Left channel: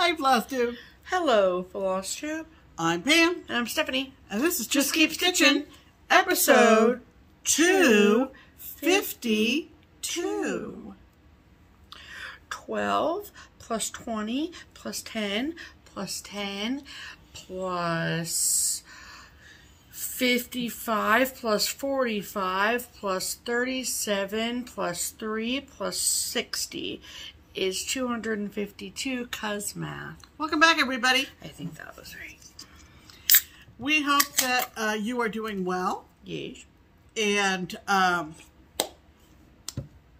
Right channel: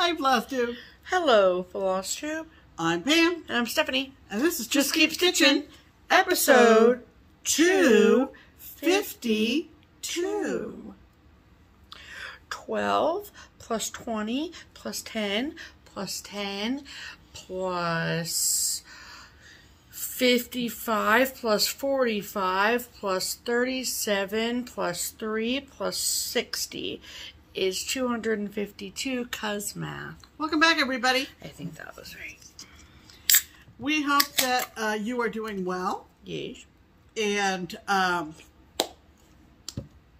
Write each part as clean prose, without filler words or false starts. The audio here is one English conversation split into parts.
Hi, FlossTube. Hello, FlossTube. I'm Pam. And I'm Stephanie. And this is Just Keep Stitching, episode 252. 12 plus 20 plus 10 plus 10 plus 55 plus 45 plus 37 plus 3 plus 60 is 252, cuz math. Welcome back, everybody. I think that was right. We hope that you are doing well. Yes. And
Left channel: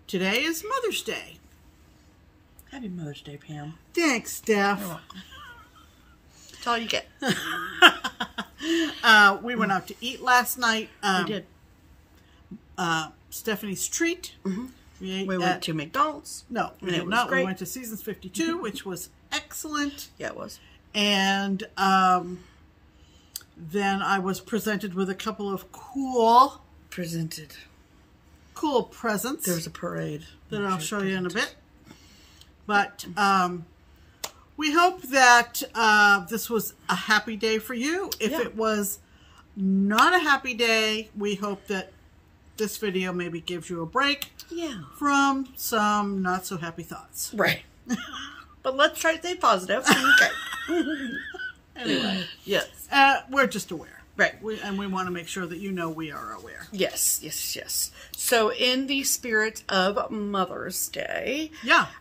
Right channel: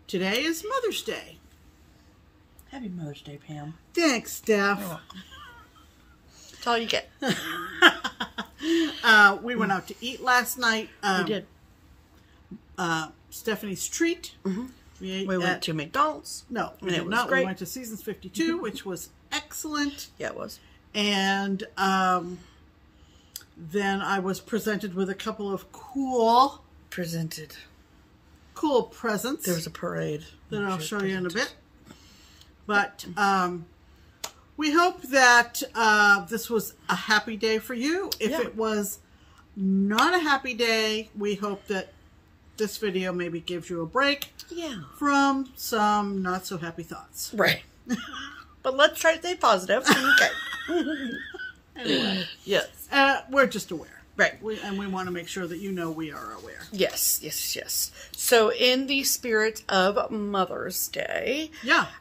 today is Mother's Day. Happy Mother's Day, Pam. Thanks, Steph. You're welcome. That's all you get. We went out to eat last night. We did. Stephanie's treat. Mm-hmm. We went to McDonald's. No, we did not. We went to Seasons 52, which was excellent. Yeah, it was. And then I was presented with a couple of cool presents. There was a parade. That I'll show you in a bit. But we hope that this was a happy day for you. If it was not a happy day, we hope that this video maybe gives you a break from some not so happy thoughts. Right. But let's try to stay positive. Okay. Anyway. Yes. We're just aware. Right. And we want to make sure that you know we are aware. Yes, yes, yes. So in the spirit of Mother's Day,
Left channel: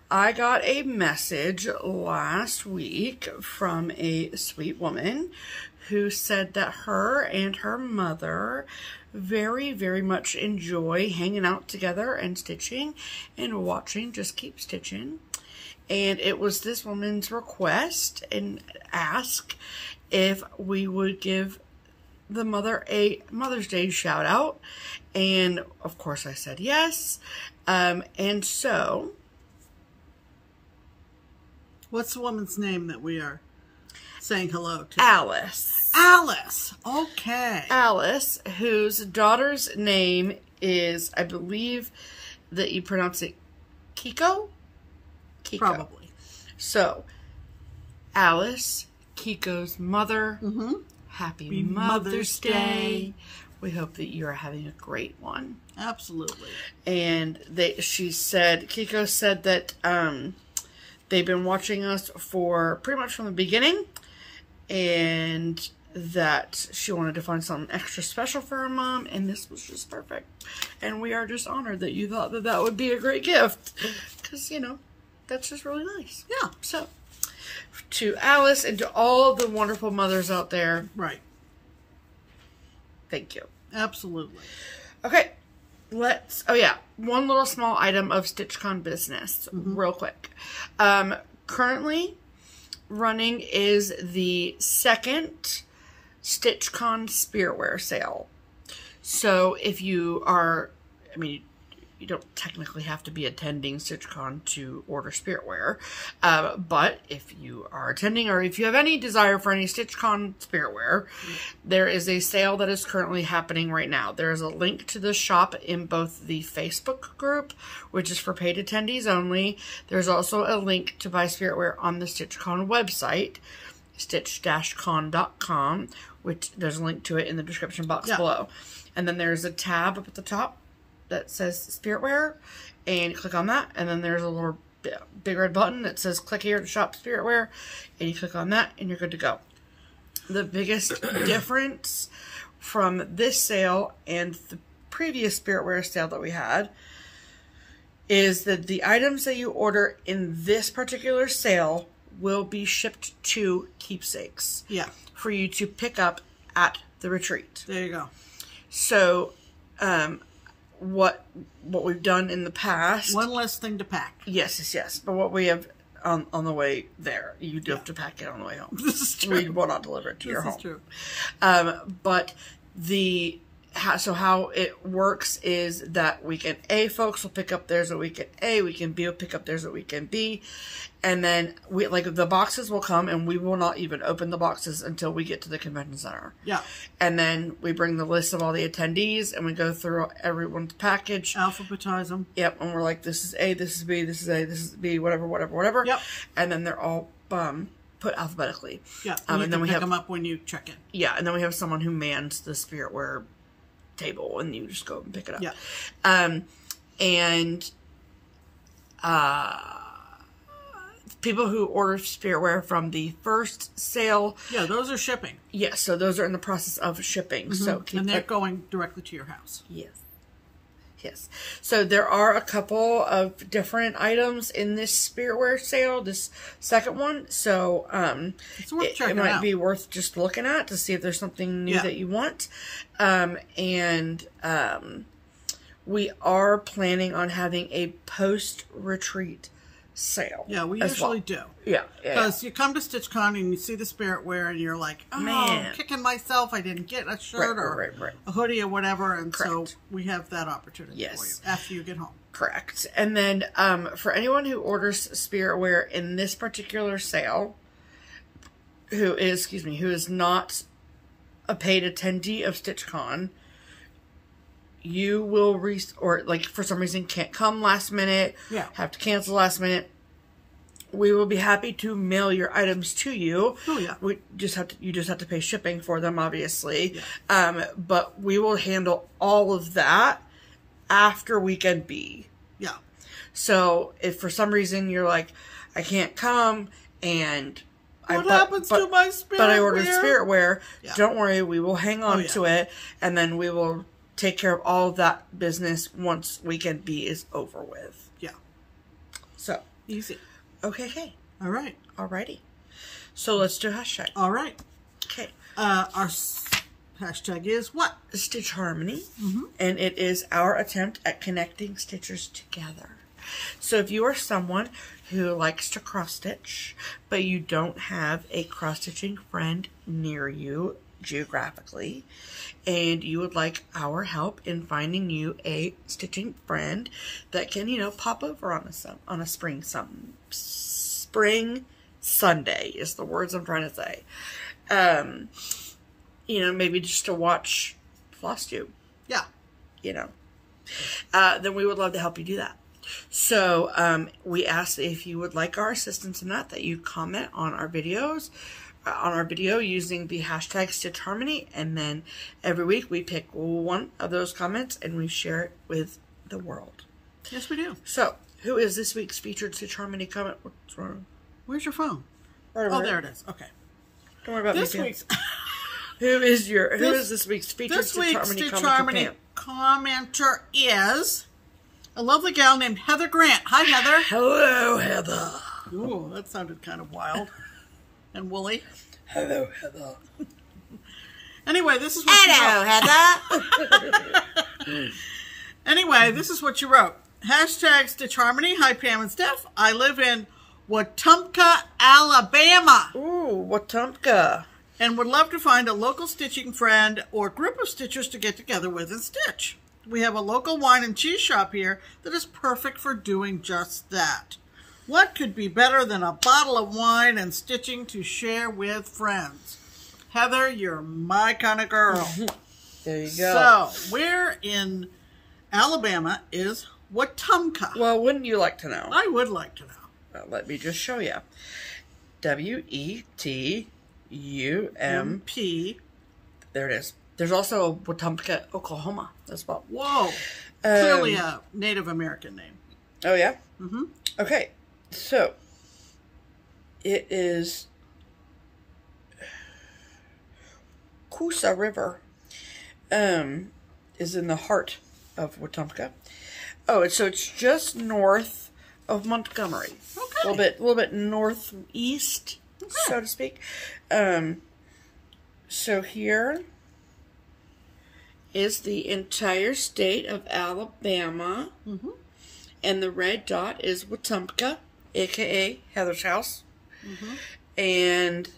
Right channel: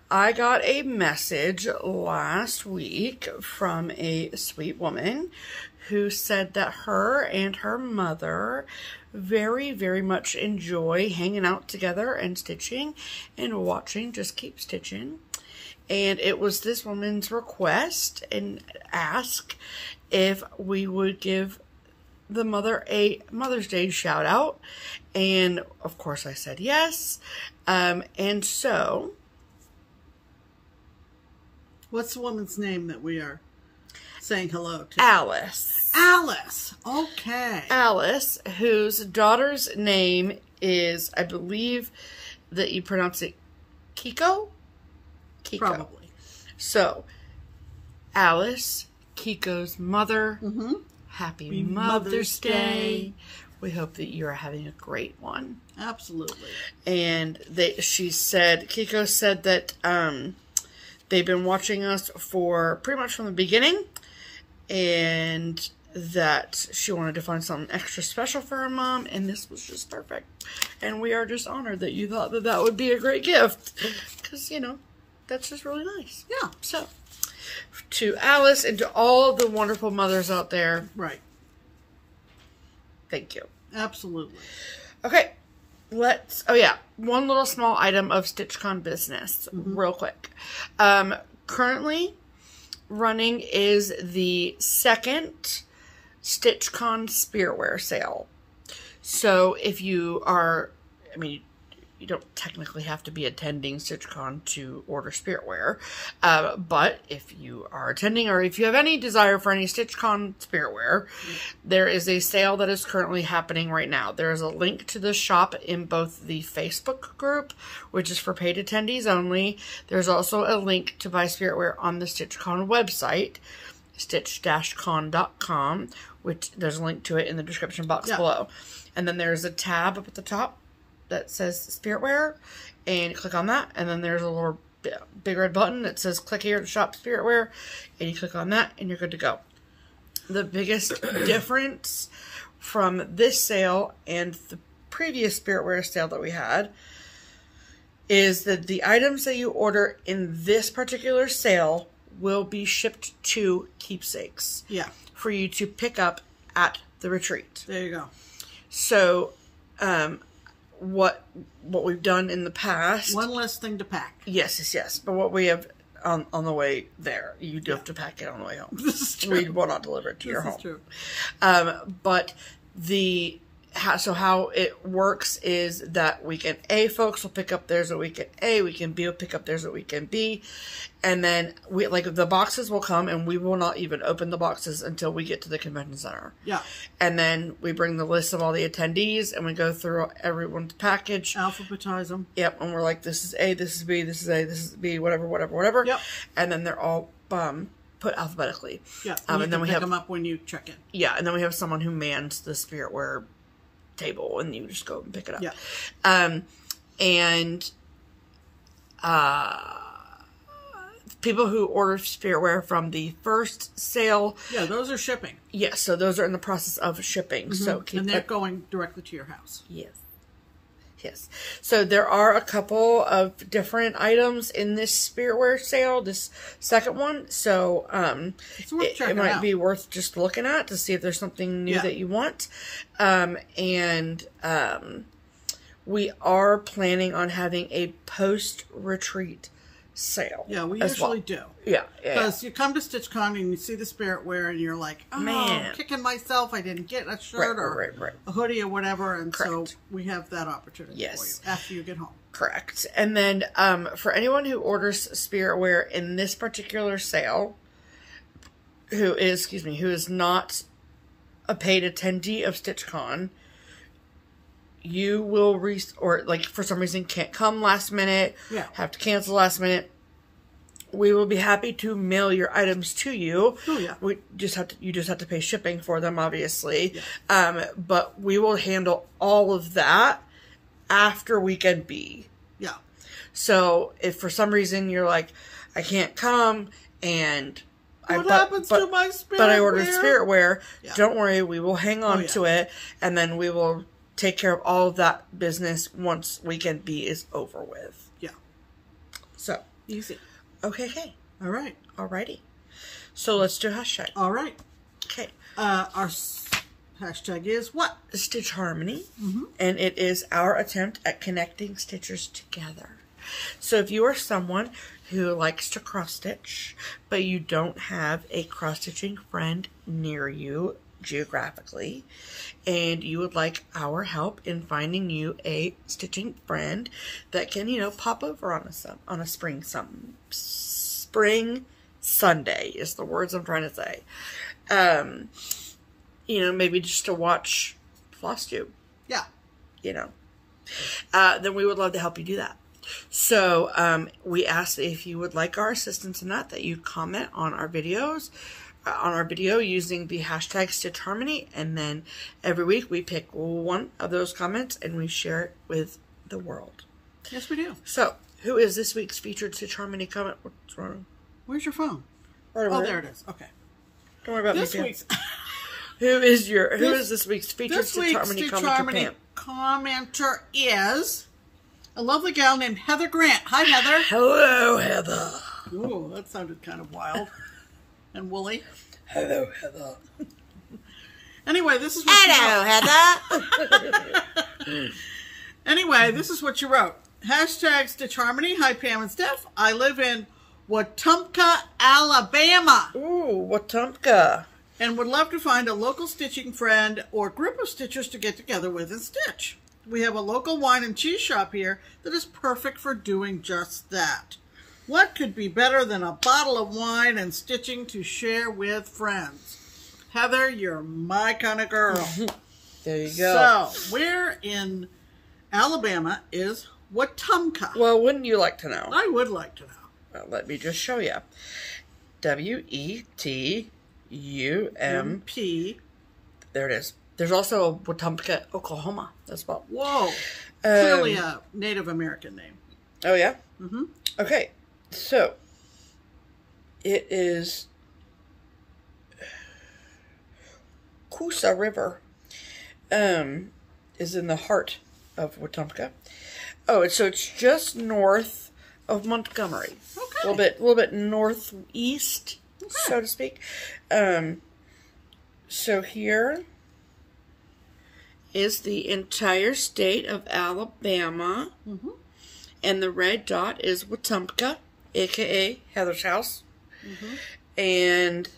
I got a message last week from a sweet woman who said that her and her mother very, very much enjoy hanging out together and stitching and watching Just Keep Stitchin'. And it was this woman's request and ask if we would give the mother a Mother's Day shout out. And of course I said yes. And so, what's the woman's name that we are saying hello to? Alice. Alice. Okay. Alice, whose daughter's name is, I believe that you pronounce it Kiko? Kiko. Probably. So, Alice, Kiko's mother, happy Mother's Day. We hope that you are having a great one. Absolutely. And Kiko said that they've been watching us for pretty much from the beginning, and that she wanted to find something extra special for her mom, and this was just perfect. And we are just honored that you thought that that would be a great gift, because, you know, that's just really nice. Yeah. So, to Alice and to all the wonderful mothers out there. Right. Thank you. Absolutely. Okay. One little small item of StitchCon business, real quick. Currently running is the second StitchCon Spiritwear sale. So if you are, you don't technically have to be attending StitchCon to order Spiritwear. But if you are attending, or if you have any desire for any StitchCon Spiritwear, there is a sale that is currently happening right now. There is a link to the shop in both the Facebook group, which is for paid attendees only. There's also a link to buy Spiritwear on the StitchCon website, stitch-con.com, which there's a link to it in the description box below. And then there's a tab up at the top that says Spiritwear, and you click on that, and then there's a little big red button that says click here to shop Spiritwear, and you click on that, and you're good to go. The biggest difference from this sale and the previous Spiritwear sale that we had is that the items that you order in this particular sale will be shipped to Keepsakes. Yeah. For you to pick up at the retreat. There you go. So, what we've done in the past. One less thing to pack. Yes, yes, yes. But what we have on the way there, you do have to pack it on the way home. This is true. We will not deliver it to your home. This is true. But how it works is that weekend A folks will pick up theirs at weekend A, weekend B will pick up theirs at weekend B, and then the boxes will come, and we will not even open the boxes until we get to the convention center. Yeah. And then we bring the list of all the attendees, and we go through everyone's package. Alphabetize them. Yep. And we're like, this is A, this is B, this is A, this is B, whatever, whatever, whatever. Yep. And then they're all put alphabetically. Yeah, and then we pick them up when you check in. Yeah, and then we have someone who mans the spiritware table, and you just go and pick it up. Yeah. And people who order spiritware from the first sale. Yeah, those are shipping. Yes, so those are in the process of shipping. So and they're going directly to your house. Yes. Yes. So there are a couple of different items in this spiritware sale, this second one. So it might be worth just looking at to see if there's something new that you want. We are planning on having a post-retreat sale. Yeah, we usually do. Yeah. Because you come to StitchCon and you see the spiritware and you're like, oh, man, I'm kicking myself. I didn't get a shirt or a hoodie or whatever. And so we have that opportunity for you after you get home. Correct. And then for anyone who orders spiritware in this particular sale, who is not a paid attendee of StitchCon, you will or like for some reason can't come last minute, have to cancel last minute, we will be happy to mail your items to you. Oh yeah. You just have to pay shipping for them, obviously. Yeah. But we will handle all of that after weekend B. Yeah. So if for some reason you're like, I can't come and what happens to my spiritware? But I ordered spiritware. Yeah. Don't worry, we will hang on to it, and then we will take care of all of that business once weekend B is over with. Yeah. So. Easy. Okay. All right. Alrighty. So let's do hashtag. All right. Okay. Our hashtag is what? Stitch Harmony. And it is our attempt at connecting stitchers together. So if you are someone who likes to cross stitch, but you don't have a cross stitching friend near you geographically, and you would like our help in finding you a stitching friend that can, pop over on a spring Sunday is the words I'm trying to say. Maybe just to watch FlossTube. Yeah. Then we would love to help you do that. So we ask if you would like our assistance in that you comment on our videos, on our video using the hashtag Stitch Harmony, and then every week we pick one of those comments and we share it with the world. Yes, we do. So, who is this week's featured Stitch Harmony comment? What's wrong? Where's your phone? Oh, there it is. Okay. Don't worry about this week's. Who is this week's featured Stitch Harmony commenter is a lovely gal named Heather Grant. Hi, Heather. Hello, Heather. Ooh, that sounded kind of wild and woolly. Hello, Heather. Anyway, this is what Heather. Anyway, this is what you wrote. Hashtag Stitch Harmony. Hi, Pam and Steph. I live in Wetumpka, Alabama. Ooh, Wetumpka. And would love to find a local stitching friend or group of stitchers to get together with and stitch. We have a local wine and cheese shop here that is perfect for doing just that. What could be better than a bottle of wine and stitching to share with friends? Heather, you're my kind of girl. There you go. So, where in Alabama is Wetumpka? Well, wouldn't you like to know? I would like to know. Well, let me just show you. W-E-T-U-M-P. There it is. There's also Wetumpka, Oklahoma as well. Whoa. Clearly a Native American name. Oh, yeah? Mm-hmm. Okay. So, it is Coosa River is in the heart of Wetumpka. Oh, so it's just north of Montgomery. Okay. A little bit northeast, so to speak. So here is the entire state of Alabama. And the red dot is Wetumpka, a.k.a. Heather's house. And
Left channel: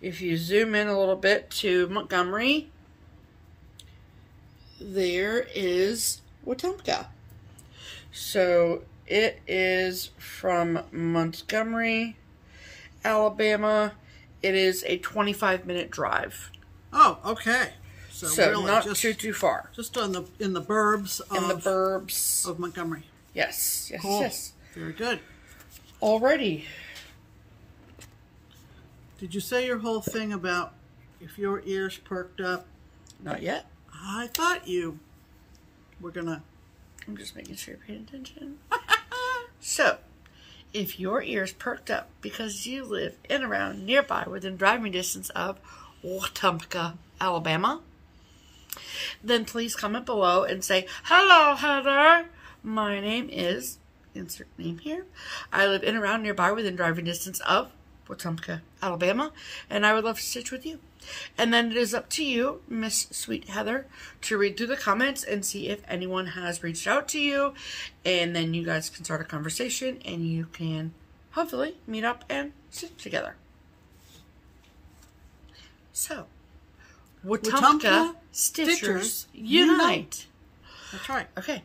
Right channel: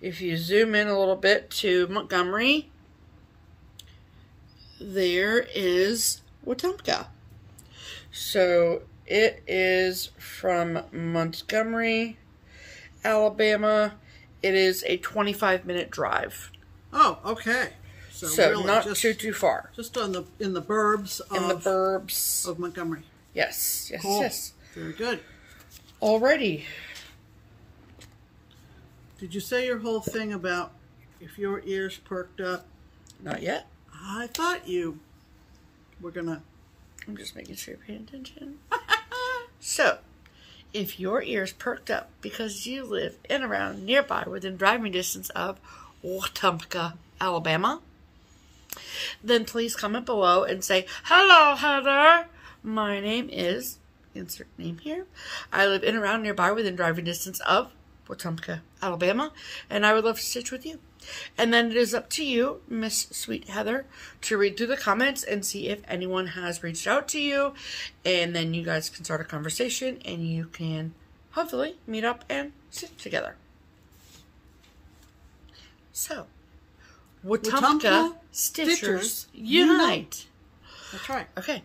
if you zoom in a little bit to Montgomery, there is Wetumpka. So it is from Montgomery, Alabama. It is a 25-minute drive. Oh, okay. So really not too far. Just in the burbs of Montgomery. Yes. Cool. Very good. Alrighty. Did you say your whole thing about if your ears perked up? Not yet. I thought you were gonna. I'm just making sure you're paying attention. So, if your ears perked up because you live in, around, nearby, within driving distance of Wetumpka, Alabama, then please comment below and say, "Hello, Heather. My name is," insert name here. "I live in, around, nearby, within driving distance of Wetumpka, Alabama, and I would love to stitch with you." And then it is up to you, Miss Sweet Heather, to read through the comments and see if anyone has reached out to you. And then you guys can start a conversation and you can hopefully meet up and stitch together. So, Wetumpka Stitchers Unite. That's right. Okay.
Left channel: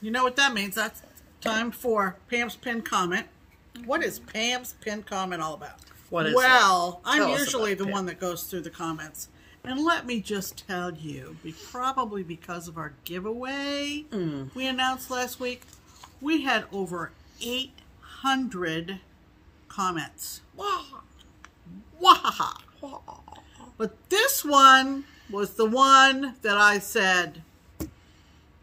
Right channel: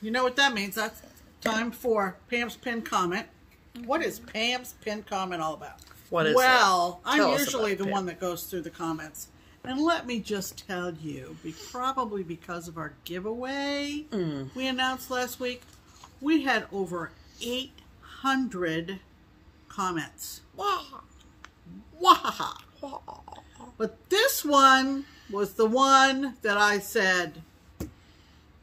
You know what that means? That's time for Pam's pinned comment. What is Pam's pinned comment all about? What is well, it? Tell I'm us usually about the Pam. one that goes through the comments. And let me just tell you, probably because of our giveaway we announced last week, we had over 800 comments. Wow. Wahaha. But this one was the one that I said,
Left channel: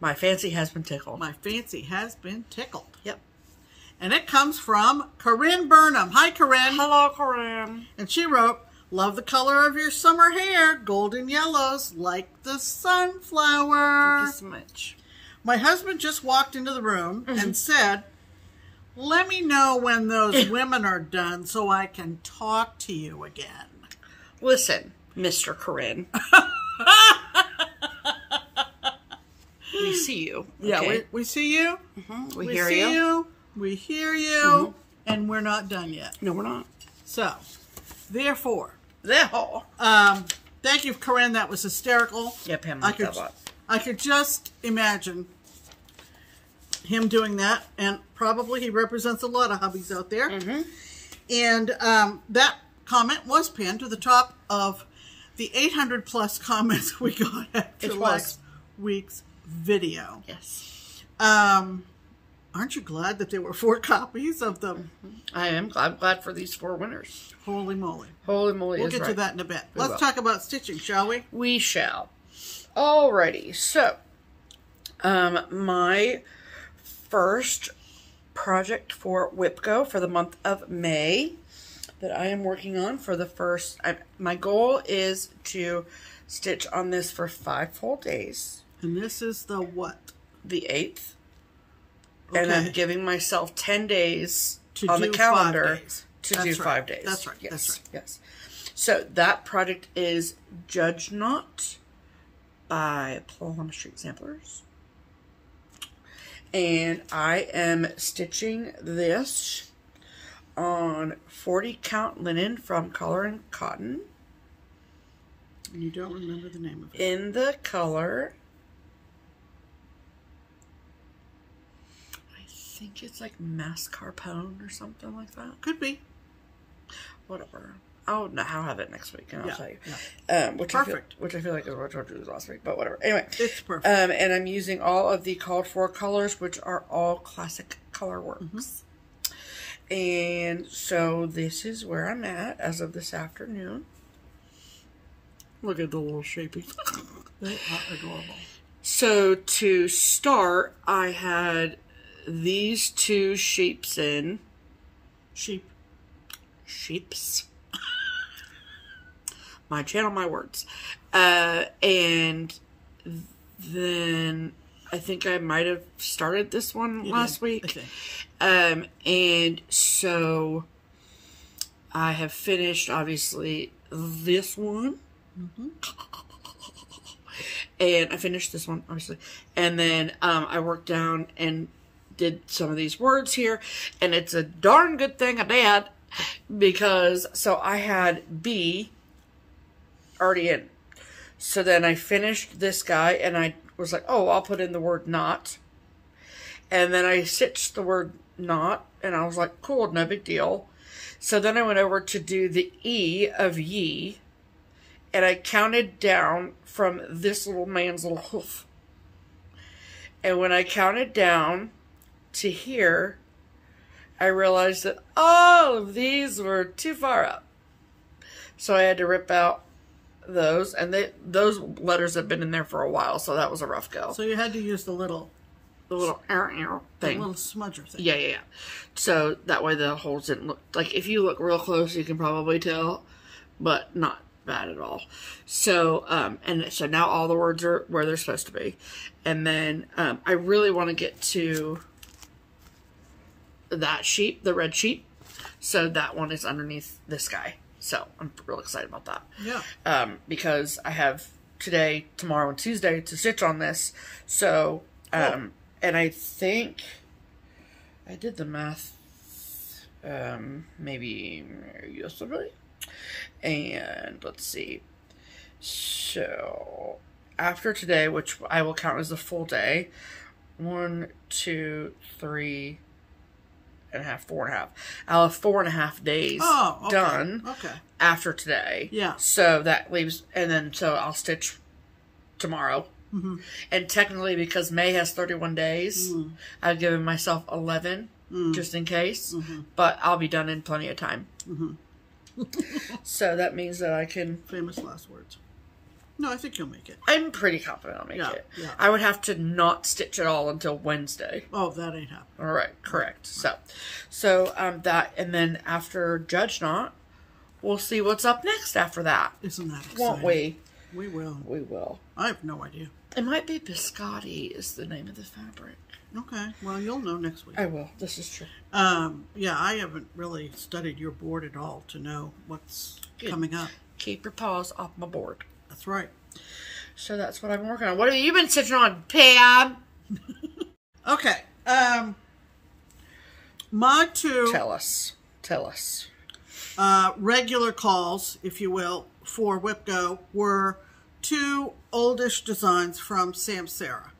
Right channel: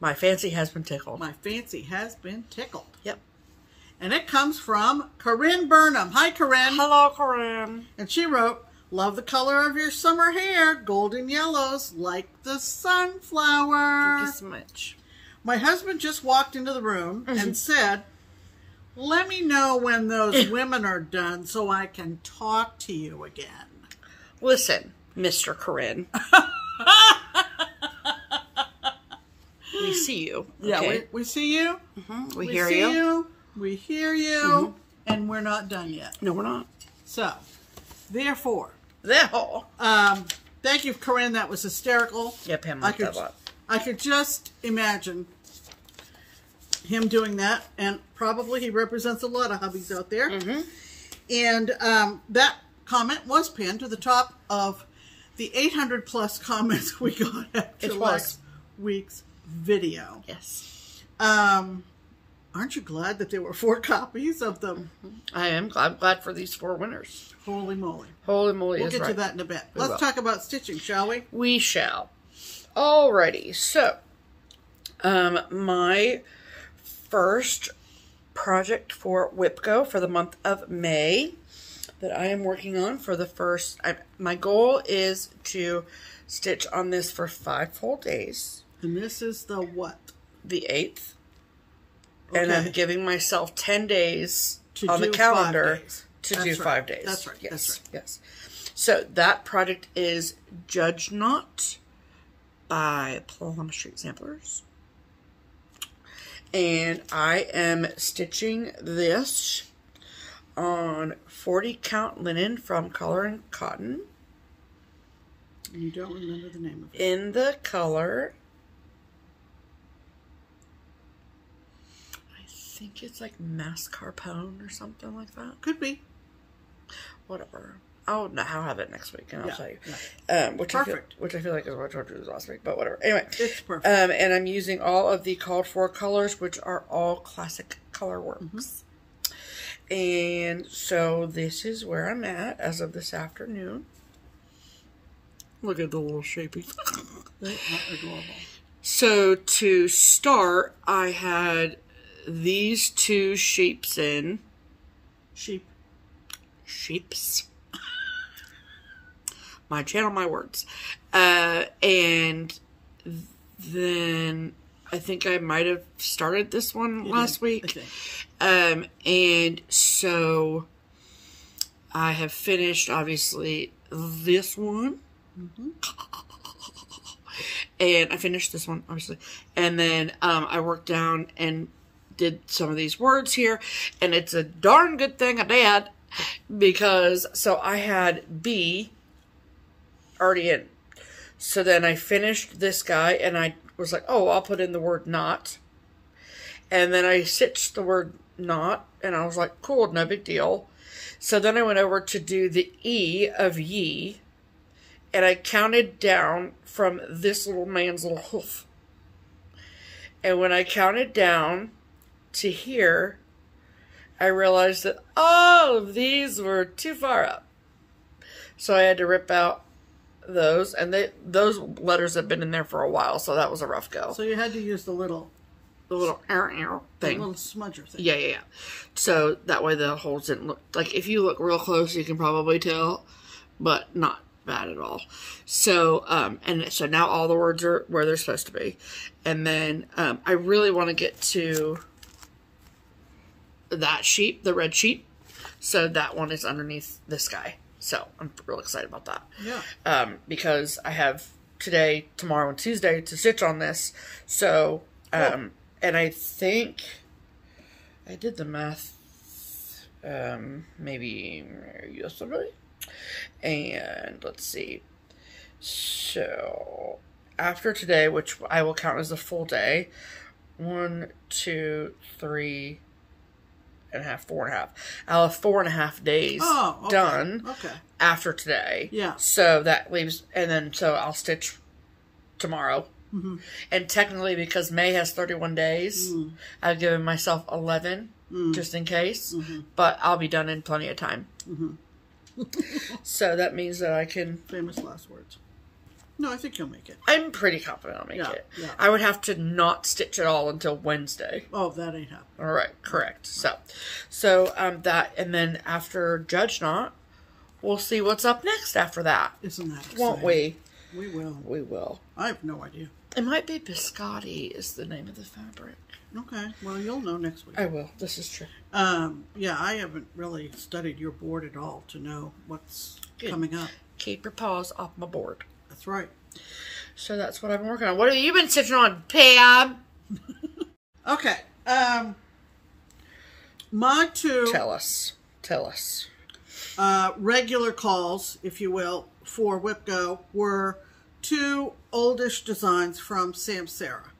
my fancy has been tickled. my fancy has been tickled. Yep. And it comes from Corinne Burnham. Hi, Corinne. Hello, Corinne. And she wrote, "Love the color of your summer hair, golden yellows, like the sunflower." Thank you so much. My husband just walked into the room and said, "Let me know when those women are done so I can talk to you again." Listen, Mr. Corinne. We see you. Okay? Yeah, we see you. We We hear see you. We hear you. And we're not done yet. No, we're not. So, therefore, There. thank you, Corinne. That was hysterical. Yeah, Pam liked that a lot. I could just imagine him doing that, and probably he represents a lot of hubbies out there. And that comment was pinned to the top of the 800 plus comments we got after last week's video. Yes. Aren't you glad that there were 4 copies of them? I am. I'm glad for these 4 winners. Holy moly. Holy moly We'll is get right. to that in a bit. We Let's will. talk about stitching, shall we? We shall. Alrighty. So, my first project for WIPGO for the month of May that I am working on for the first, my goal is to stitch on this for 5 full days. And this is the what? The 8th. Okay. And I'm giving myself 10 days To on the do calendar 5 days. to That's do right. 5 days. That's right. Yes. That's right. Yes. So that project is Judge Not by Plum Street Samplers. And I am stitching this on 40 count linen from Color and Cotton. And you don't remember the name of it. In the color, I think it's like mascarpone or something like that. Could be. Whatever. I'll have it next week and I'll tell you. Yeah. Which Perfect. I feel like is what I told you last week, but whatever. Anyway. It's perfect. And I'm using all of the called for colors, which are all classic color works. And so this is where I'm at as of this afternoon. Look at the little shapies. They are adorable. So to start, I had these 2 shapes in. Shapes. My channel, my words. And then I think I might have started this one last week. Okay. And so I have finished, obviously, this one. And I finished this one, obviously. And then I worked down and did some of these words here. And it's a darn good thing I did. Because, so I had B already in. So then I finished this guy and I was like, oh, I'll put in the word not. And then I stitched the word not and I was like, cool, no big deal. So then I went over to do the E of ye. And I counted down from this little man's little hoof. And when I counted down to here, I realized that all of these were too far up. So I had to rip out those. And those letters have been in there for a while, so that was a rough go. So you had to use the little thing. The little smudger thing. Yeah. So that way the holes didn't look, like if you look real close, you can probably tell, but not bad at all. So, and so now all the words are where they're supposed to be. And then, I really want to get to that sheet, the red sheet. So that one is underneath this guy. So I'm real excited about that. Yeah. Because I have today, tomorrow, and Tuesday to stitch on this. So, and I think I did the math, maybe yesterday. And let's see. So after today, which I will count as a full day, 1, 2, 3 and a half, 4.5. I'll have 4.5 days done after today. Yeah. So that leaves, and then so I'll stitch tomorrow. And technically, because May has 31 days, I've given myself 11 just in case. But I'll be done in plenty of time. So that means that I can... Famous last words. No, I think you'll make it. I'm pretty confident I'll make it. Yeah. I would have to not stitch at all until Wednesday. Oh, that ain't happening. All right, correct. So that, and then after Judge Knot, we'll see what's up next after that. Isn't that exciting? Won't we? We will. We will. I have no idea. It might be biscotti is the name of the fabric. Okay. Well, you'll know next week. I will. This is true. Yeah, I haven't really studied your board at all to know what's coming up. Keep your paws off my board. That's right. So that's what I've been working on. What have you been stitching on, Pam? Okay. My two... Tell us. Regular calls, if you will, for WhipGo were 2 oldish designs from Sam Sarah.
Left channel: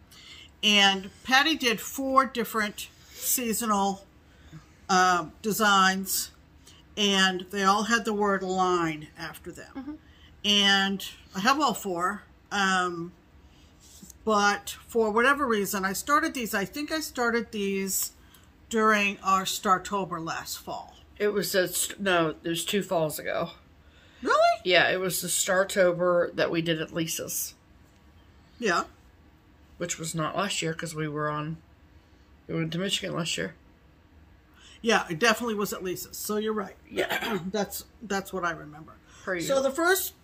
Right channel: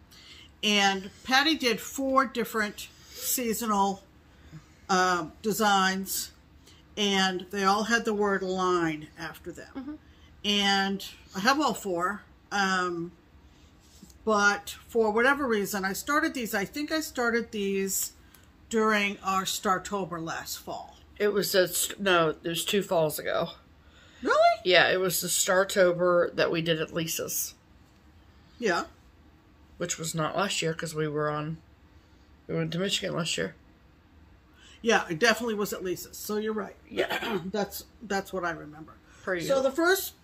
And Patty did 4 different seasonal designs, and they all had the word line after them. And I have all 4, but for whatever reason, I started these. I think I started these during our Startober last fall. It was no, it was 2 falls ago. Really? Yeah, it was the Startober that we did at Lisa's. Yeah. Which was not last year because we went to Michigan last year. Yeah, it definitely was at Lisa's. So you're right. Yeah. That's what I remember. Pretty so good.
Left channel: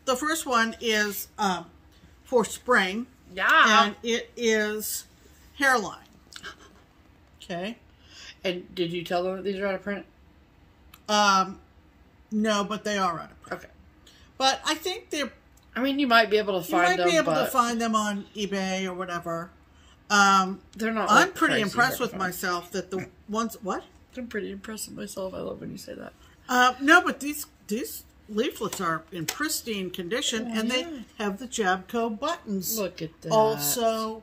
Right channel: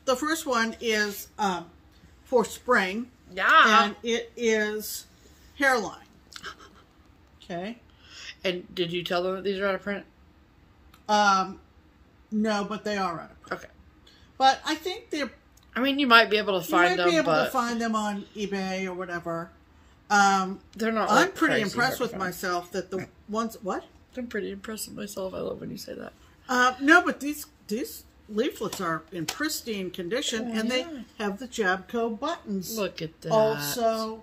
the first one is for spring. Yeah. And it is hairline. Okay. And did you tell them that these are out of print? No, but they are out of print. Okay. But I think they're... I mean, you might be able to find them, You might be able to find them on eBay or whatever. They're not. I'm pretty impressed with myself that the ones... What? I'm pretty impressed with myself. I love when you say that. No, but these leaflets are in pristine condition, and they have the Jabco buttons. Look at that. Also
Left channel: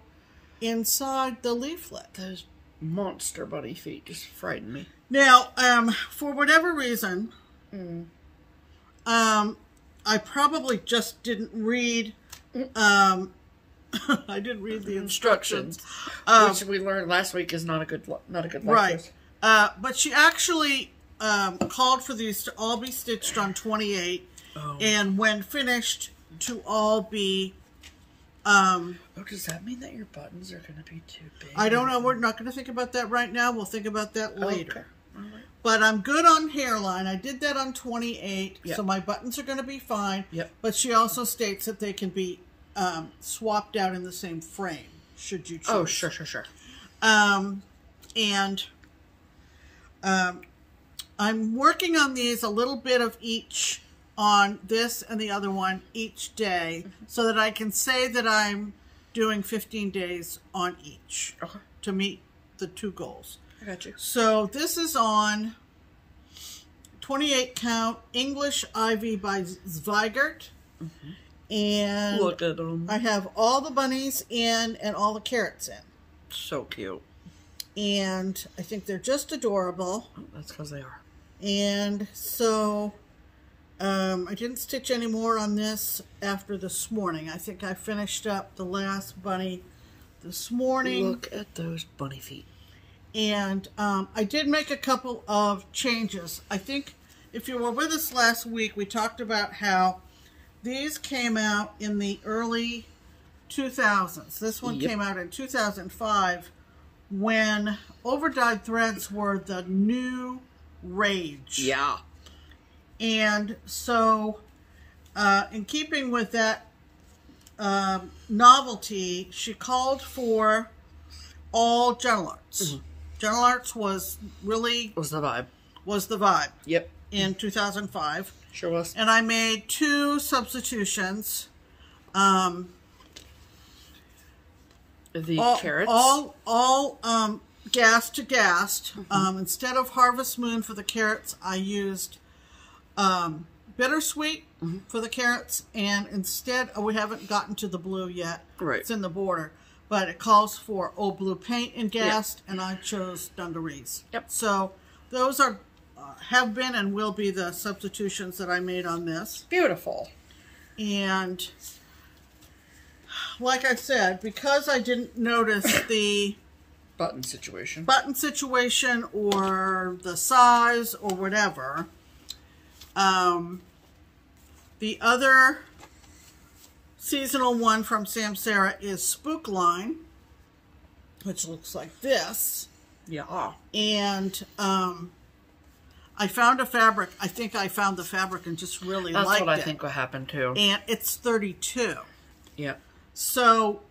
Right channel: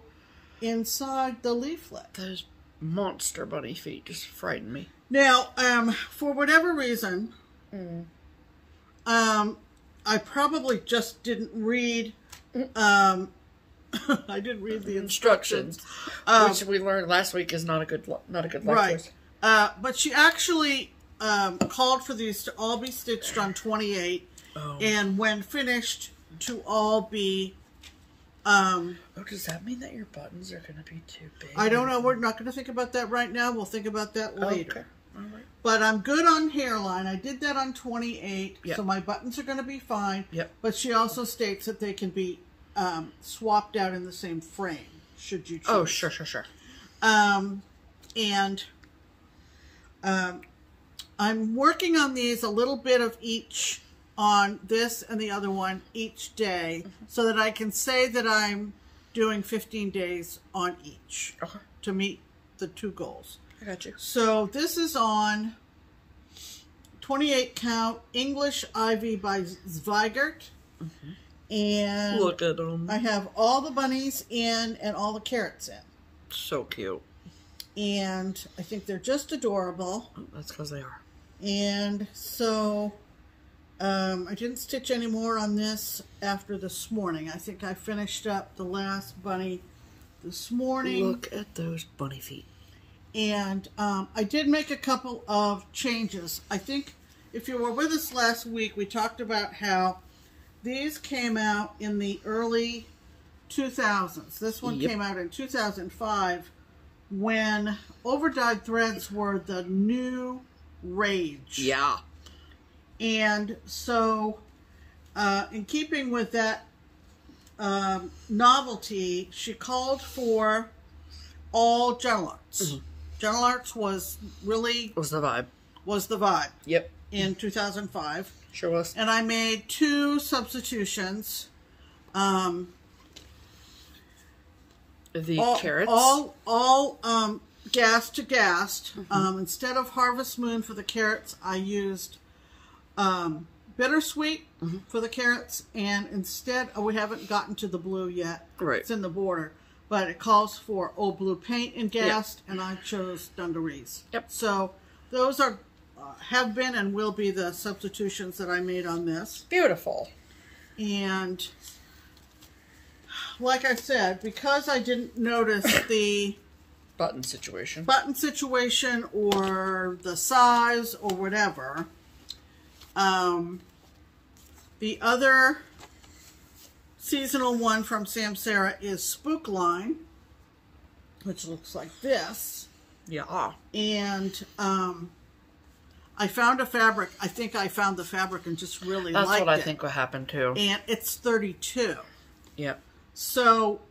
inside the leaflet. Those monster bunny feet just frighten me. Now, for whatever reason, I probably just didn't read, I didn't read the instructions. Which we learned last week is not a good lecture. Right. But she actually called for these to all be stitched on 28, and when finished, to all be... does that mean that your buttons are going to be too big? I don't know. We're not going to think about that right now. We'll think about that later. Okay. All right. But I'm good on hairline. I did that on 28, so my buttons are going to be fine. Yep. But she also states that they can be swapped out in the same frame, should you choose. Oh, sure. And I'm working on these, a little bit of each on this and the other one each day, so that I can say that I'm doing 15 days on each to meet the 2 goals. I got you. So this is on 28 count English Ivy by Zweigert. And look at them. I have all the bunnies in and all the carrots in. So cute. And I think they're just adorable. Oh, that's because they are. And so I didn't stitch any more on this after this morning. I think I finished up the last bunny this morning. Look at those bunny feet. And I did make a couple of changes. I think if you were with us last week, we talked about how these came out in the early 2000s. This one came out in 2005 when overdyed threads were the new rage. Yeah. And so, in keeping with that novelty, she called for all Gentle Arts. Gentle Arts was really... Was the vibe. Was the vibe. Yep. In 2005. Sure was. And I made 2 substitutions. The carrots? All gast to gast. Instead of Harvest Moon for the carrots, I used Bittersweet for the carrots. And instead, we haven't gotten to the blue yet. Right. It's in the border. But it calls for Old Blue Paint and Gast, and I chose Dungarees. Yep. So those are have been and will be the substitutions that I made on this. Beautiful. And like I said, because I didn't notice the button situation or the size or whatever, the other seasonal one from Samsara is Spook Line, which looks like this. Yeah. And I found a fabric. I think I found the fabric and just really liked it. That's what I think will happen too. And it's 32. Yep. So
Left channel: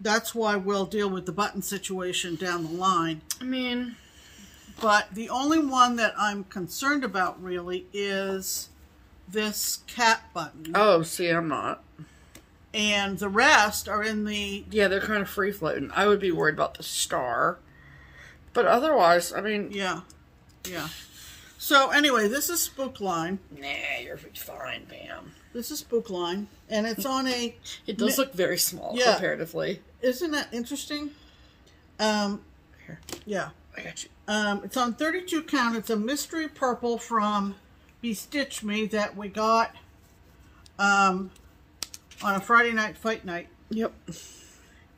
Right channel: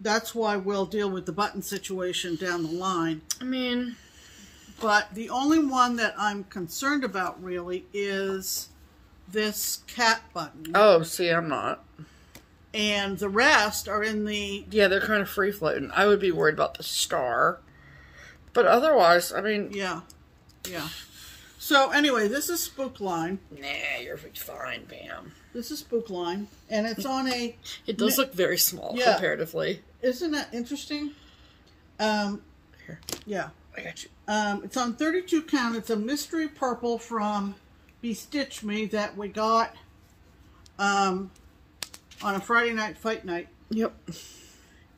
that's why we'll deal with the button situation down the line. I mean, but the only one that I'm concerned about really is this cat button. Oh, see, I'm not. And the rest are in the... Yeah, they're kind of free-floating. I would be worried about the star. But otherwise, I mean... Yeah. Yeah. So, anyway, this is Spook Line. Nah, you're fine, Pam. This is Spook Line. And it's on a... It does look very small, comparatively. Isn't that interesting? Here. Yeah. I got you. It's on 32 count. It's a mystery purple from Bestitch Me that we got... on a Friday night fight night. Yep.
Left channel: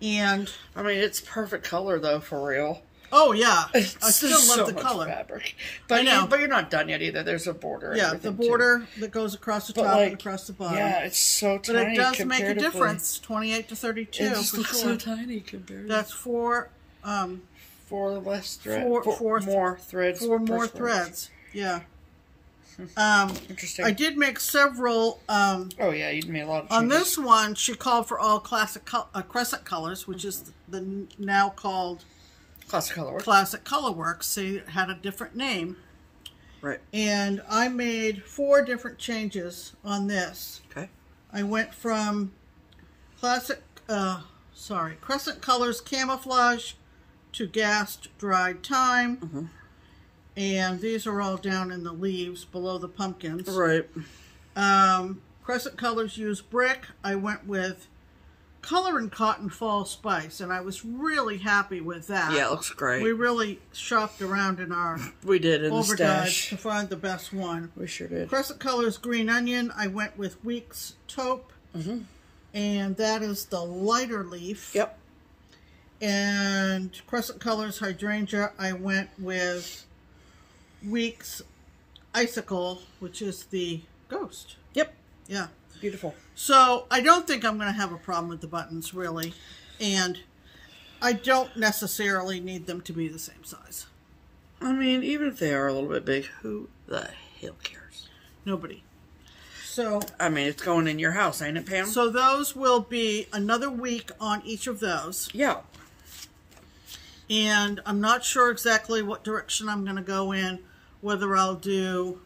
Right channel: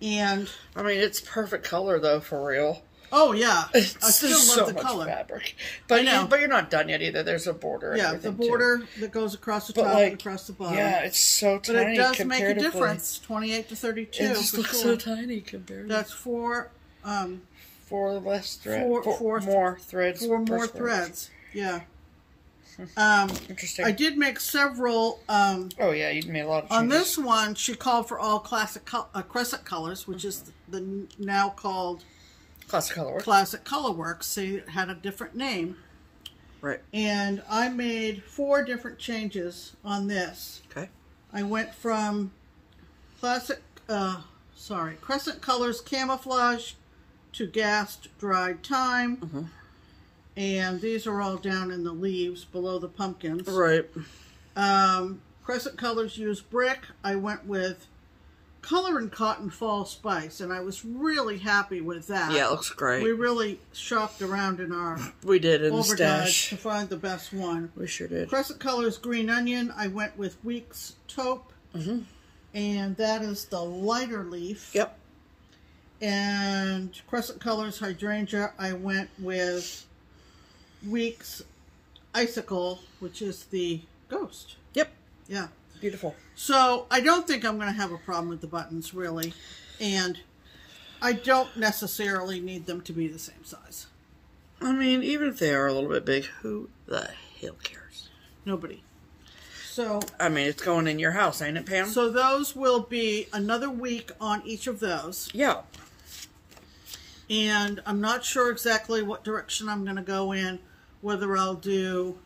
And I mean, it's perfect color though, for real. Oh yeah, I still love the color. Fabric. But you're not done yet either. There's a border. Yeah, the border that goes across the top and across the bottom. Yeah, it's so tiny. But it does make a difference. 28 to 32. It just looks so tiny compared. That's four less threads. Four more threads. 4 more threads. Yeah. Interesting. I did make several. Oh yeah, you made a lot of changes. On this one, she called for all classic crescent colors, which is the now called Classic Colorworks. Classic Colorworks. So it had a different name. Right. And I made 4 different changes on this. Okay. I went from Crescent Colors Camouflage to Gast Dried Thyme. And these are all down in the leaves below the pumpkins. Right. Crescent Colors use Brick. I went with Color and Cotton Fall Spice, and I was really happy with that. Yeah, it looks great. We really shopped around in our the stash to find the best one. We sure did. Crescent Colors Green Onion. I went with Weeks Taupe, and that is the lighter leaf. Yep. And Crescent Colors Hydrangea. I went with Weeks Icicle, which is the ghost. Yep. Yeah. Beautiful. So I don't think I'm going to have a problem with the buttons, really. And I don't necessarily need them to be the same size. I mean, even if they are a little bit big, who the hell cares? Nobody. So I mean, it's going in your house, ain't it, Pam? So those will be another week on each of those. Yeah. And I'm not sure exactly what direction I'm going to go in. Whether I'll do...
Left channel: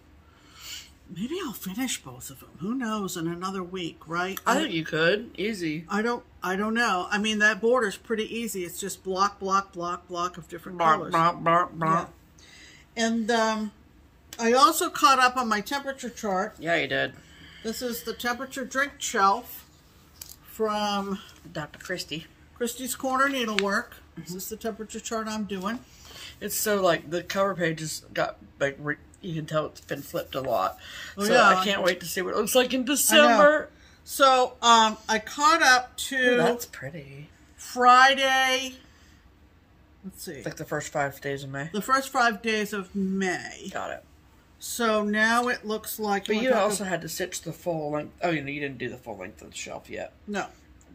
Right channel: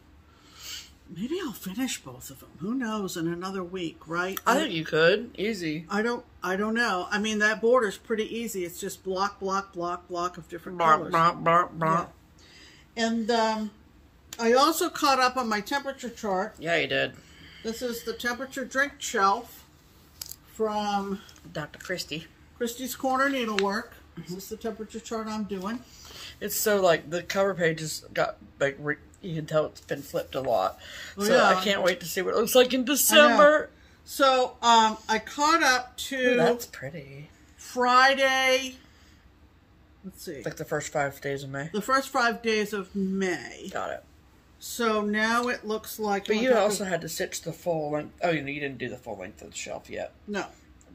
Maybe I'll finish both of them. Who knows? In another week, right? I think you could. Easy. I don't know. I mean, that border's pretty easy. It's just block, block, block, block of different colors. Block, block, block. Yeah. And I also caught up on my temperature chart. Yeah, you did. This is the temperature drink shelf from Dr. Christie's Corner Needlework. This is the temperature chart I'm doing. It's so like the cover page has got like you can tell it's been flipped a lot. So yeah. I can't wait to see what it looks like in December. So I caught up to. Ooh, that's pretty. Friday. Let's see. It's like the first 5 days of May. The first 5 days of May. Got it. So now it looks like. But you also had to stitch the full length. Oh, you didn't do the full length of the shelf yet. No.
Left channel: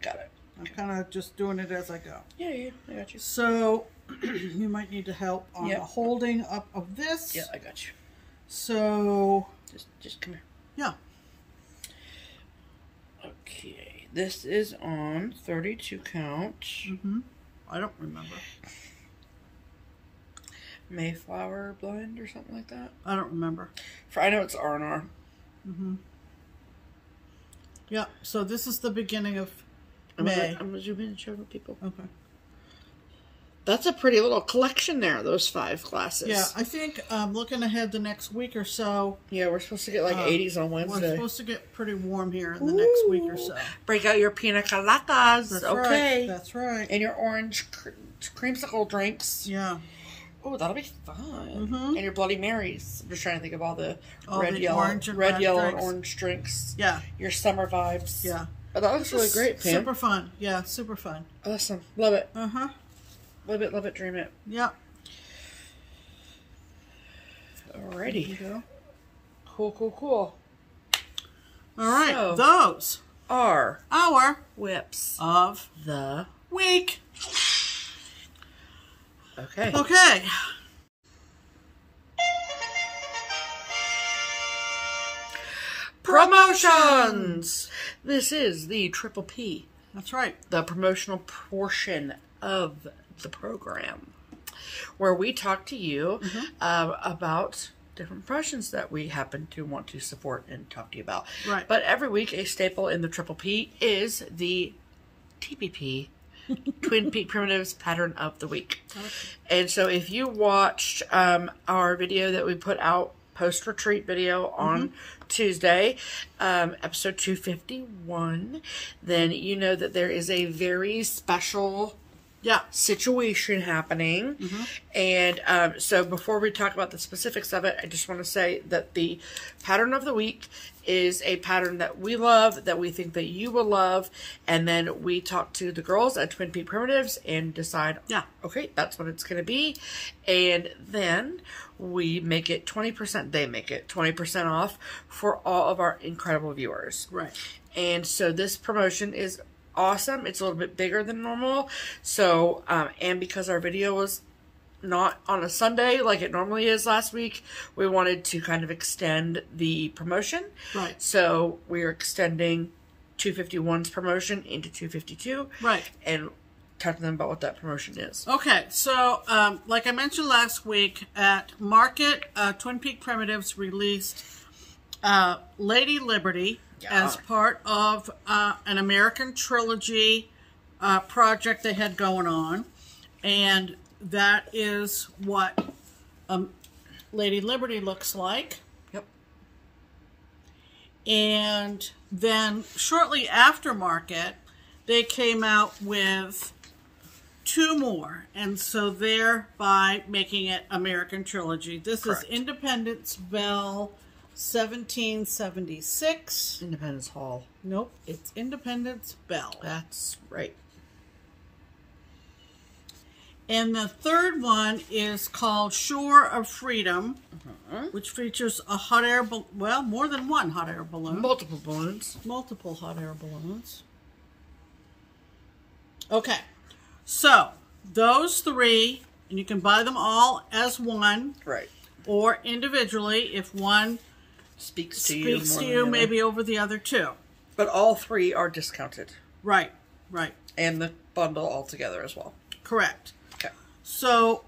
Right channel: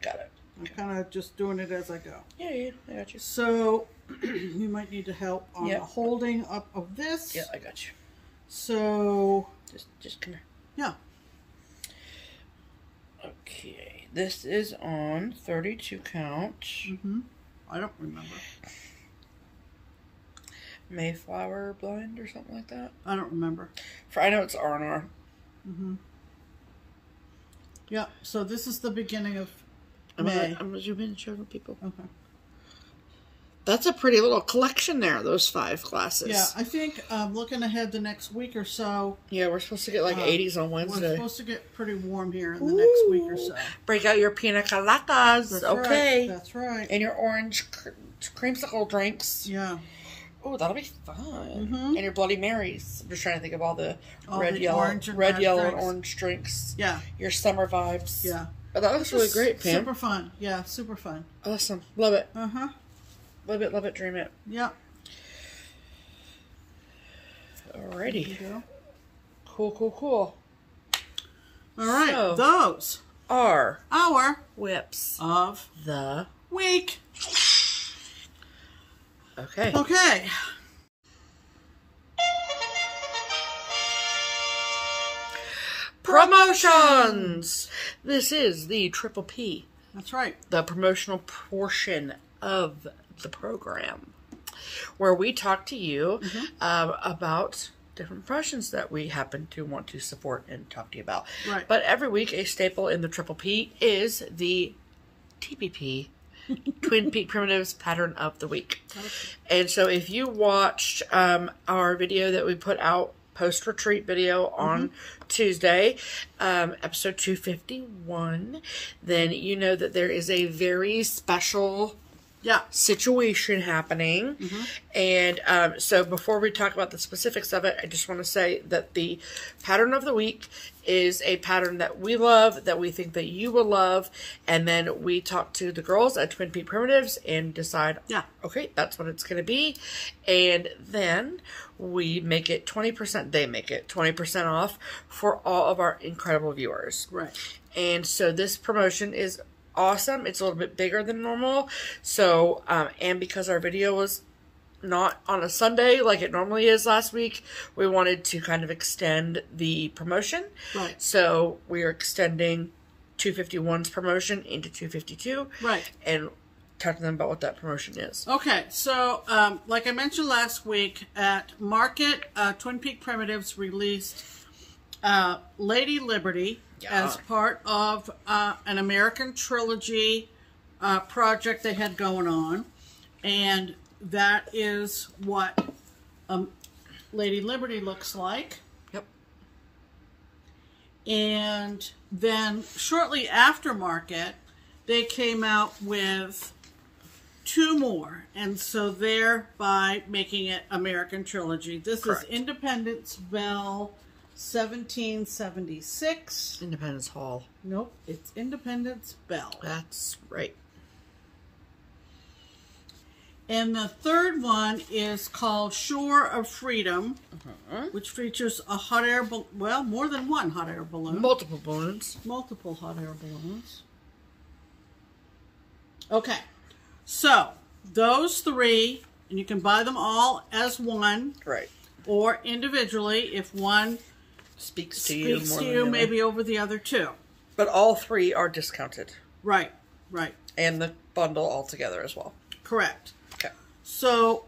Got it. I'm kind of just doing it as I go. Yeah, I got you. So you might need to help on the holding up of this. Yeah, I got you. So just come here. Yeah. Okay, this is on 32 count. I don't remember. Mayflower blend or something like that. I don't remember. I know it's R&R. Yeah. So this is the beginning of May. I'm gonna zoom in and show the people. Okay. That's a pretty little collection there, those 5 classes. Yeah, I think looking ahead the next week or so. Yeah, we're supposed to get like 80s on Wednesday. We're supposed to get pretty warm here in the next week or so. Break out your pina coladas. That's okay. Right. That's right. And your orange creamsicle drinks. Yeah. Oh, that'll be fun. And your Bloody Marys. I'm just trying to think of all the red, yellow, and orange drinks. Yeah. Your summer vibes. Yeah. Oh, that looks really great, Pam. Super fun. Yeah, super fun. Awesome. Love it. Love it, dream it. Yeah. Alrighty. Cool. All right. So, those are our whips of the week. Okay. Promotions! This is the Triple P. That's right. The promotional portion of the program, where we talk to you about different promotions that we happen to want to support and talk to you about. Right. But every week, a staple in the Triple P is the TPP, Twin Peak Primitives Pattern of the Week. Okay. And so if you watched our video that we put out, post-retreat video on Tuesday, episode 251, then you know that there is a very special situation happening. And so before we talk about the specifics of it, I just want to say that the pattern of the week is a pattern that we love, that we think that you will love, and then we talk to the girls at Twin Peak Primitives and decide, okay, that's what it's going to be, and then we make it 20%, they make it 20% off for all of our incredible viewers. Right. And so this promotion is awesome. It's a little bit bigger than normal. So, and because our video was not on a Sunday like it normally is last week, we wanted to kind of extend the promotion. Right. So we're extending 251's promotion into 252. Right. And talk to them about what that promotion is. Okay, so like I mentioned last week, at Market, Twin Peak Primitives released Lady Liberty as part of an American Trilogy project they had going on. And that is what Lady Liberty looks like. Yep. And then shortly after Market, they came out with 2 more, and so thereby making it American Trilogy. This is Independence Bell 1776. Independence Hall. Nope, it's Independence Bell. That's right. And the third one is called Shore of Freedom, which features a hot air balloon. Well, more than one hot air balloon. Multiple balloons. Multiple hot air balloons. Okay. So, those 3, and you can buy them all as one. Right. Or individually, if one speaks to you maybe over the other 2. But all 3 are discounted. Right. And the bundle altogether as well. Correct. Okay. So,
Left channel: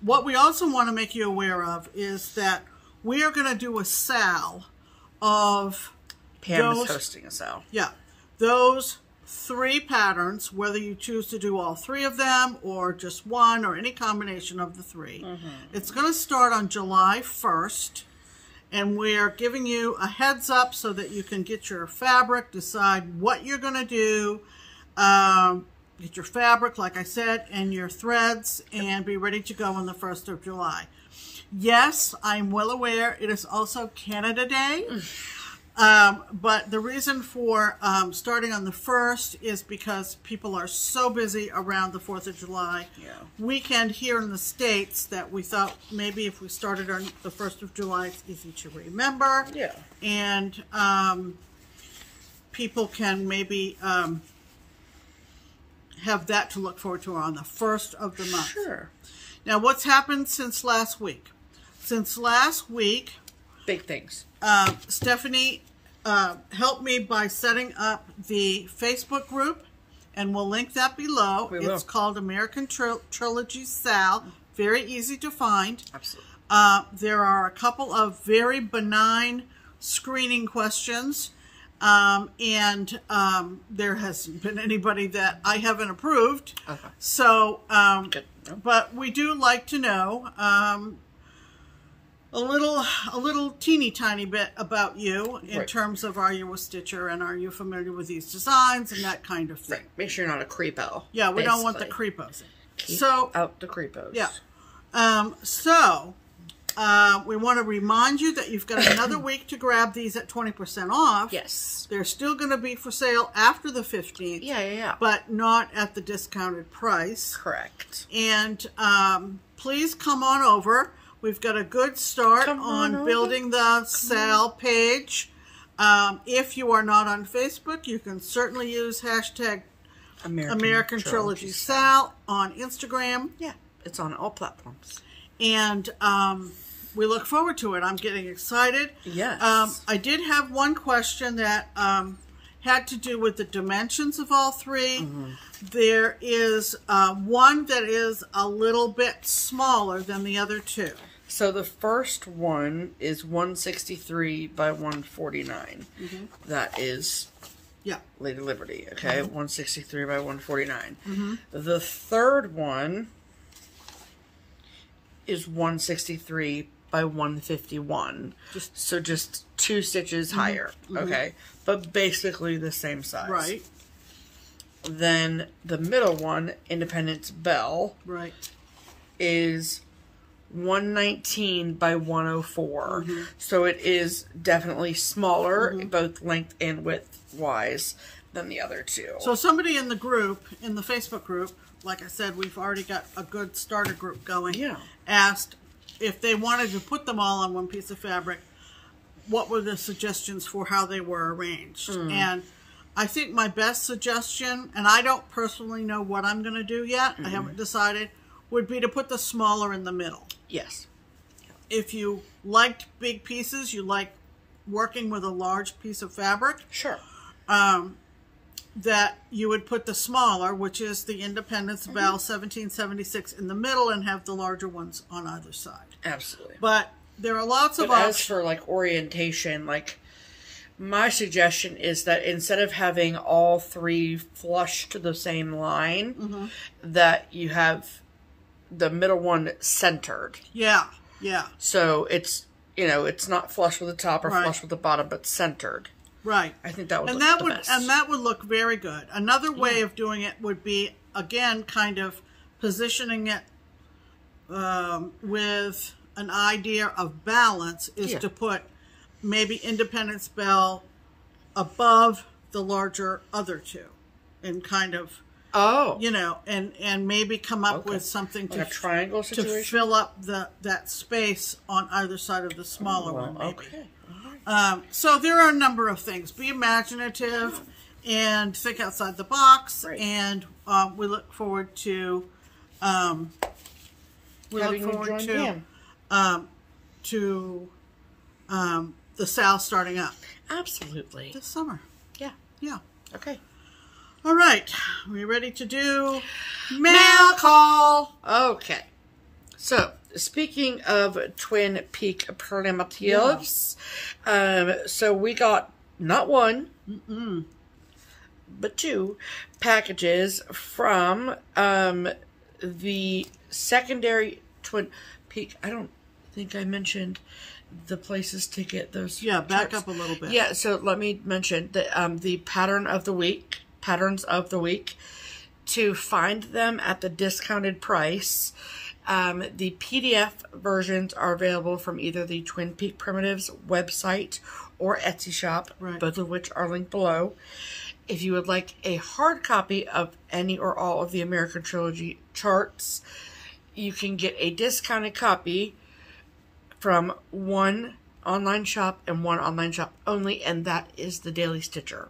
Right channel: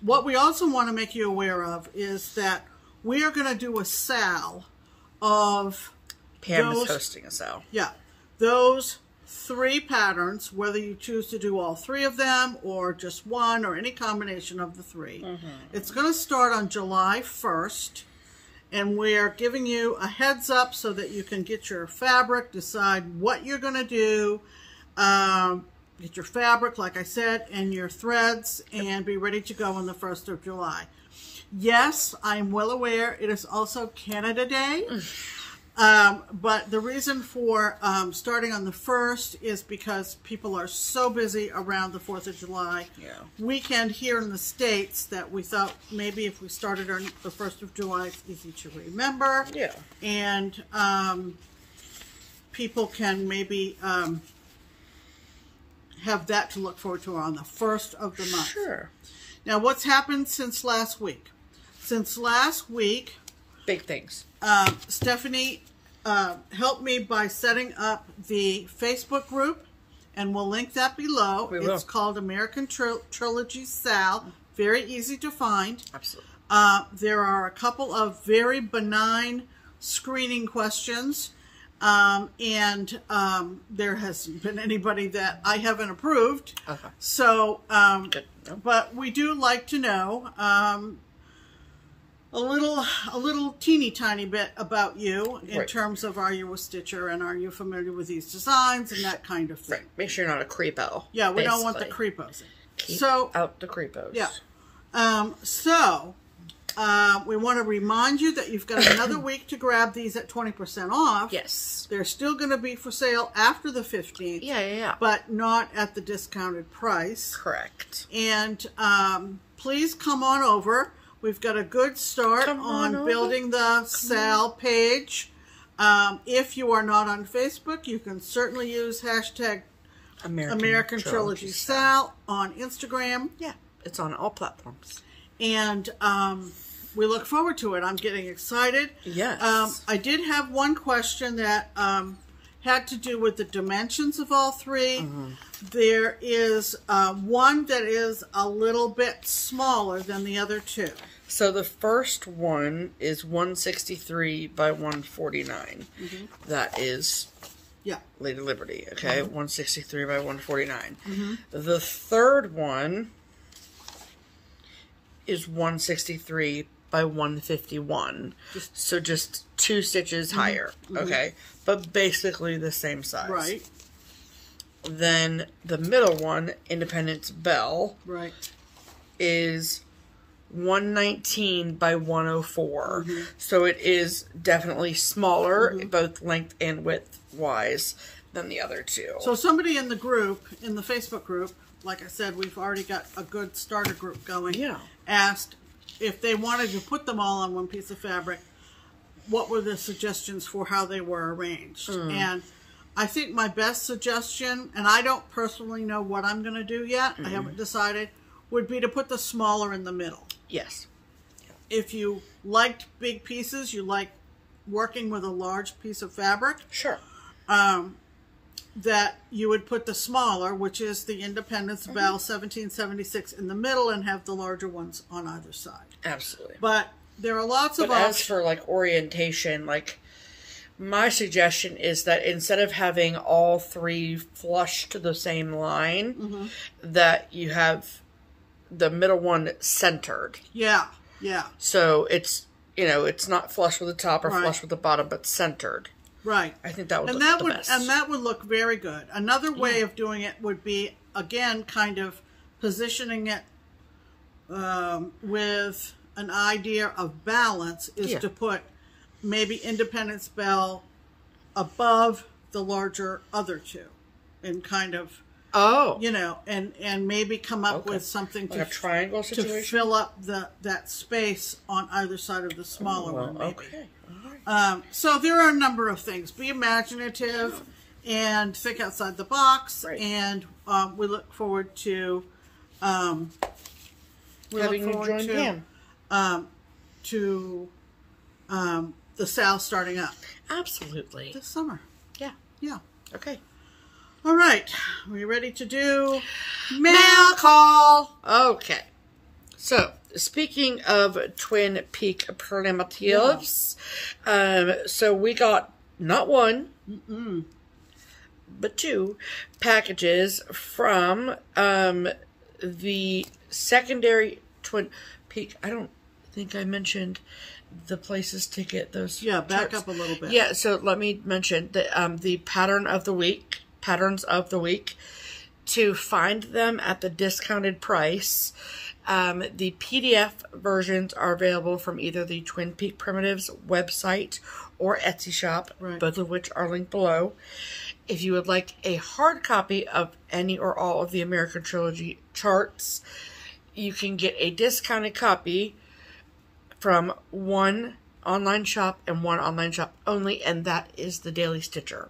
what we also want to make you aware of is that we are going to do a sale of Pam is hosting a sale. Yeah. Those 3 patterns, whether you choose to do all 3 of them or just one or any combination of the 3. It's going to start on July 1st, and we are giving you a heads up so that you can get your fabric, decide what you're going to do, get your fabric, like I said, and your threads, and be ready to go on the 1st of July. Yes, I'm well aware it is also Canada Day. But the reason for starting on the 1st is because people are so busy around the 4th of July weekend here in the States that we thought maybe if we started on the 1st of July, it's easy to remember. Yeah. And people can maybe have that to look forward to on the 1st of the month. Sure. Now, what's happened since last week? Since last week, big things. Stephanie helped me by setting up the Facebook group, and we'll link that below. It's called American Trilogy Sal. Very easy to find. Absolutely. There are a couple of very benign screening questions, and there hasn't been anybody that I haven't approved. Okay. So, but we do like to know a little teeny tiny bit about you in terms of, are you a stitcher and are you familiar with these designs and that kind of thing. Right. Make sure you're not a creepo. Yeah, we don't want the creepos. Keep out the creepos. Yeah. We want to remind you that you've got another week to grab these at 20% off. Yes. They're still going to be for sale after the 15th. Yeah. But not at the discounted price. Correct. And please come on over. We've got a good start on building the Sal page. If you are not on Facebook, you can certainly use hashtag American Trilogy Sal on Instagram. Yeah, it's on all platforms. And we look forward to it. I'm getting excited. Yes. I did have one question that had to do with the dimensions of all three. There is one that is a little bit smaller than the other two. So the first one is 163 by 149. That is Lady Liberty, okay? 163 by 149. The third one is 163 by 151. So just 2 stitches higher, okay? But basically the same size. Right. Then the middle one, Independence Bell, is 119 by 104. So it is definitely smaller, both length and width wise, than the other two. So somebody in the group, in the Facebook group, like I said, we've already got a good starter group going, asked if they wanted to put them all on one piece of fabric, what were the suggestions for how they were arranged. And I think my best suggestion, and I don't personally know what I'm going to do yet, I haven't decided, would be to put the smaller in the middle. Yes. If you liked big pieces, you like working with a large piece of fabric. Sure. That you would put the smaller, which is the Independence Bell 1776 in the middle and have the larger ones on either side. Absolutely. But there are lots of options. As for like orientation, like my suggestion is that instead of having all three flush to the same line, that you have the middle one centered. Yeah. So it's, you know, it's not flush with the top or flush with the bottom, but centered. Right. I think that would look the best. And that would look very good. Another way of doing it would be, again, kind of positioning it with an idea of balance, is to put maybe Independence Bell above the larger other two and kind of, you know, and maybe come up with something like a triangle situation to fill up that space on either side of the smaller one, maybe. Okay. So there are a number of things. Be imaginative and think outside the box. And we look forward to having you join the sale starting up. Absolutely. This summer. Yeah. Okay. All right. Are we ready to do mail call? Okay. So, speaking of Twin Peak primitives, so we got not one, but 2 packages from the secondary Twin Peak. I don't think I mentioned the places to get those. Yeah, back up a little bit. Yeah, so let me mention that the patterns of the week to find them at the discounted price. The PDF versions are available from either the Twin Peak Primitives website or Etsy shop, both of which are linked below. If you would like a hard copy of any or all of the American Trilogy charts, you can get a discounted copy from one online shop and one online shop only, and that is the Daily Stitcher.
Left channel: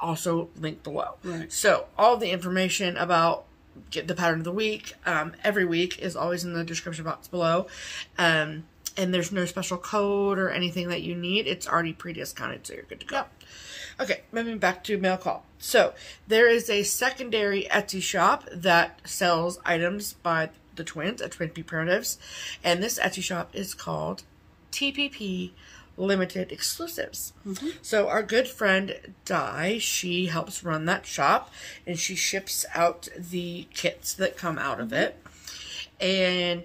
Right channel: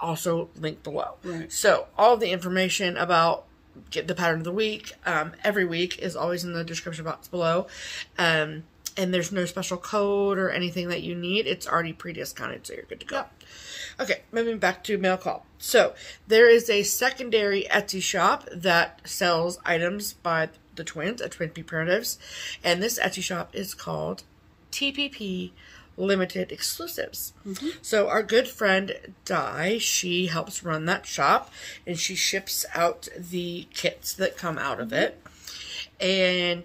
Also linked below. So all the information about get the pattern of the week every week is always in the description box below, and there's no special code or anything that you need. It's already pre-discounted, so you're good to go. Okay, moving back to mail call. So there is a secondary Etsy shop that sells items by the twins at Twin Peak Primitives, and this Etsy shop is called TPP Limited Exclusives. So our good friend Di, she helps run that shop, and she ships out the kits that come out of it. And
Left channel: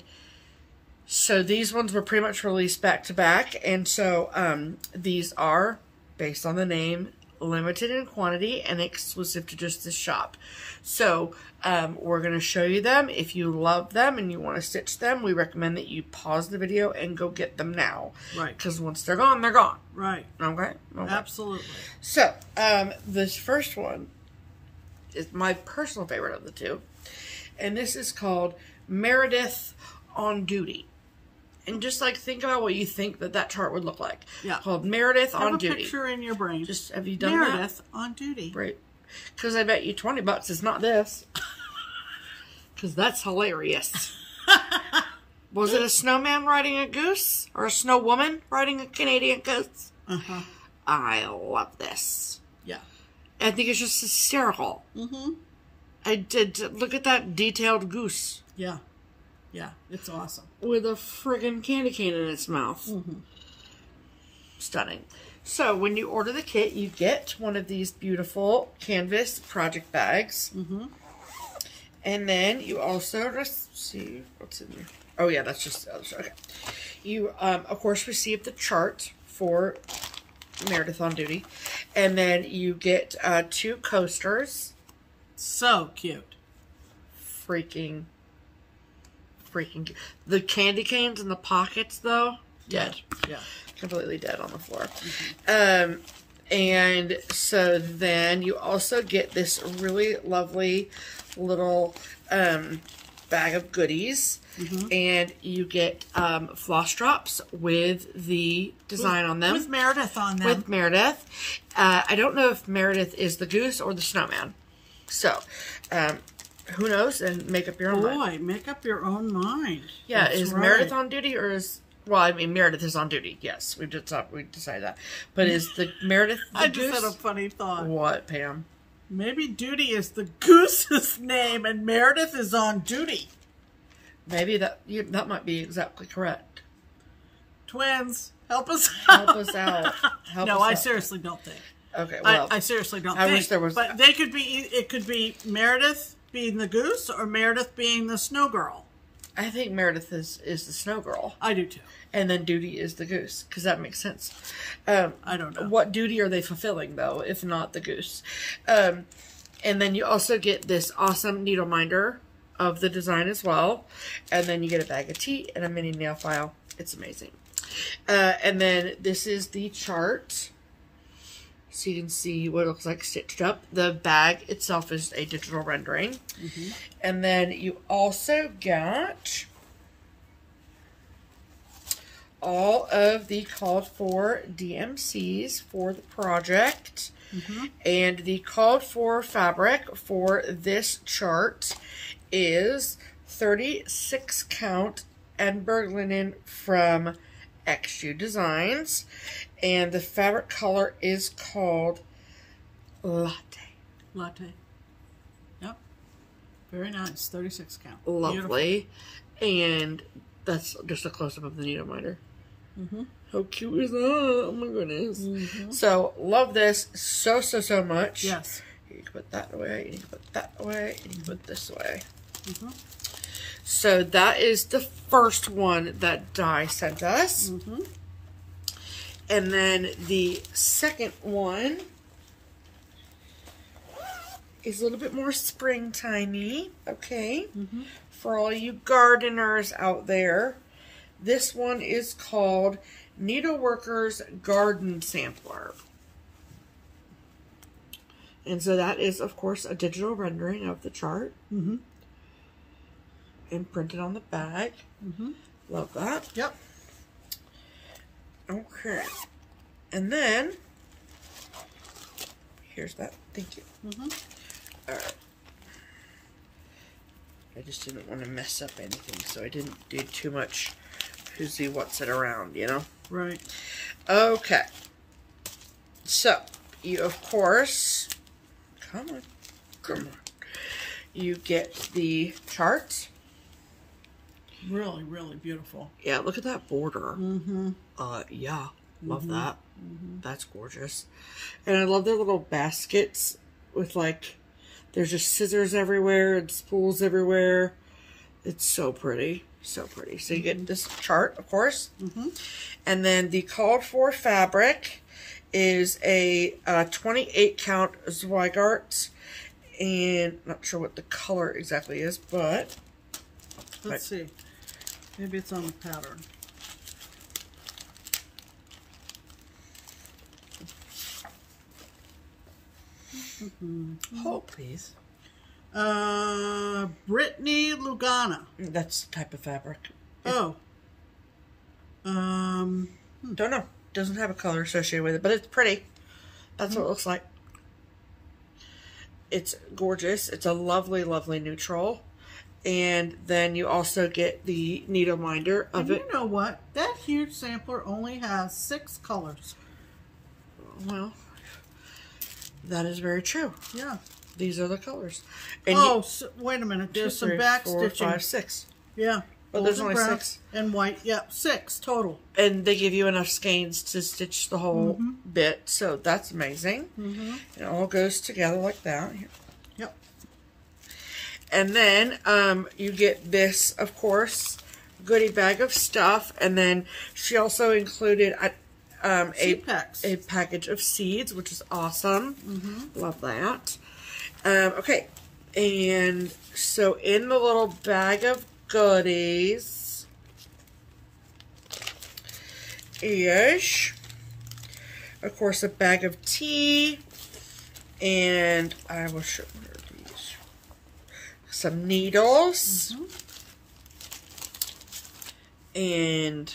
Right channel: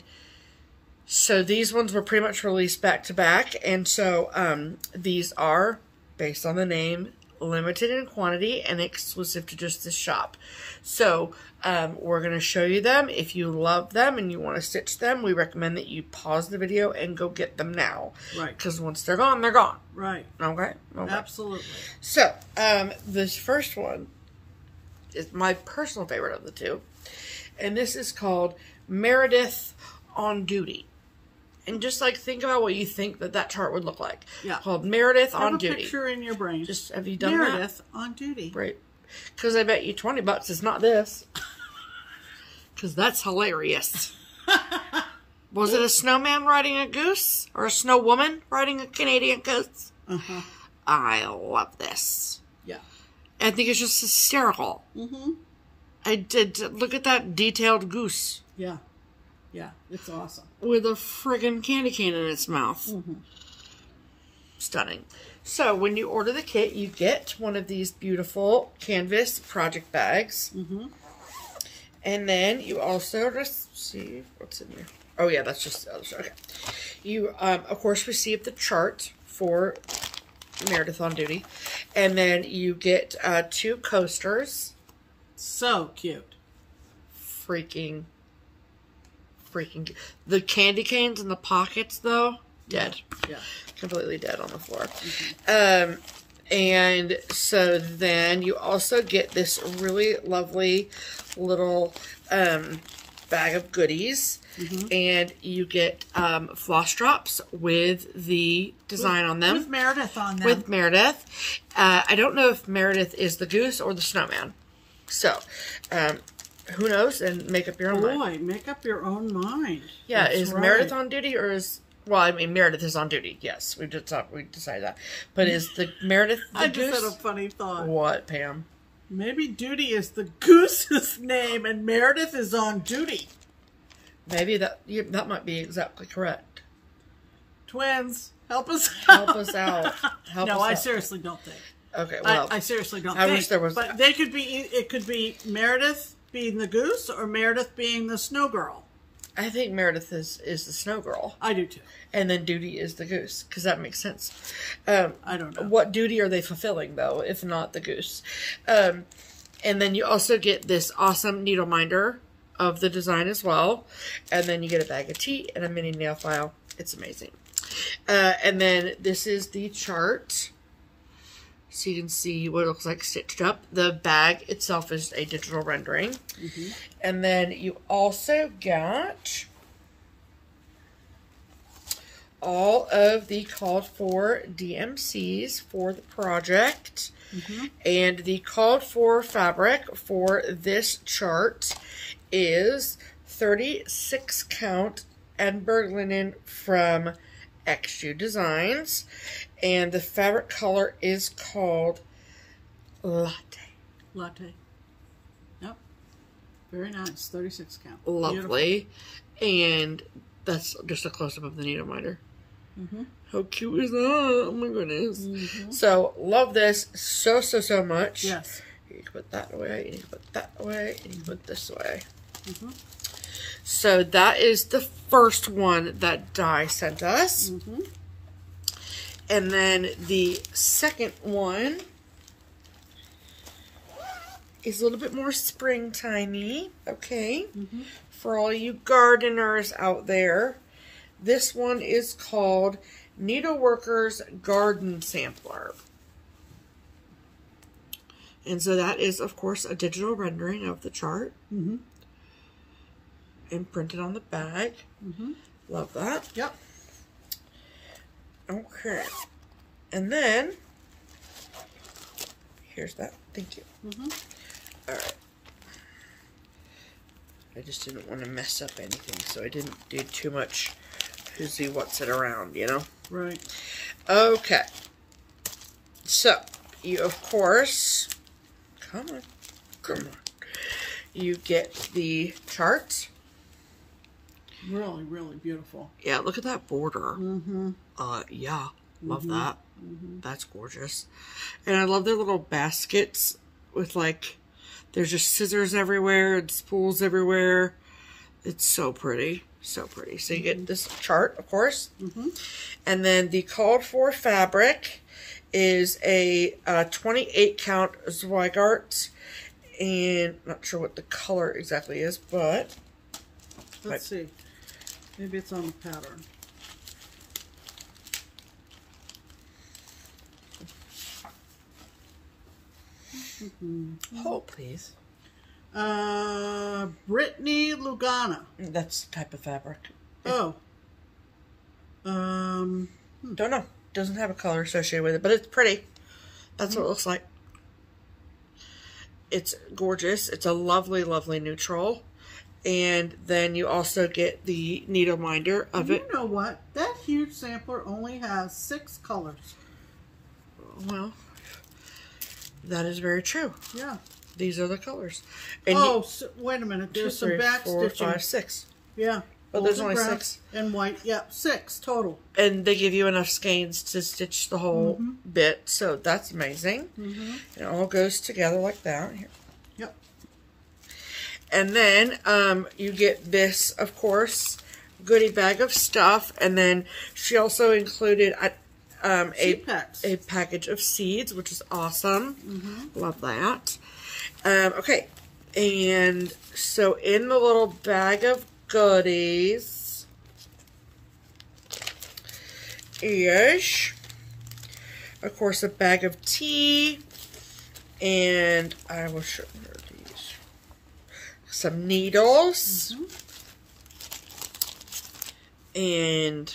so these ones were pretty much released back to back, and so these are, based on the name, limited in quantity and exclusive to just this shop. So we're going to show you them. If you love them and you want to stitch them, we recommend that you pause the video and go get them now. Because once they're gone, they're gone. Okay? Absolutely. So, this first one is my personal favorite of the two. And this is called Meredith on Duty. And just like think about what you think that chart would look like. Called Meredith on Duty. Have a picture in your brain. Just have you done Meredith on Duty. Right. Because I bet you $20 is not this. Because that's hilarious. Was it a snowman riding a goose? Or a snow woman riding a Canadian goose? I love this. I think it's just hysterical. I did. Look at that detailed goose. Yeah, it's awesome. With a friggin' candy cane in its mouth. Stunning. So when you order the kit, you get one of these beautiful canvas project bags. And then you also receive, what's in there? Oh yeah, that's just the other side. Okay. You, of course, receive the chart for Meredith on Duty. And then you get 2 coasters. So cute. Freaking. The candy canes in the pockets, though, dead. Completely dead on the floor. And so then you also get this really lovely little bag of goodies. And you get floss drops with the design on them. With Meredith on them. With Meredith. I don't know if Meredith is the goose or the snowman. So, who knows? And make up your own mind. Make up your own mind. Yeah, is Meredith on duty or is... Well, I mean, Meredith is on duty. Yes, we decided that. But is the Meredith the goose? I just had a funny thought. What, Pam? Maybe Duty is the goose's name and Meredith is on duty. Maybe that might be exactly correct. Twins, help us out. Help us out. No, I seriously don't think. Okay, well. I seriously don't think. I wish there was... But they could be, it could be Meredith being the goose or Meredith being the snow girl. I think Meredith is the snow girl. I do too. And then Duty is the goose, because that makes sense. I don't know. What duty are they fulfilling, though, if not the goose? And then you also get this awesome needle minder of the design as well. And then you get a bag of tea and a mini nail file. It's amazing. And then this is the chart. So you can see what it looks like stitched up. The bag itself is a digital rendering. And then you also got all of the called for DMCs for the project. And the called for fabric for this chart is 36 count Edinburgh linen from XU Designs. And the fabric color is called Latte. Latte. Yep. Very nice. 36 count. Lovely. Beautiful. And that's just a close-up of the needle minder. How cute is that? Oh my goodness. So, love this so much. Yes. You can put that away, you can put that away, and you can put this away. So, that is the first one that Di sent us. And then the second one is a little bit more springtimey, okay? For all you gardeners out there. This one is called Needleworker's Garden Sampler. And so that is, of course, a digital rendering of the chart. And printed on the bag. Love that. Yep. Okay. And then, here's that. Thank you. Alright. I just didn't want to mess up anything, so I didn't do too much who's what's it around, you know? Right. Okay. So, you, of course, come on. You get the chart. Really, really beautiful. Yeah, look at that border. Yeah, love that. That's gorgeous. And I love their little baskets with, like, there's just scissors everywhere and spools everywhere. It's so pretty. So pretty. So you get this chart, of course. And then the called for fabric is a 28 count Zweigart. And I'm not sure what the color exactly is, but let's see. Maybe it's on the pattern. Hold, please. Brittany Lugana. That's the type of fabric. Oh. Don't know. Doesn't have a color associated with it, but it's pretty. That's what it looks like. It's gorgeous. It's a lovely, lovely neutral. And then you also get the needle minder of it. You know what? That huge sampler only has 6 colors. Well, that is very true. Yeah. These are the colors. And so, wait a minute. There's 2, 3, some back 4, stitching. 5, 6. Yeah. But there's only 6. And white. Yeah, 6 total. And they give you enough skeins to stitch the whole bit. So that's amazing. It all goes together like that. Here. Yep. And then you get this, of course, goodie bag of stuff. And then she also included a package of seeds, which is awesome. Love that. Okay. And so in the little bag of goodies is, of course, a bag of tea. And I will show you these. Some needles. And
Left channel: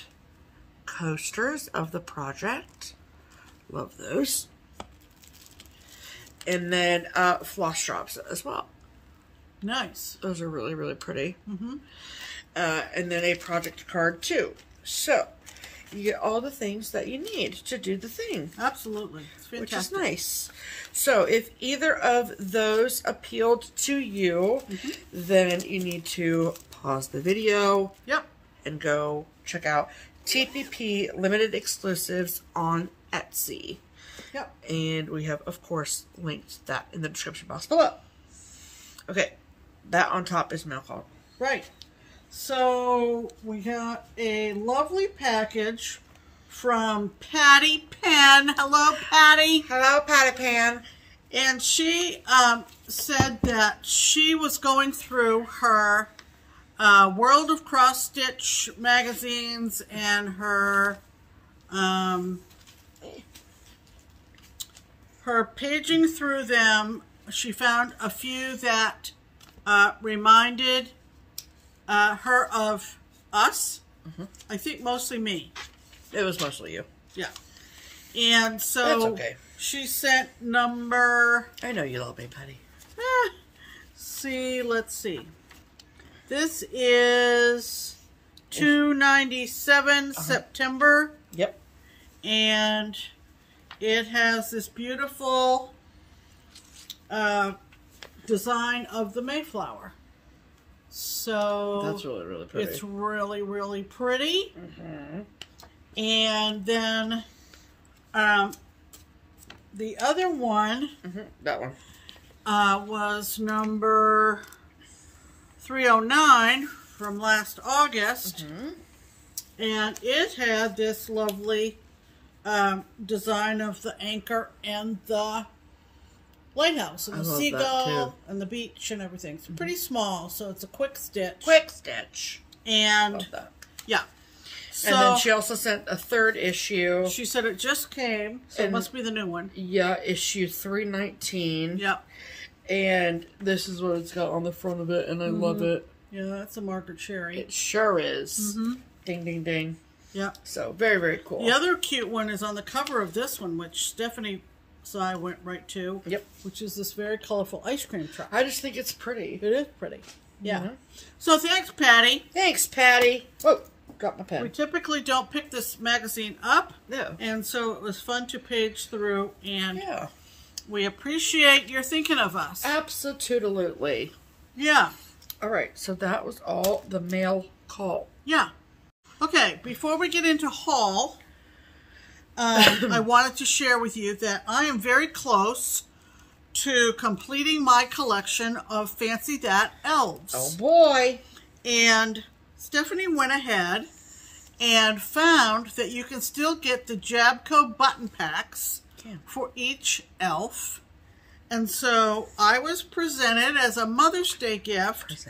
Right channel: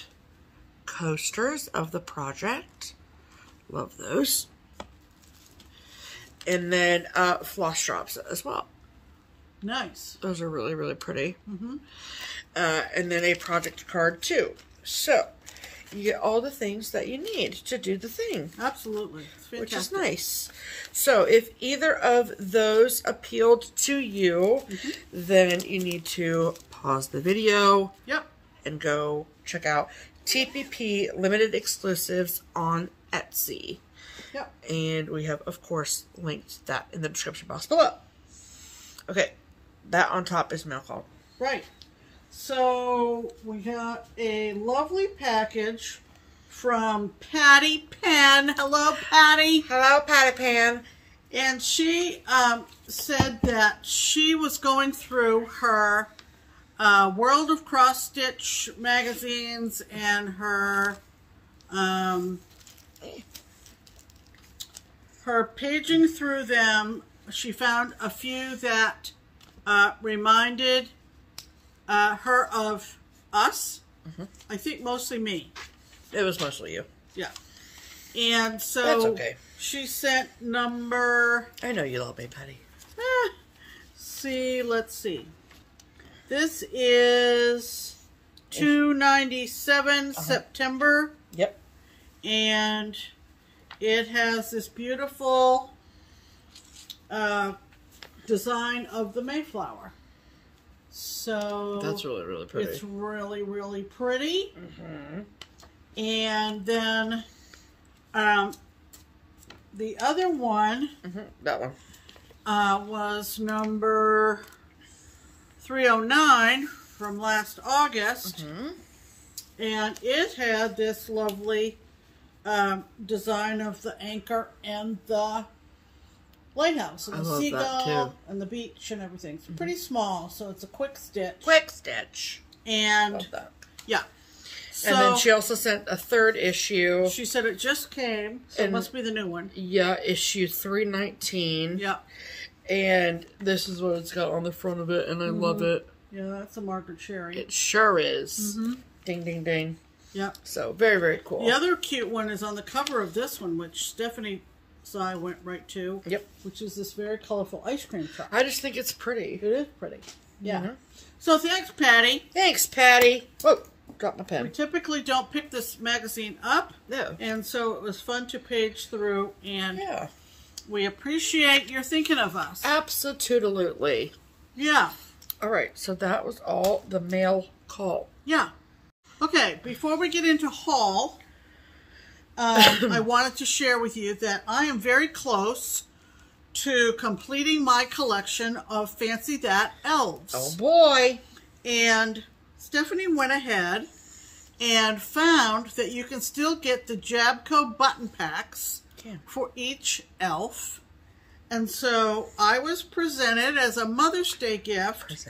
coasters of the project. Love those. And then floss drops as well. Nice. Those are really, really pretty. And then a project card too. So you get all the things that you need to do the thing. Absolutely. It's fantastic. Which is nice. So if either of those appealed to you, then you need to pause the video. Yep. And go check out TPP Limited Exclusives on Etsy. Yep. And we have, of course, linked that in the description box below. Okay. That on top is mail call. Right. So we got a lovely package from Patty Penn. Hello, Patty. Hello, Patty Penn. And she said that she was going through her World of Cross Stitch magazines and her paging through them. She found a few that reminded her of us. I think mostly me. It was mostly you. Yeah. And so that's okay. She sent number... I know you love me, Patty. Let's see. This is 297 September. Yep. And it has this beautiful design of the Mayflower. So that's really, really pretty. It's really, really pretty. And then the other one, that one, was number 309 from last August. And it had this lovely design of the anchor and the lighthouse and the love that, seagull too. and the beach and everything. It's pretty small, so it's a quick stitch. Quick stitch. And love that. yeah. So, and then she also sent a third issue. She said it just came, so it must be the new one. Yeah, issue 319. Yeah. And this is what it's got on the front of it, and I love it. Yeah, that's a Margaret Cherry. It sure is. Ding, ding, ding. Yeah. So, very, very cool. The other cute one is on the cover of this one, which Stephanie saw I went right to. Yep. Which is this very colorful ice cream truck. I just think it's pretty. It is pretty. Yeah. So thanks, Patty. Thanks, Patty. Whoa, dropped my pen. We typically don't pick this magazine up. No. And so it was fun to page through, and Yeah. we appreciate your thinking of us. Absolutely. Yeah. All right, so that was all the mail call. Yeah. Okay, before we get into haul, I wanted to share with you that I am very close to completing my collection of Fancy That elves. Oh boy. And Stephanie went ahead and found that you can still get the Jabco button packs for each elf. And so I was presented as a Mother's Day gift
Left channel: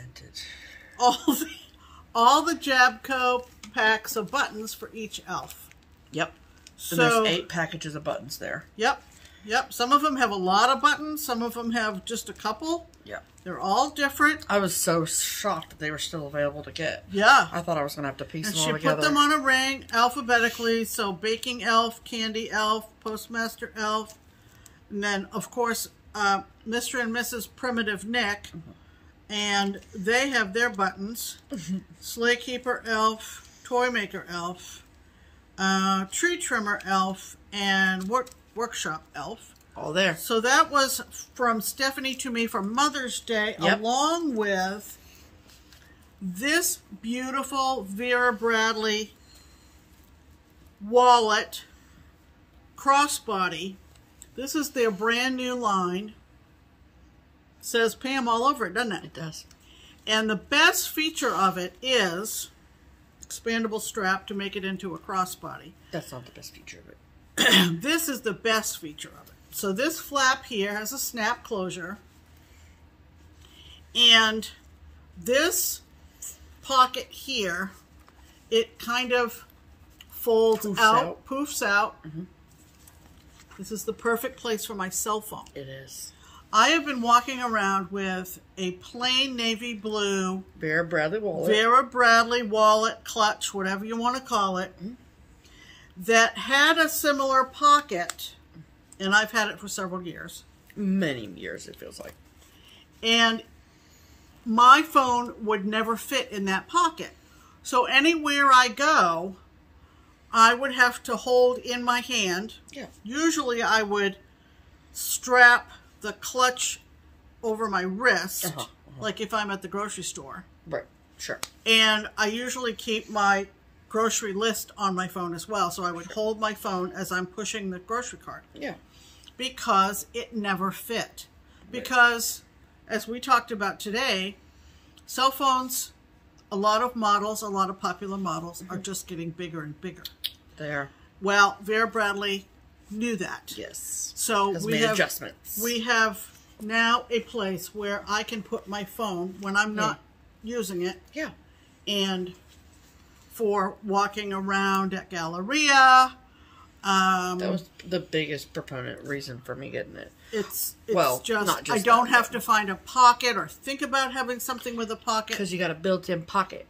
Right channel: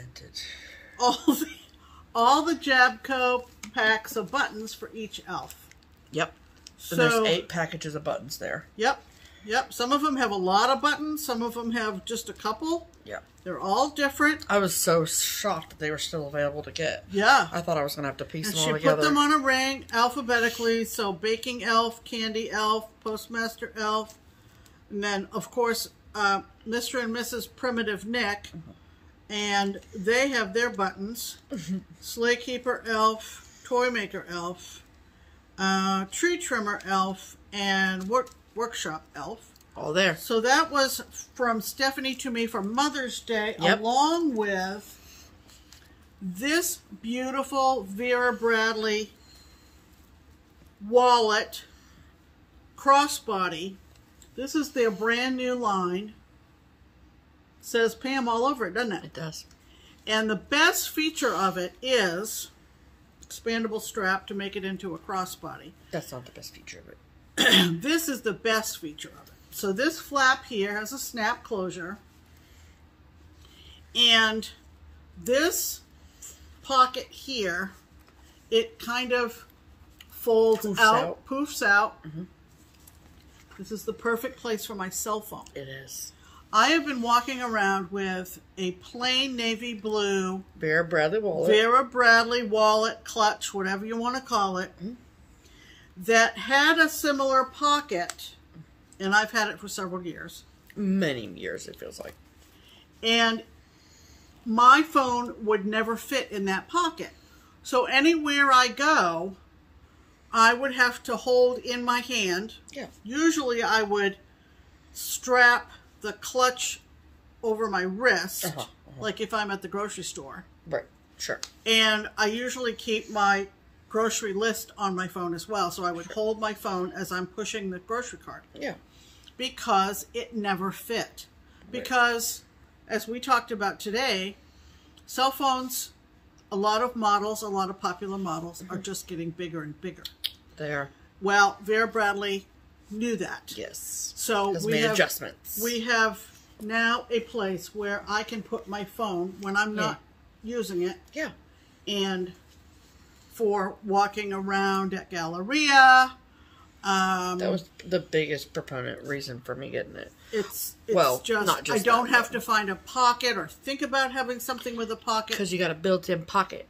all the Jabco packs of buttons for each elf. Yep. So, and there's 8 packages of buttons there. Yep. Yep. Some of them have a lot of buttons. Some of them have just a couple. Yep. They're all different. I was so shocked that they were still available to get. Yeah. I thought I was going to have to piece them all together. She put them on a ring alphabetically. So Baking Elf, Candy Elf, Postmaster Elf. And then, of course, Mr. and Mrs. Primitive Nick. And they have their buttons. Sleigh Keeper Elf, Toy Maker Elf, Tree Trimmer Elf, and Workshop Elf. All there. So that was from Stephanie to me for Mother's Day, along with this beautiful Vera Bradley wallet crossbody. This is their brand new line. It says Pam all over it, doesn't it? It does. And the best feature of it is expandable strap to make it into a crossbody. That's not the best feature of it. This is the best feature of it. So this flap here has a snap closure. And this pocket here, it kind of folds out, poofs out. This is the perfect place for my cell phone. It is. I have been walking around with a plain navy blue Vera Bradley wallet, clutch, whatever you want to call it, that had a similar pocket, and I've had it for several years. Many years, it feels like. And my phone would never fit in that pocket. So anywhere I go, I would have to hold in my hand. Yeah. Usually I would strap the clutch over my wrist, like if I'm at the grocery store. Right, sure. And I usually keep my grocery list on my phone as well, so I would hold my phone as I'm pushing the grocery cart. Yeah. Because it never fit. Because, as we talked about today, cell phones, a lot of models, a lot of popular models, are just getting bigger and bigger. They are. Well, Vera Bradley knew that. Yes. So we have adjustments. We have now a place where I can put my phone when I'm not using it. Yeah. And for walking around at Galleria. That was the biggest proponent reason for me getting it. It's well, just, not just I don't have to find a pocket or think about having something with a pocket. Because you got a built-in pocket.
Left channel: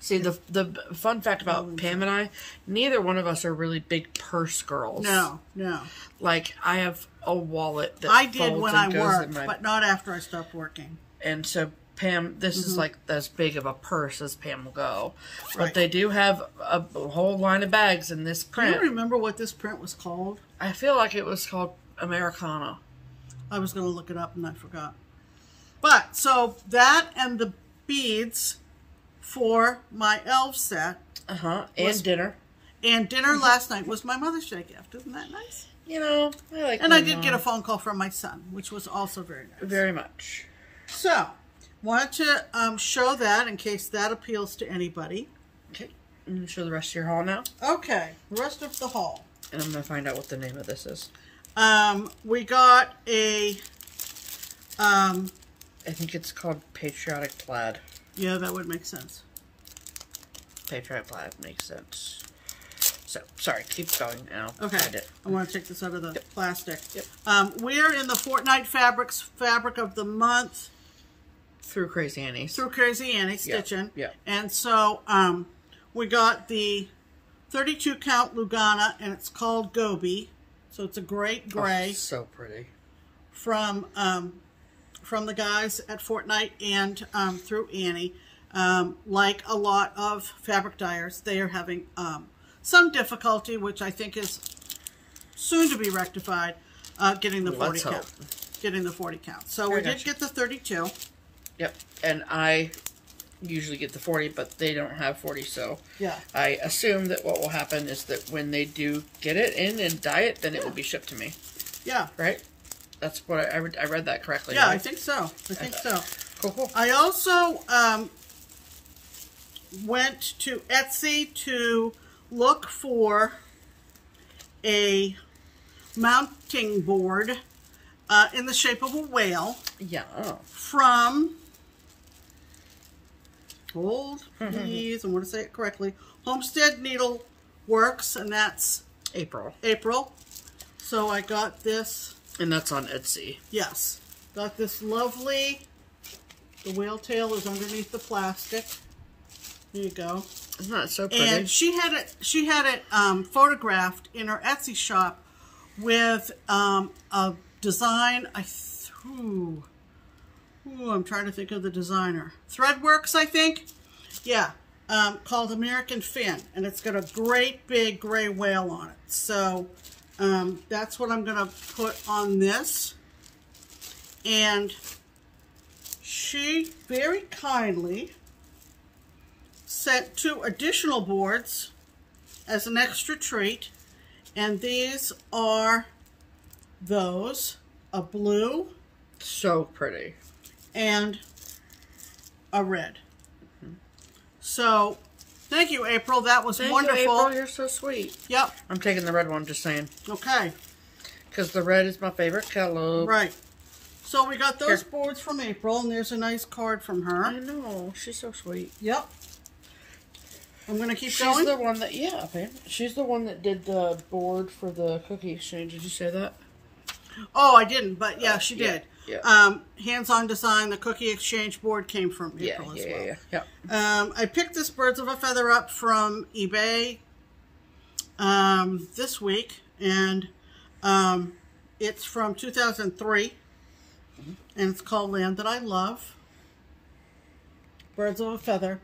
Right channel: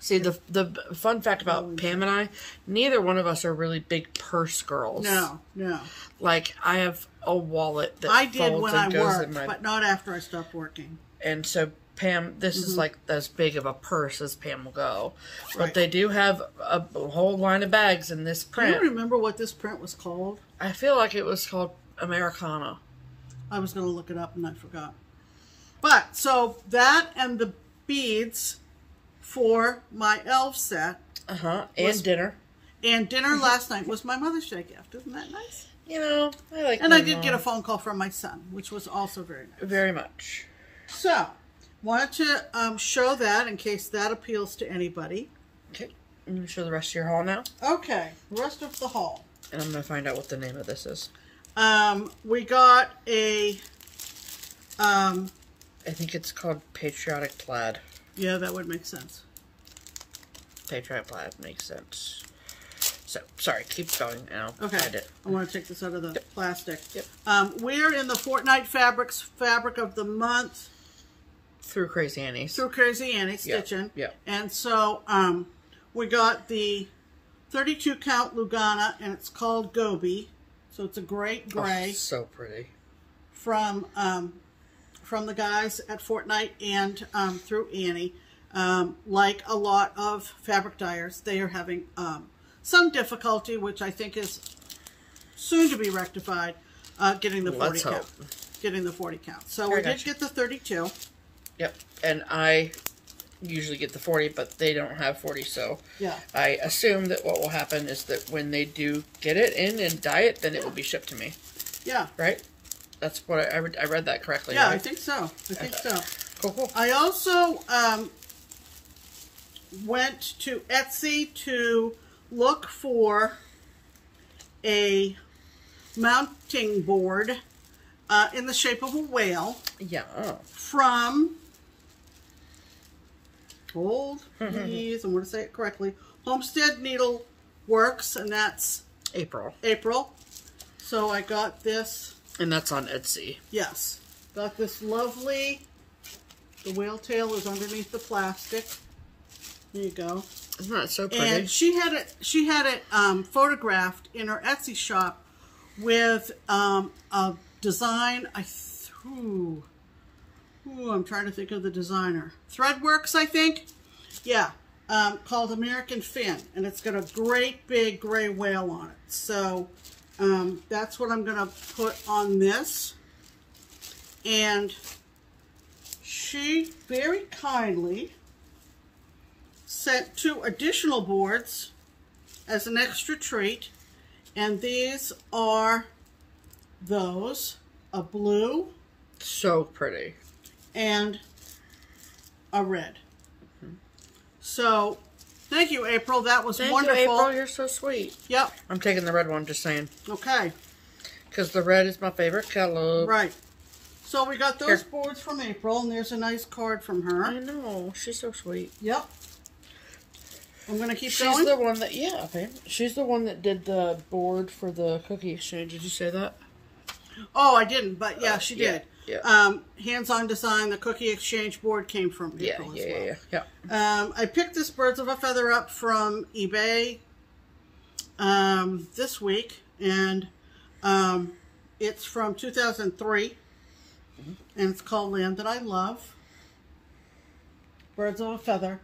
See, the fun fact about Pam and I, neither one of us are really big purse girls. No, no. Like, I have a wallet that I did folds when and I goes worked, in my... but not after I stopped working. And so, Pam, this is like as big of a purse as Pam will go. Right. But they do have a whole line of bags in this print. Do you remember what this print was called? I feel like it was called Americana. I was going to look it up and I forgot. But, so that and the beads for my elf set. And dinner. And dinner last night was my Mother's Day gift. Isn't that nice? You know, I like And I did get a phone call from my son, which was also very nice. Very much. So, wanted to show that in case that appeals to anybody. Okay. I'm going to show the rest of your haul now. Okay. Rest of the haul. And I'm going to find out what the name of this is. We got a I think it's called Patriotic Plaid. Yeah, that would make sense. Patriotic Plaid makes sense. So, sorry, keep going and I'll find it. I want to take this out of the plastic. Yep. We're in the Fortnite Fabrics Fabric of the Month. Through Crazy Annie's. Through Crazy Annie's Stitching. Yeah. And so, we got the 32 count Lugana, and it's called Gobi. So it's a great gray. Oh, so pretty. From the guys at Fortnite and through Annie. Like a lot of fabric dyers, they are having some difficulty, which I think is soon to be rectified, getting the 40 count. Getting the 40 count. So we did get the 32. Yep, and I usually get the 40, but they don't have 40, so yeah. I assume that what will happen is that when they do get it in and dye it, then it will be shipped to me. Yeah. Right? That's what I read that correctly. Yeah, right? I think so. I think so. Cool, cool. I also went to Etsy to look for a mounting board in the shape of a whale. Yeah. From, hold please, I want to say it correctly, Homestead Needle Works, and that's April. So I got this. And that's on Etsy. Yes. Got this lovely, the whale tail is underneath the plastic. There you go. Isn't that so pretty? And she had it photographed in her Etsy shop with a design. I'm trying to think of the designer. Threadworks, I think. Yeah. Called American Fin, and it's got a great big gray whale on it. So that's what I'm going to put on this. And she very kindly sent 2 additional boards as an extra treat. And these are those, a blue. So pretty. And a red. So, thank you, April. That was wonderful. Thank you, April. You're so sweet. Yep. I'm taking the red one, just saying. Okay. Because the red is my favorite color. Right. So, we got those boards from April, and there's a nice card from her. I know. She's so sweet. Yep. I'm going to keep going. She's the one that, she's the one that did the board for the cookie exchange. Did you say that? Oh, I didn't, but yeah, she did. Yeah. Hands-on design, the cookie exchange board came from April as well. Yeah. I picked this Birds of a Feather up from eBay this week, and it's from 2003, and it's called Land That I Love. Birds of a Feather.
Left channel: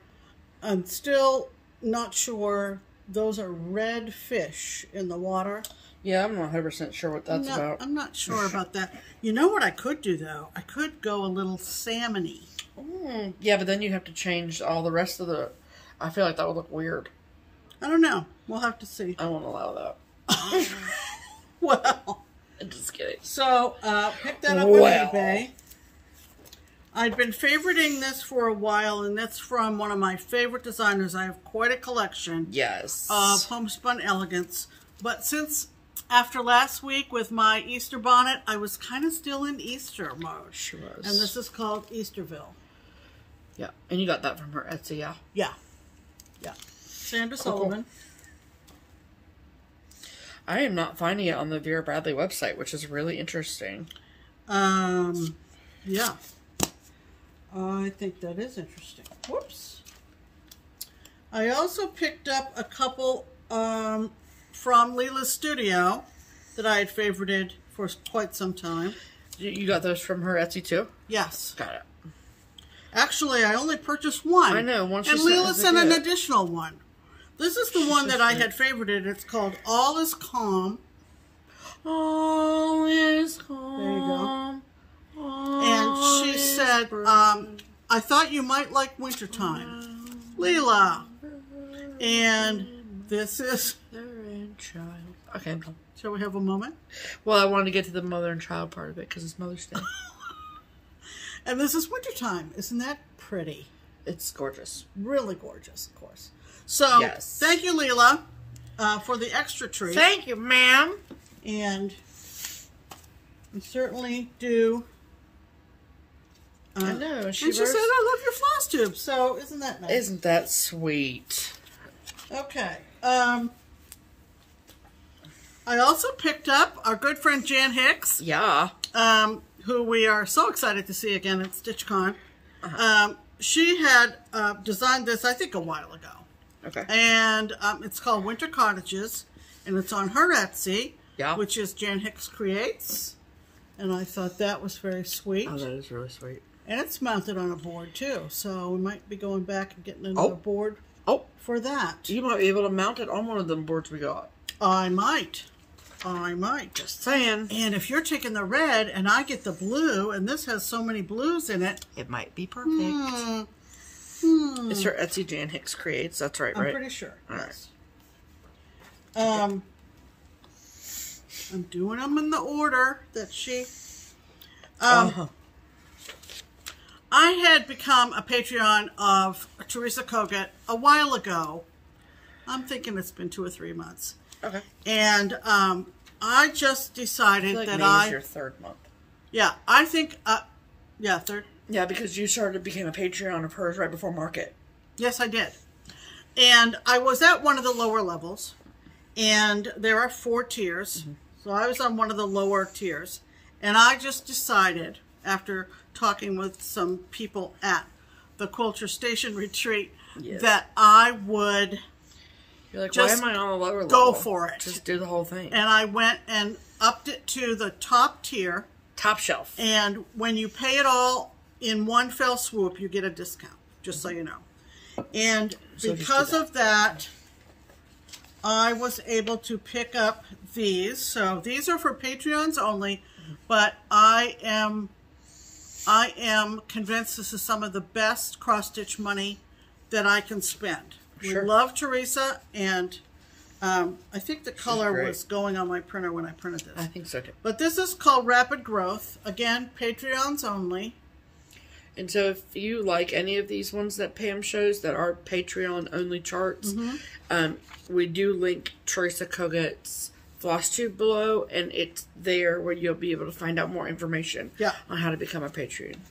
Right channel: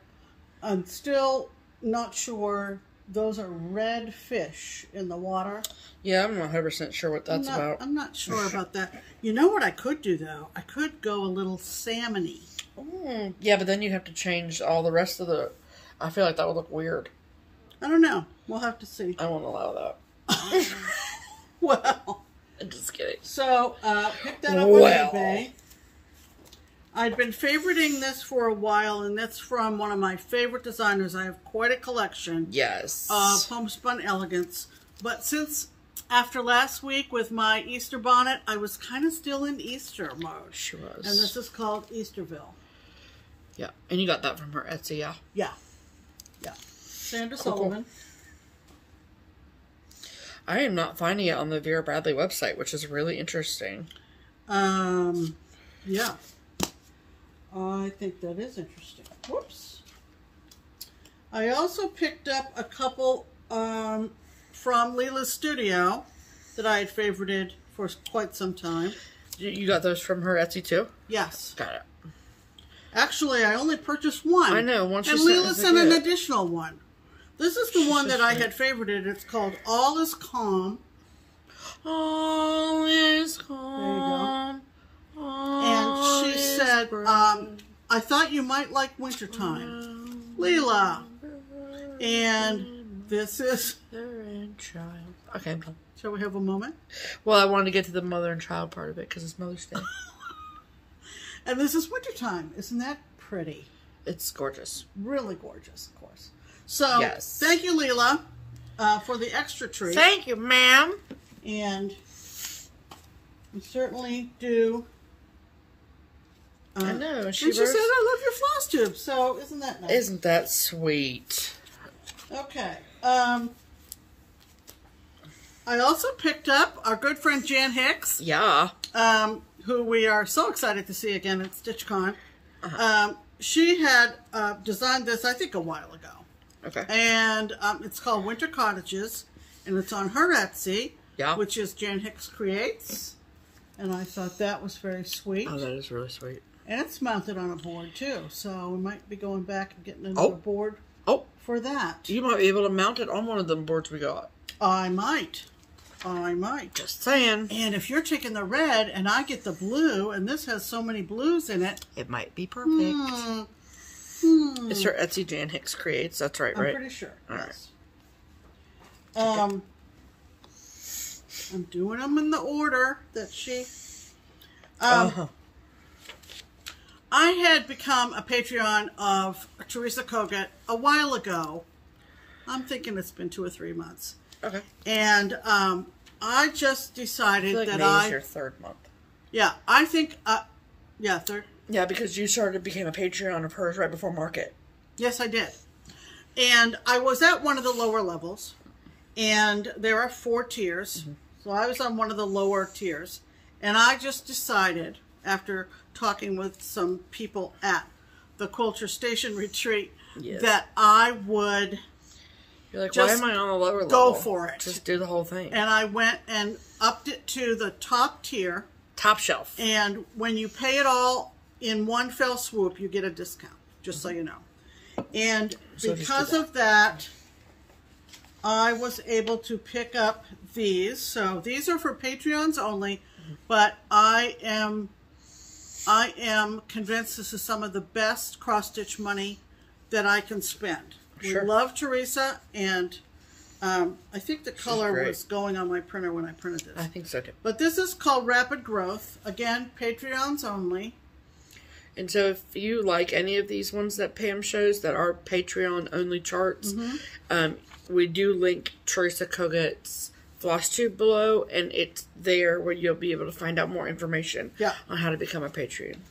I'm still not sure. Those are red fish in the water. Yeah, I'm not 100% sure what that's about. I'm not sure about that. You know what I could do, though? I could go a little salmon-y. Yeah, but then you have to change all the rest of the... I feel like that would look weird. I don't know. We'll have to see. I won't allow that. Well. I'm just kidding. So, pick that up on eBay. I've been favoriting this for a while, and that's from one of my favorite designers. I have quite a collection of homespun elegance. But since after last week with my Easter bonnet, I was kind of still in Easter mode. She was. And this is called Easterville. Yeah, and you got that from her Etsy, yeah? Yeah. Yeah. Sandra Sullivan. I am not finding it on the Vera Bradley website, which is really interesting. Yeah. I think that is interesting. Whoops. I also picked up a couple from Leela's Studio that I had favorited for quite some time. You got those from her Etsy too? Yes. Got it. Actually, I only purchased one. I know. And Leela sent an additional one. This is the one that I had favorited. It's called All Is Calm. All is calm. There you go. And she said, I thought you might like wintertime. Leela. And this is... Okay, I'm done. Shall we have a moment? Well, I wanted to get to the mother and child part of it because it's Mother's Day. And this is wintertime. Isn't that pretty? It's gorgeous. Really gorgeous, of course. So, thank you, Leela, for the extra treat. Thank you, ma'am. And we certainly do I know. She said, I love your floss tube. So, isn't that nice? Isn't that sweet? Okay. I also picked up our good friend Jan Hicks. Yeah. Who we are so excited to see again at StitchCon. She had designed this, I think, a while ago. Okay. And it's called Winter Cottages. And it's on her Etsy. Yeah. Which is Jan Hicks Creates. And I thought that was very sweet. Oh, that is really sweet. And it's mounted on a board, too. So we might be going back and getting another board for that. You might be able to mount it on one of them boards we got. I might. Just saying. And if you're taking the red and I get the blue, and this has so many blues in it. It might be perfect. It's her Etsy Jan Hicks Creates. That's right, right? I'm pretty sure. All yes. Right. I'm doing them in the order that she... I had become a Patreon of Teresa Kogut a while ago. I'm thinking it's been 2 or 3 months. Okay. And I just decided that May is your 3rd month. Yeah, I think, yeah, 3rd. Yeah, because you became a Patreon of hers right before Market. Yes, I did. And I was at one of the lower levels. And there are 4 tiers. So I was on one of the lower tiers. And I just decided, after talking with some people at the Culture Station retreat, that I would... You're like, why am I on a lower level? Go for it. Just do the whole thing. And I went and upped it to the top tier. Top shelf. And when you pay it all in one fell swoop, you get a discount, just so you know. And so because of that, I was able to pick up these. So these are for Patreons only, but I am convinced this is some of the best cross-stitch money that I can spend. Sure. We love Teresa, and I think the color was going on my printer when I printed this. I think so too. But this is called Rapid Growth. Again, Patreons only. And so if you like any of these ones that Pam shows that are Patreon only charts, we do link Teresa Kogut's FlossTube below, and it's there where you'll be able to find out more information on how to become a patron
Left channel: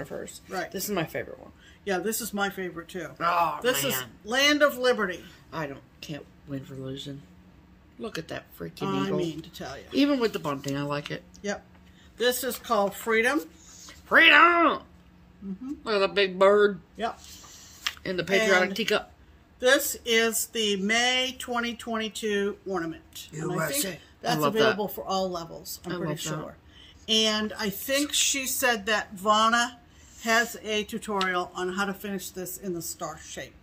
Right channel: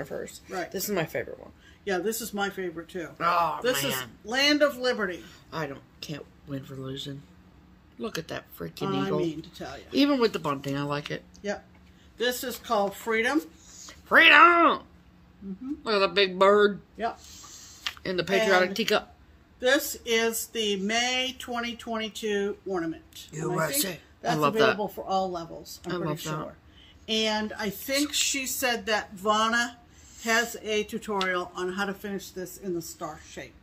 of hers. Right. This is my favorite one. Yeah, this is my favorite too. Oh, this is Land of Liberty. Can't win for losing. Look at that freaking eagle. I mean to tell you. Even with the bunting, I like it. Yep. This is called Freedom. Freedom! Look at the big bird. Yep. In the patriotic teacup. This is the May 2022 ornament. And I think that's available for all levels, I'm pretty sure. And I think she said that Vana has a tutorial on how to finish this in the star shape.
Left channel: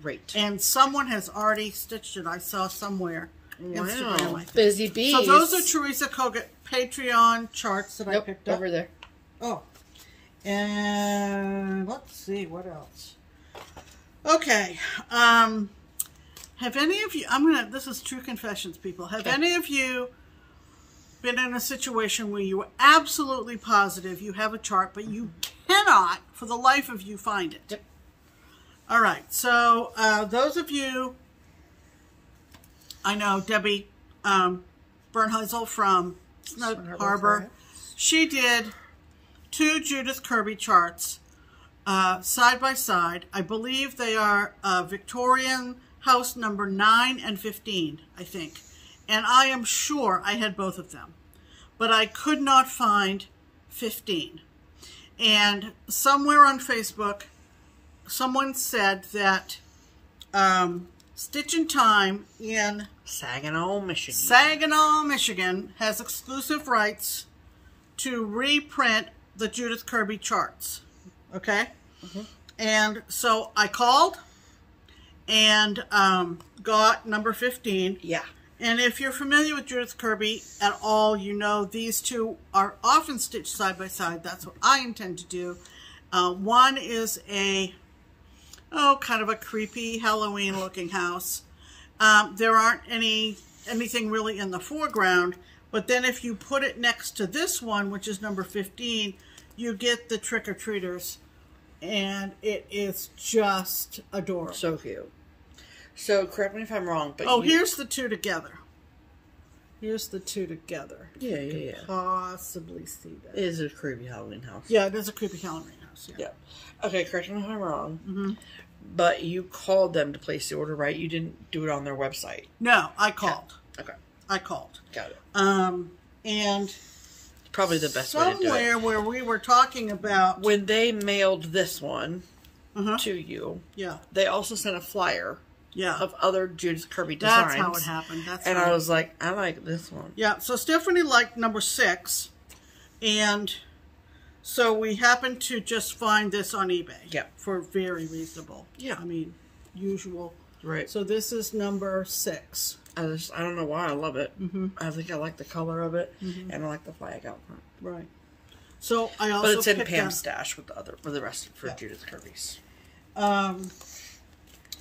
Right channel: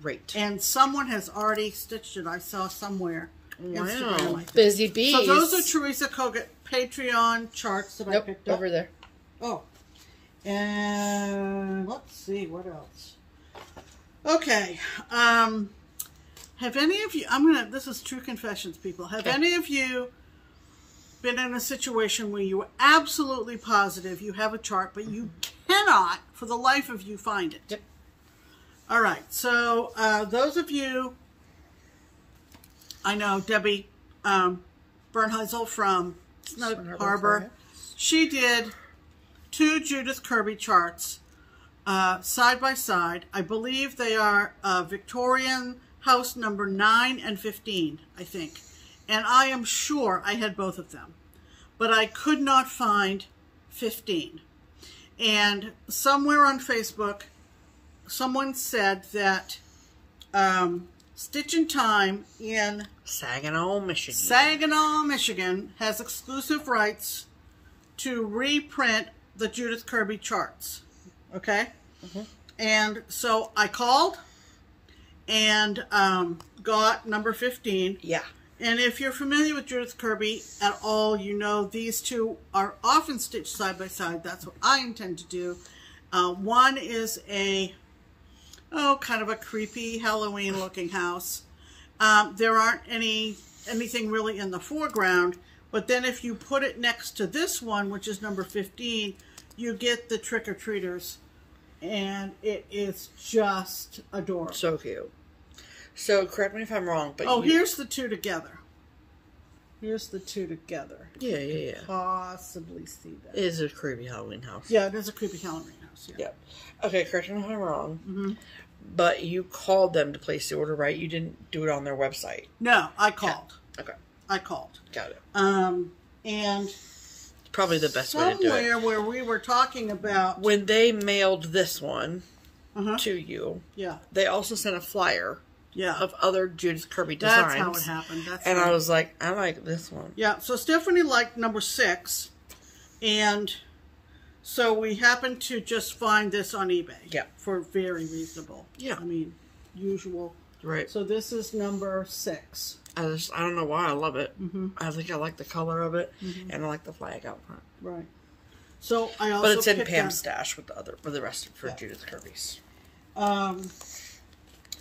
Great. And someone has already stitched it. I saw somewhere. Wow. Instagram, I think. Busy bees. So those are Teresa Kogut Patreon charts that I picked up. Over there. Oh. And let's see, what else? Okay. Have any of you, this is true confessions, people. Have any of you been in a situation where you are absolutely positive you have a chart, but you cannot, for the life of you, find it? Yep. All right. So those of you, I know Debbie Bernheisel from Snow Harbor, she did 2 Judith Kirby charts side by side. I believe they are Victorian house number 9 and 15, I think. And I am sure I had both of them. But I could not find 15. And somewhere on Facebook, someone said that Stitchin' Time in Saginaw, Michigan has exclusive rights to reprint the Judith Kirby charts. Okay? And so I called and got number 15. Yeah. And if you're familiar with Judith Kirby at all, you know these two are often stitched side by side. That's what I intend to do. One is a, kind of a creepy Halloween looking house. There aren't anything really in the foreground, but then if you put it next to this one, which is number 15, you get the trick-or-treaters, and it is just adorable. So cute. So, correct me if I'm wrong, but here's the 2 together. Here's the 2 together. Yeah. Possibly see that. It is a creepy Halloween house. Yeah, it is a creepy Halloween $25. Yeah. Okay, correct me if I'm wrong. But you called them to place the order, right? You didn't do it on their website. No, I called. Yeah. Okay. I called. Got it. And probably the best way to do it. Somewhere where we were talking about when they mailed this one to you. Yeah. They also sent a flyer. Yeah. Of other Judith Kirby designs. That's how it happened. And I was like, I like this one. Yeah. So Stephanie liked number 6, and so we happened to just find this on eBay. Yeah. For very reasonable. Yeah. I mean, usual. Right. So this is number 6. I don't know why I love it. I think I like the color of it, and I like the flag out front. Right. So I also. But it's in Pam's stash with the rest for Judith Kirby's.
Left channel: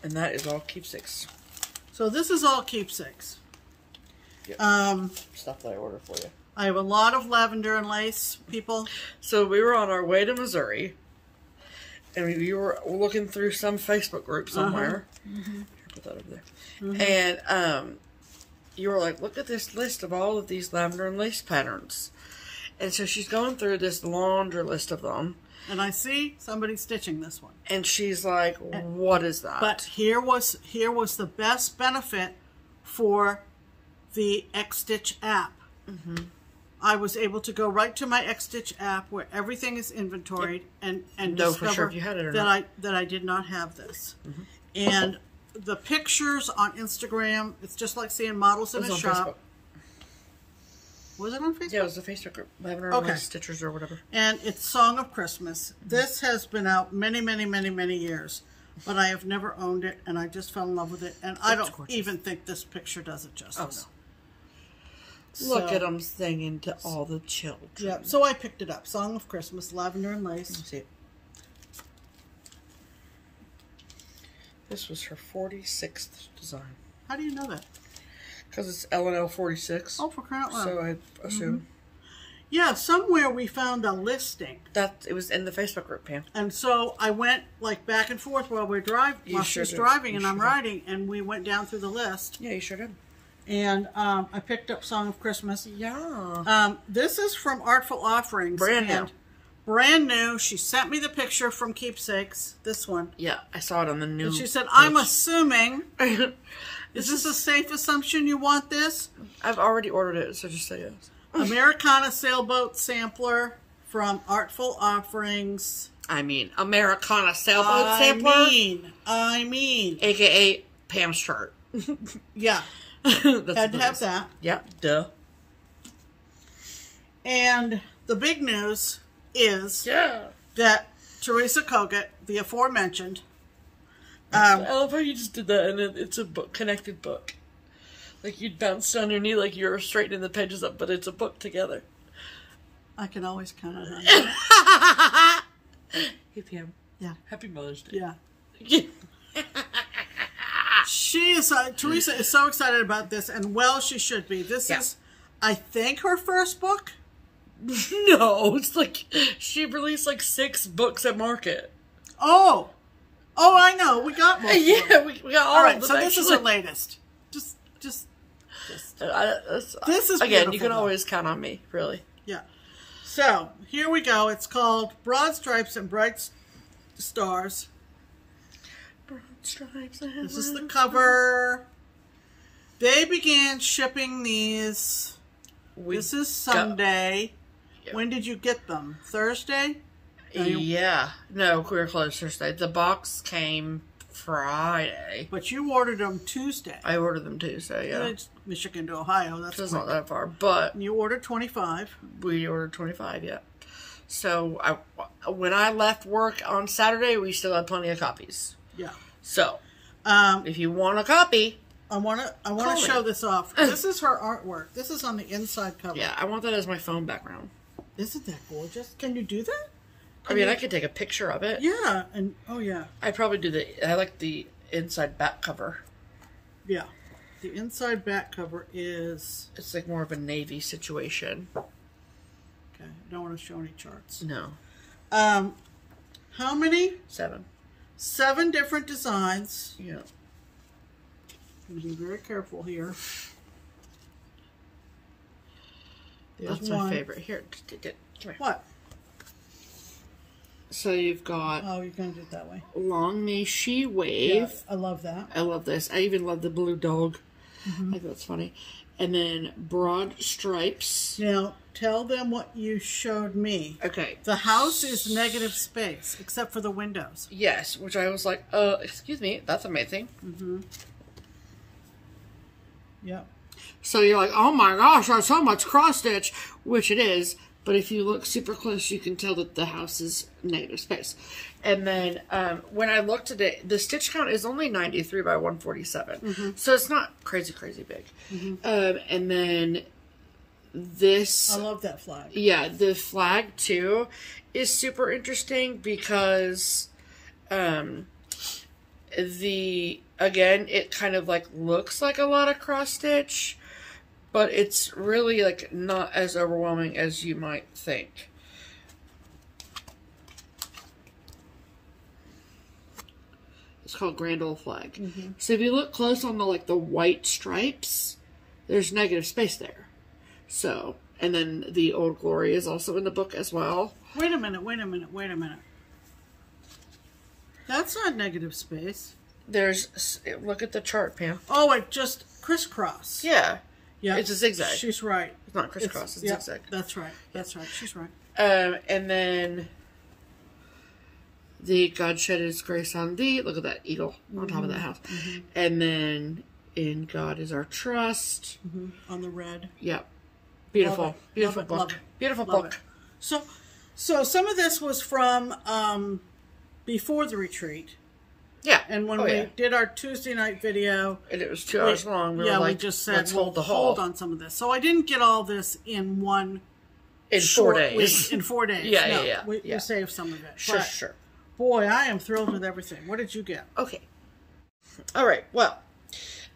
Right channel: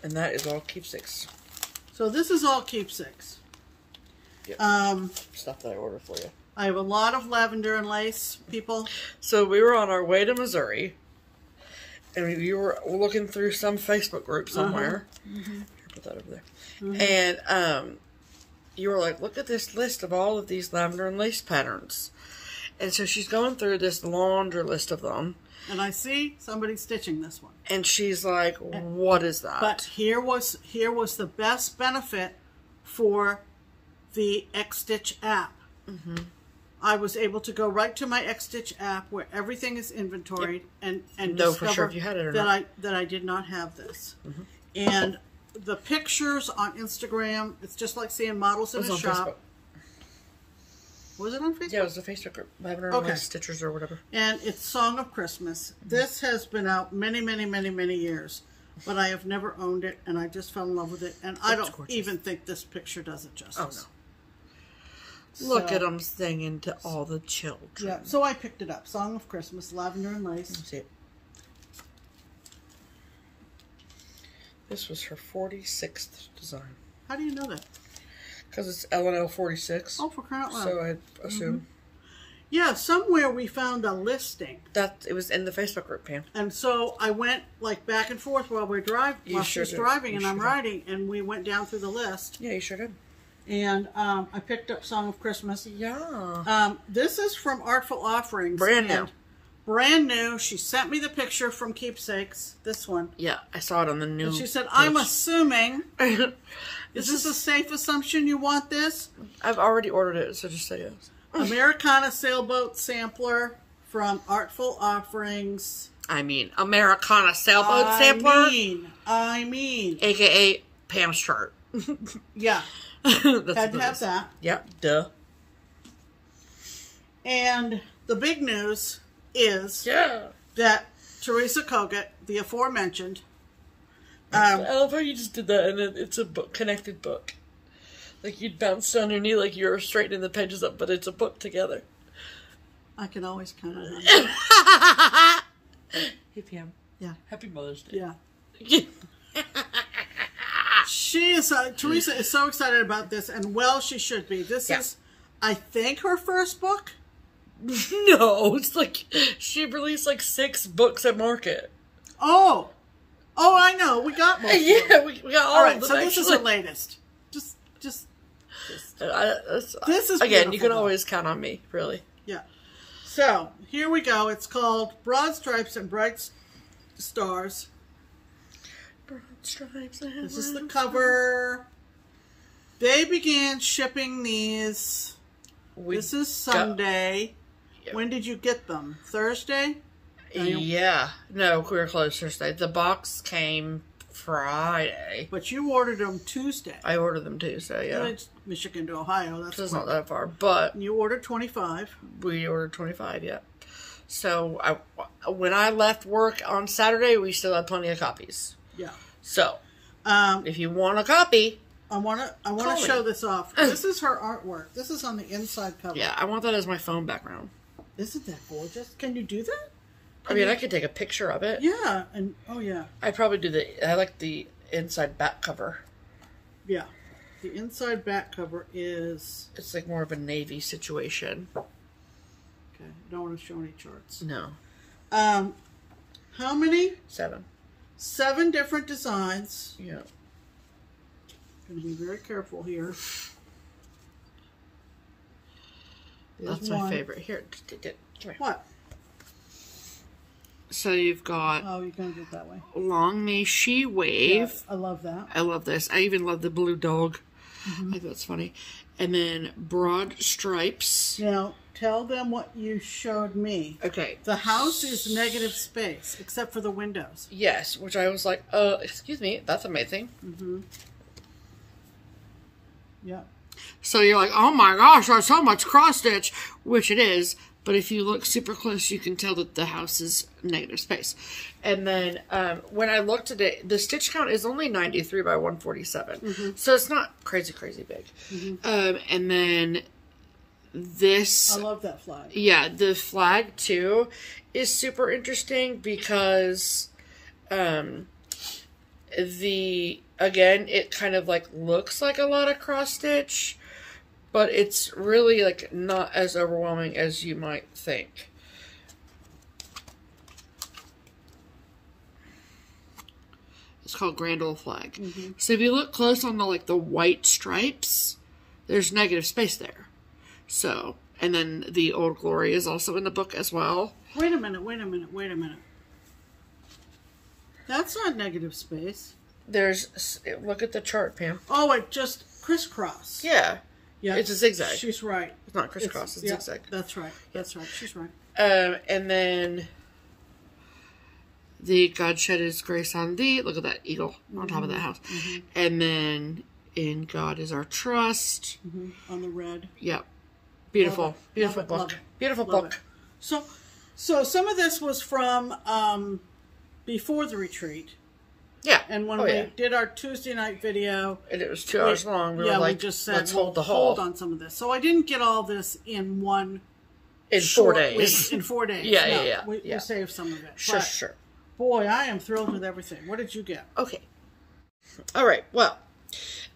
And that is all keepsakes. So this is all keepsakes. Yeah. Stuff that I ordered for you. I have a lot of lavender and lace, people. So we were on our way to Missouri, and you were looking through some Facebook group somewhere. Put that over there. And you were like, look at this list of all of these lavender and lace patterns. And so she's going through this laundry list of them. And I see somebody stitching this one. And she's like, what is that? But here was the best benefit for the Xstitch app. I was able to go right to my Xstitch app where everything is inventoried and know discover for sure if you had it or not. that I did not have this. And the pictures on Instagram, it's just like seeing models in a shop. Facebook. Was it on Facebook? Yeah, it was a Facebook group. Lavender and Lace Stitchers or whatever. And it's Song of Christmas. This has been out many, many, many, many years. But I have never owned it, and I just fell in love with it. And I don't even think this picture does it justice. Oh, no. Look at them singing to all the children. Yeah, so I picked it up. Song of Christmas, Lavender and Lace. Let's see it. This was her 46th design. How do you know that? Because it's L&L 46. Oh, for crying out loud. So I assume. Yeah, somewhere we found a listing. It was in the Facebook group, Pam. And so I went like back and forth while we're driving. While she's driving and I'm riding, and we went down through the list. Yeah, you sure did. And I picked up Song of Christmas. Yeah. This is from Artful Offerings. Brand new. Brand new. She sent me the picture from Keepsakes. This one. Yeah, I saw it on the new. And she said, I'm assuming. Is this a safe assumption you want this? I've already ordered it, so just say yes. Americana Sailboat Sampler from Artful Offerings. I mean, Americana Sailboat Sampler. I mean. AKA Pam's shirt. Yeah. That's had to have that. Yep, duh. And the big news is that Teresa Kogut, the aforementioned. I love how you just did that, and it's a book, connected book. Like you'd bounce on your knee like you're straightening the pages up, but it's a book together. I can always count on that. Hey, Pam. Yeah. Happy Mother's Day. Yeah. She is, Teresa is so excited about this, and well, she should be. This is, I think, her first book. No, it's like, she released like 6 books at market. Oh, I know. We got more. Yeah, we got all right, of them. So this is her latest. Just. This is again. You can always count on me, really. Yeah. So here we go. It's called Broad Stripes and Bright Stars. Broad stripes. This is the cover. They began shipping these. This is Sunday. When did you get them? Thursday? Yeah. No, we were closed Thursday. The box came Friday. But you ordered them Tuesday. I ordered them Tuesday, yeah. It's Michigan to Ohio. That's not that far, but... You ordered 25. We ordered 25, yeah. So, when I left work on Saturday, we still had plenty of copies. Yeah. So, if you want a copy... I want to show this off. This is her artwork. This is on the inside cover. Yeah, I want that as my phone background. Isn't that gorgeous? Can you do that? I could take a picture of it. Yeah, and I'd probably do I like the inside back cover. Yeah. The inside back cover is... It's like more of a navy situation. Okay, I don't want to show any charts. No. How many? 7. 7 different designs. Yeah. I'm going to be very careful here. That's my favorite. Here, come here. What? So you've got... Oh, you're going to do it that way. Long May She Wave. Yes, I love that. I love this. I even love the blue dog. I think that's funny. And then broad stripes. Now, tell them what you showed me. Okay. The house is negative space, except for the windows. Yes, which I was like, excuse me, that's amazing. Yep. So you're like, oh my gosh, there's so much cross stitch, which it is. But if you look super close, you can tell that the house is negative space. And then when I looked at it, the stitch count is only 93 by 147. So it's not crazy, crazy big. And then this... I love that flag. Yeah, the flag, too, is super interesting because again, it kind of like looks like a lot of cross stitch. But it's really, like, not as overwhelming as you might think. It's called Grand Old Flag. So if you look close on the, like, the white stripes, there's negative space there. So, and then the Old Glory is also in the book as well. Wait a minute, wait a minute, wait a minute. That's not negative space. There's, look at the chart, Pam. Oh, it just crisscross. Yeah. Yeah, it's a zigzag. She's right. It's not crisscross, it's zigzag. That's right. That's right. She's right. And then the God shed his grace on thee. Look at that eagle on top of that house. And then in God is our trust. On the red. Yep. Beautiful. Beautiful Love it, book. love it. Beautiful Love book. it. So some of this was from before the retreat. Yeah. And when we did our Tuesday night video, and it was 2 hours long, we were like, we just said, let's hold the whole. Hold on some of this. So I didn't get all this in one. In 4 days. In 4 days. Yeah. We saved some of it. Sure, sure. Boy, I am thrilled with everything. What did you get? Okay. All right. Well,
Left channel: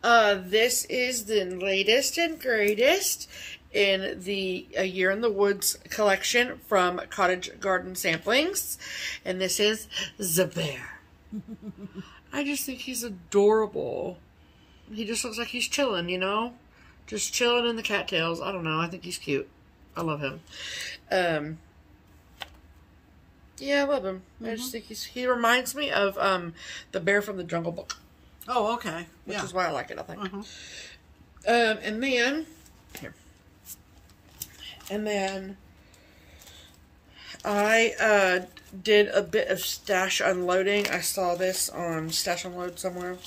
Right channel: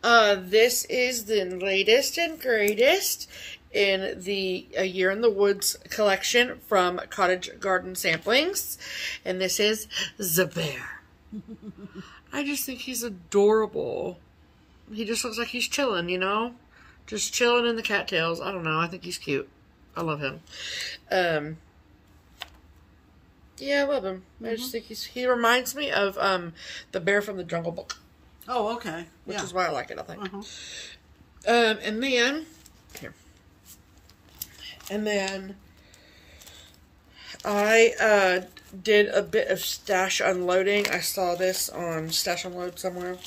this is the latest and greatest in the A Year in the Woods collection from Cottage Garden Samplings. And this is The Bear. I just think he's adorable. He just looks like he's chilling, you know? Just chilling in the cattails. I don't know. I think he's cute. I love him. Yeah, I love him. I just think he reminds me of the bear from the Jungle Book. Oh, okay. Which is why I like it, I think. And then, here. And then I did a bit of stash unloading. I saw this on Stash Unload somewhere.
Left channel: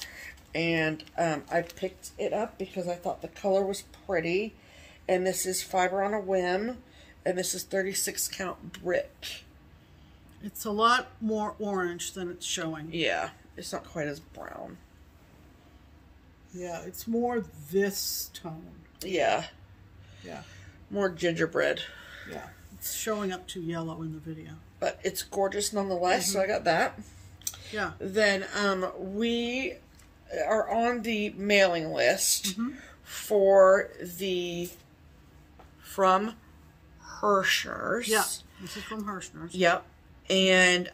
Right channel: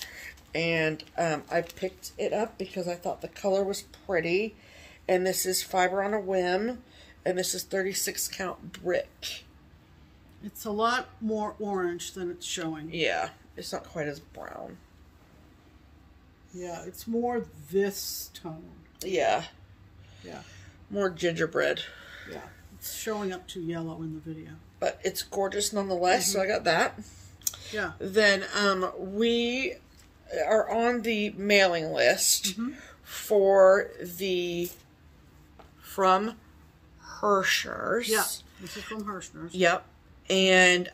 And I picked it up because I thought the color was pretty. And this is Fiber on a Whim. And this is 36 count brick. It's a lot more orange than it's showing. Yeah, it's not quite as brown. Yeah, it's more this tone. Yeah. Yeah. More gingerbread. Yeah. It's showing up too yellow in the video. But it's gorgeous nonetheless, so I got that. Yeah. Then we are on the mailing list for the from Hirschner's. Yeah. This is from Hirschner's. Yep. And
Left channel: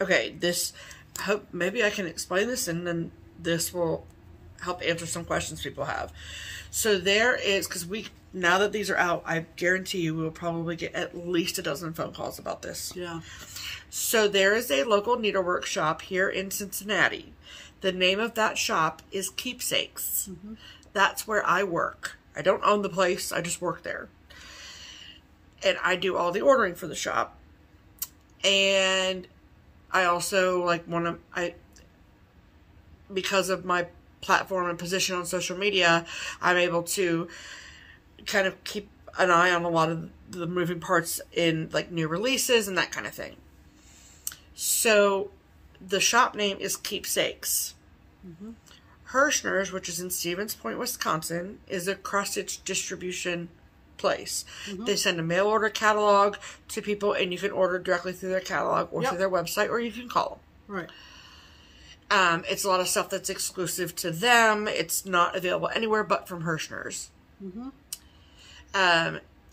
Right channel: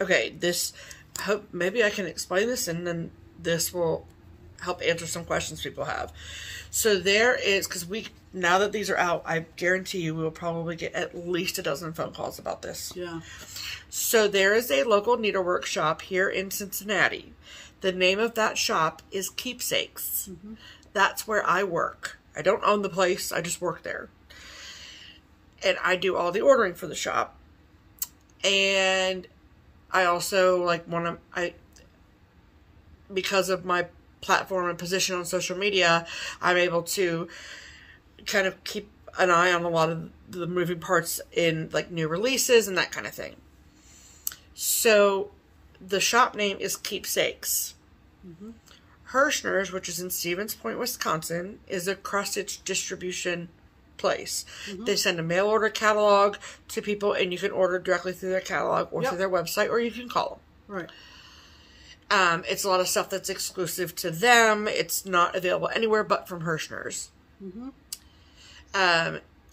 okay, this hope maybe I can explain this and then this will help answer some questions people have. So there is, because now that these are out, I guarantee you we will probably get at least a dozen phone calls about this. Yeah. So there is a local needlework shop here in Cincinnati. The name of that shop is Keepsakes. That's where I work. I don't own the place, I just work there. And I do all the ordering for the shop. And I also because of my platform and position on social media, I'm able to kind of keep an eye on a lot of the moving parts in like new releases and that kind of thing. So the shop name is Keepsakes. Hirschner's, which is in Stevens Point, Wisconsin, is a cross-stitch distribution place. They send a mail order catalog to people and you can order directly through their catalog or through their website, or you can call them. Right. It's a lot of stuff that's exclusive to them. It's not available anywhere but from Hirschner's.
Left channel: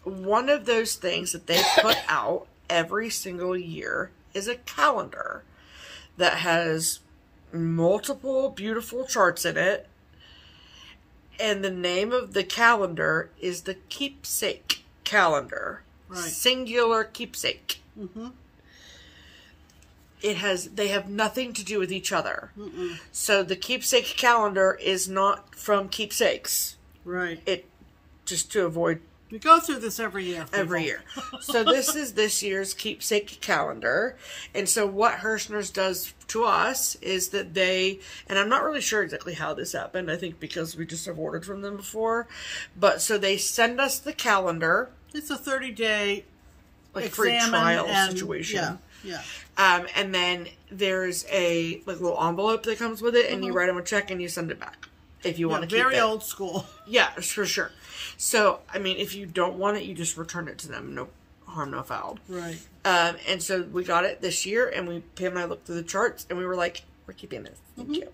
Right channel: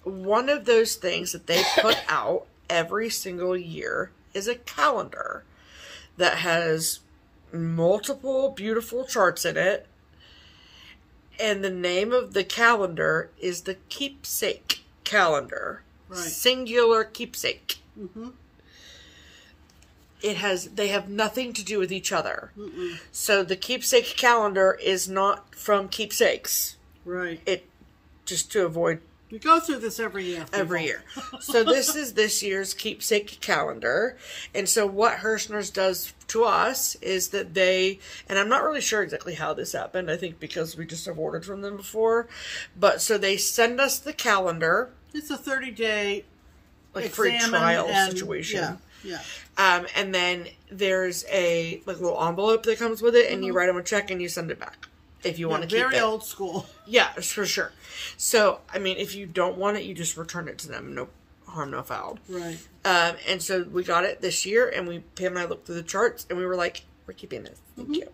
One of those things that they put out every single year is a calendar that has multiple beautiful charts in it. And the name of the calendar is the Keepsake calendar. Right. Singular keepsake. they have nothing to do with each other. So the keepsake calendar is not from Keepsakes. Right. It, just to avoid. We go through this every year. Every year. So this is this year's keepsake calendar. And so what Hirschner's does to us is that they, and I'm not really sure exactly how this happened. I think because we just have ordered from them before. But so they send us the calendar. It's a 30-day like free trial situation. Yeah. And then there's a like little envelope that comes with it, and you write them a check and you send it back if you want to keep it. Very old school. Yeah, for sure. So, I mean, if you don't want it, you just return it to them. No harm, no foul. Right. And so we got it this year, and Pam and I looked through the charts, and we were like, we're keeping this. Thank you.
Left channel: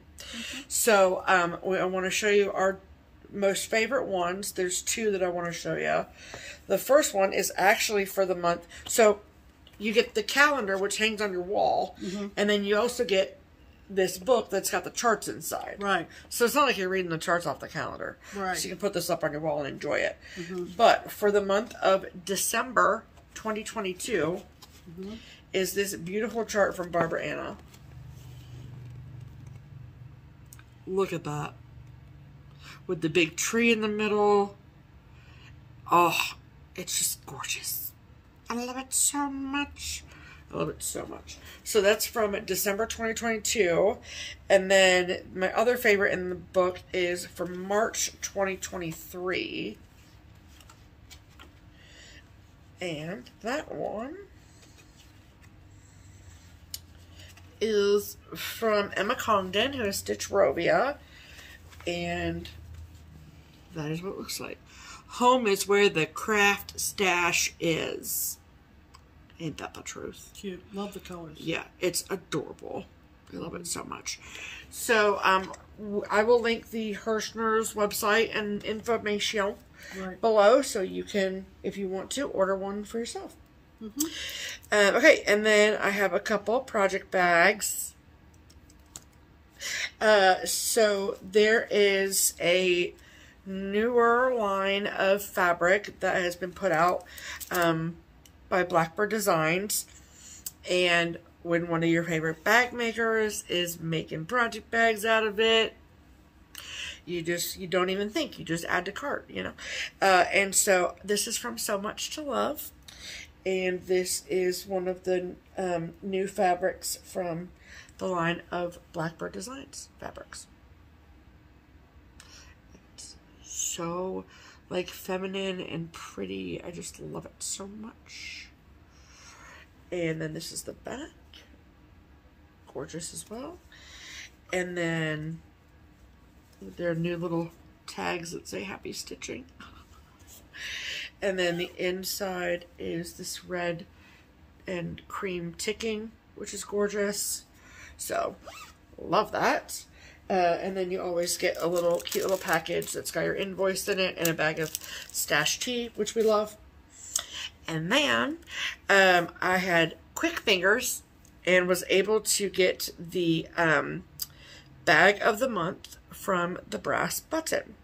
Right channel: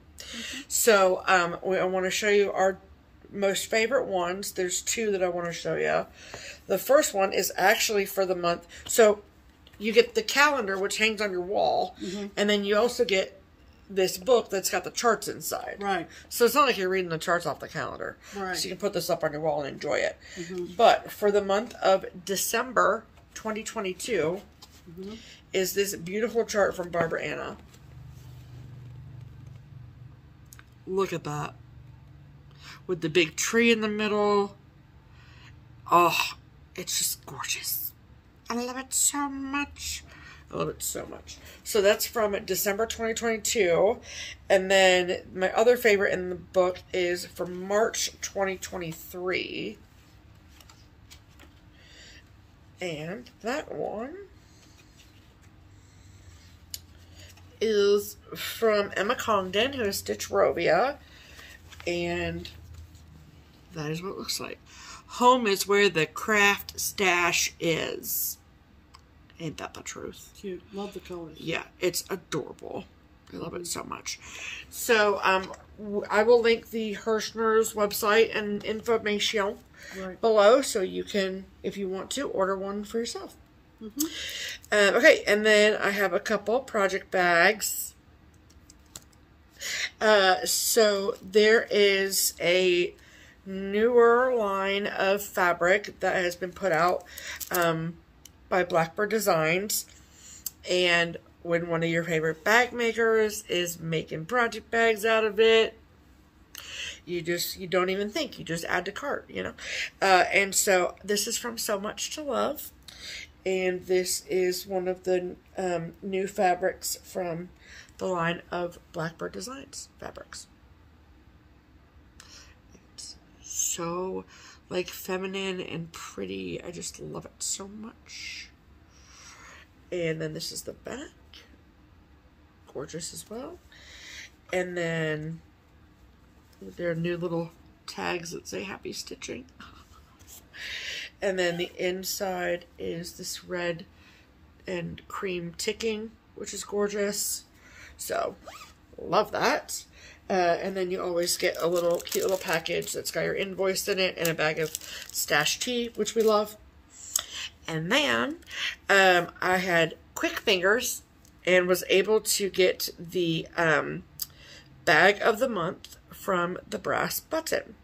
So, I want to show you our most favorite ones. There's two that I want to show you. The first one is actually for the month. So, you get the calendar, which hangs on your wall, and then you also get this book that's got the charts inside. Right. So it's not like you're reading the charts off the calendar. Right. So you can put this up on your wall and enjoy it. But for the month of December 2022 is this beautiful chart from Barbara Anna. Look at that. With the big tree in the middle. Oh, it's just gorgeous. I love it so much. I love it so much. So that's from December 2022. And then my other favorite in the book is from March 2023. And that one is from Emma Congdon, who is Stitchrovia. And that is what it looks like. Home is where the craft stash is. Ain't that the truth? Cute. Love the colors. Yeah, it's adorable. I love it so much. So, I will link the Hirschner's website and information below, so you can, if you want to, order one for yourself. Okay, and then I have a couple project bags. So there is a newer line of fabric that has been put out by Blackbird Designs, and when one of your favorite bag makers is making project bags out of it, you don't even think, you just add to cart, you know. And so this is from So Much to Love, and this is one of the new fabrics from the line of Blackbird Designs fabrics. It's so like feminine and pretty. I just love it so much. And then this is the back. Gorgeous as well. And then there are new little tags that say happy stitching. And then the inside is this red and cream ticking, which is gorgeous. So, love that. And then you always get a little cute little package that's got your invoice in it and a bag of stash tea, which we love. And then I had quick fingers and was able to get the bag of the month from the Brass Button.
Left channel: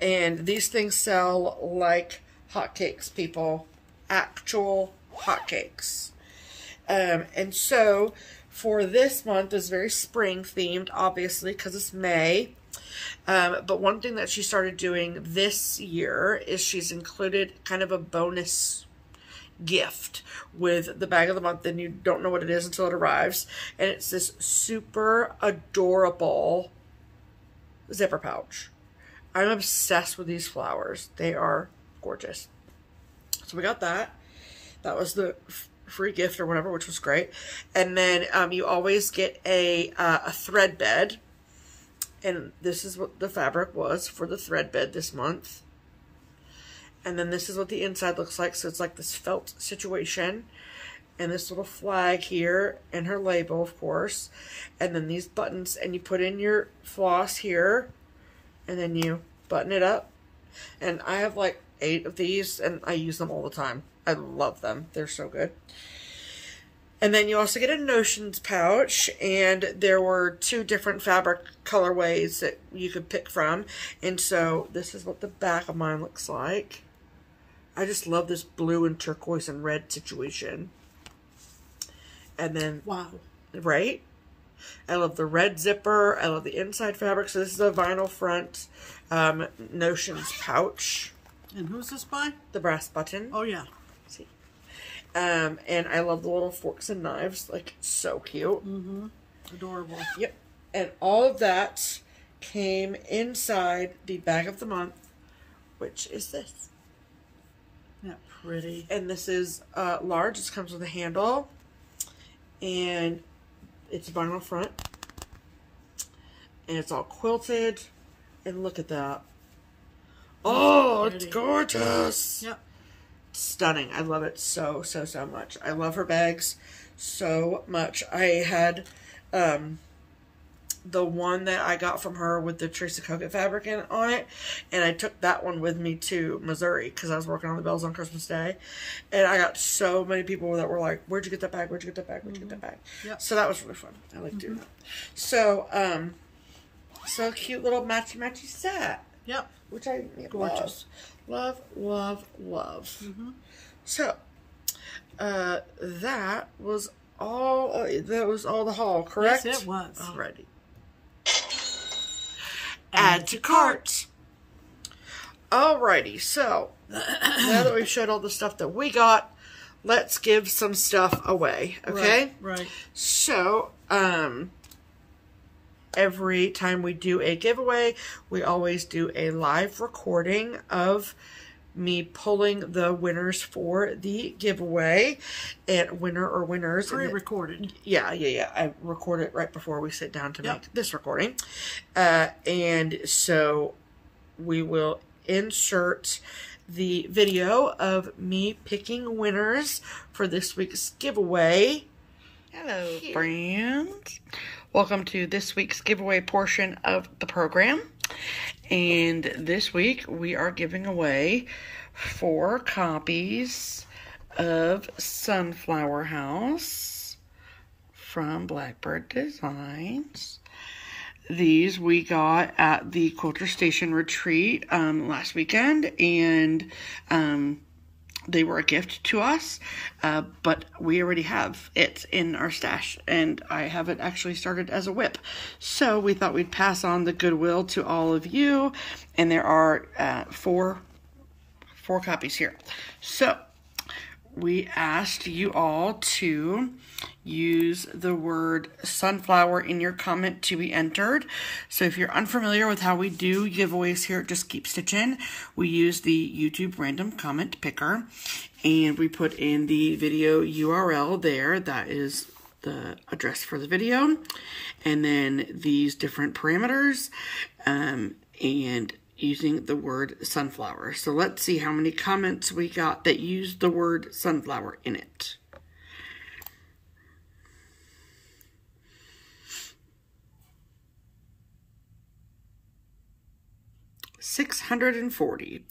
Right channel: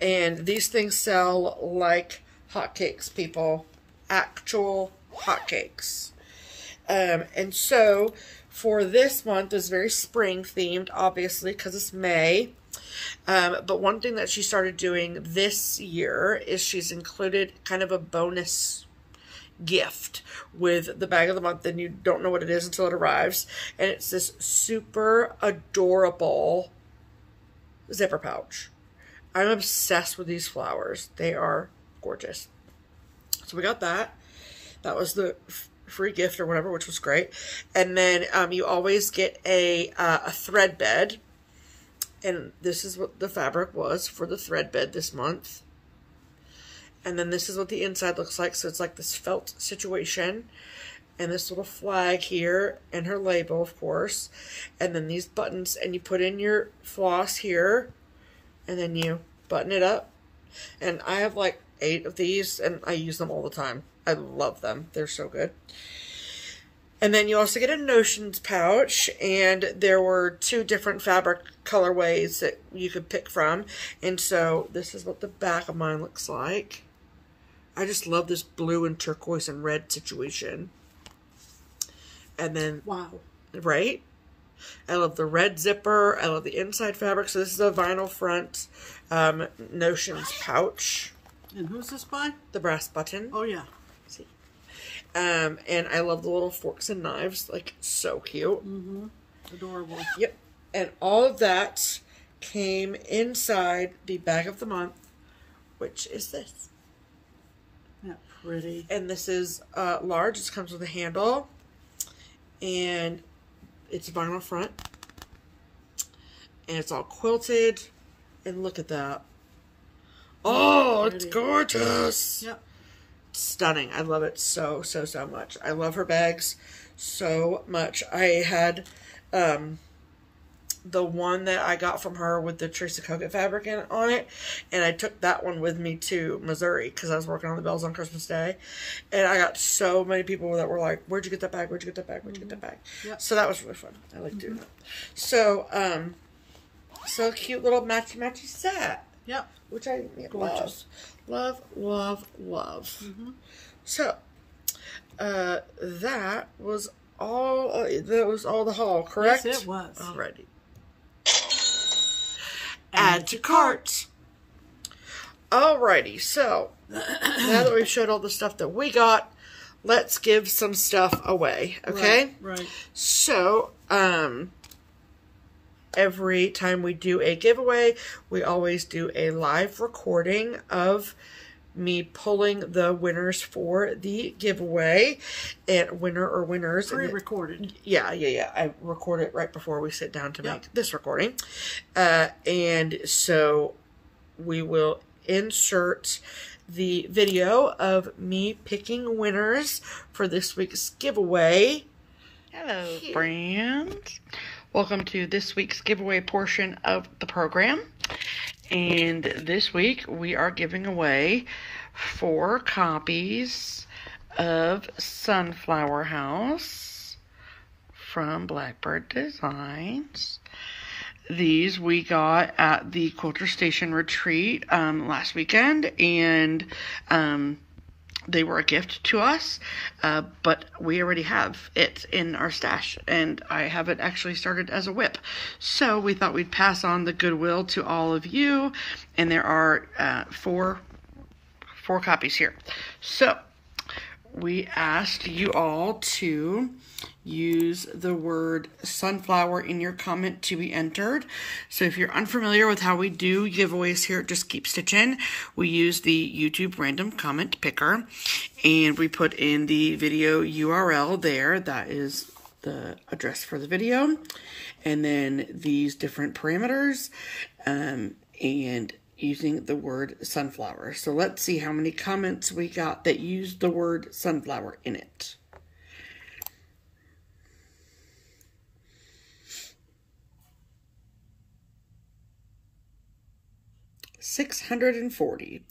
And these things sell like hotcakes, people. Actual hotcakes. And so for this month is very spring themed, obviously, because it's May. But one thing that she started doing this year is she's included kind of a bonus gift with the bag of the month, and you don't know what it is until it arrives. And it's this super adorable zipper pouch. I'm obsessed with these flowers. They are gorgeous. So we got that. That was the free gift or whatever, which was great. And then you always get a thread bed. And this is what the fabric was for the thread bed this month. And then this is what the inside looks like. So it's like this felt situation. And this little flag here. And her label, of course. And then these buttons. And you put in your floss here. And then you button it up. And I have like 8 of these. And I use them all the time. I love them. They're so good. And then you also get a notions pouch, and there were 2 different fabric colorways that you could pick from. And so this is what the back of mine looks like. I just love this blue and turquoise and red situation. And then, wow. Right? I love the red zipper. I love the inside fabric. So this is a vinyl front Notions pouch. And who's this by? The brass button. Oh, yeah. See. And I love the little forks and knives. Like, so cute. Mm-hmm. Adorable. Yep. And all of that came inside the bag of the month, which is this. Isn't that pretty? And this is large. It comes with a handle. And it's vinyl front. And it's all quilted. And look at that. Oh, it's gorgeous. Yep. Stunning. I love it so, so, so much. I love her bags so much. I had the one that I got from her with the Tracy Hoke fabric on it. And I took that one with me to Missouri because I was working on the bells on Christmas Day. And I got so many people that were like, where'd you get that bag? Where'd you get that bag? Where'd you get that bag? Yep. So that was really fun. I like doing that. So, so cute little matchy set. Yep. Which I love. Love, love, love. Mm-hmm. So, that was all the haul, correct? Yes, it was. Alrighty. Add to cart. Alrighty, so now that we've showed all the stuff that we got, let's give some stuff away, okay? Right. So, every time we do a giveaway, we always do a live recording of me pulling the winners for the giveaway, and winner or winners. Pre-recorded. Yeah. I record it right before we sit down to make this recording. And so we will insert the video of me picking winners for this week's giveaway. Hello, friends. Welcome to this week's giveaway portion of the program. And this week we are giving away 4 copies of Sunflower House from Blackbird Designs. These we got at the Quilter Station retreat last weekend, and they were a gift to us, but we already have it in our stash, and I have it actually started as a whip. So we thought we'd pass on the goodwill to all of you, and there are 4 copies here. So we asked you all to use the word sunflower in your comment to be entered. So if you're unfamiliar with how we do giveaways here at Just Keep Stitchin', we use the YouTube random comment picker, and we put in the video URL there. That is the address for the video, and then these different parameters, and using the word sunflower. So let's see how many comments we got that used the word sunflower in it. $640.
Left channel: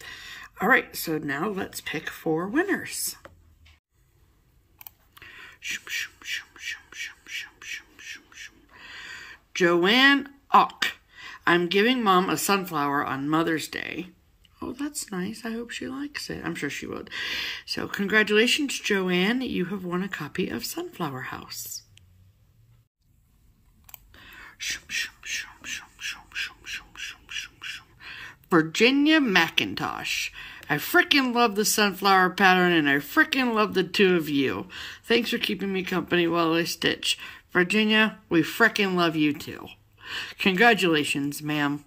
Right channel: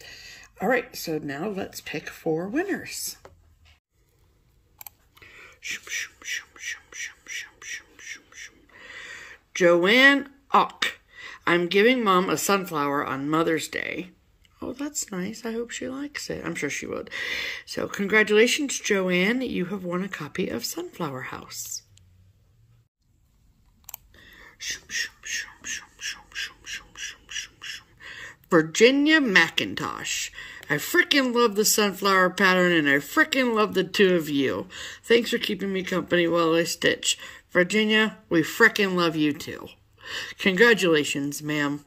All right, so now let's pick 4 winners. Joanne Och. I'm giving Mom a sunflower on Mother's Day. Oh, that's nice. I hope she likes it. I'm sure she would. So, congratulations, Joanne. You have won a copy of Sunflower House. Virginia Mackintosh. I frickin' love the sunflower pattern, and I frickin' love the 2 of you. Thanks for keeping me company while I stitch. Virginia, we frickin' love you too. Congratulations, ma'am.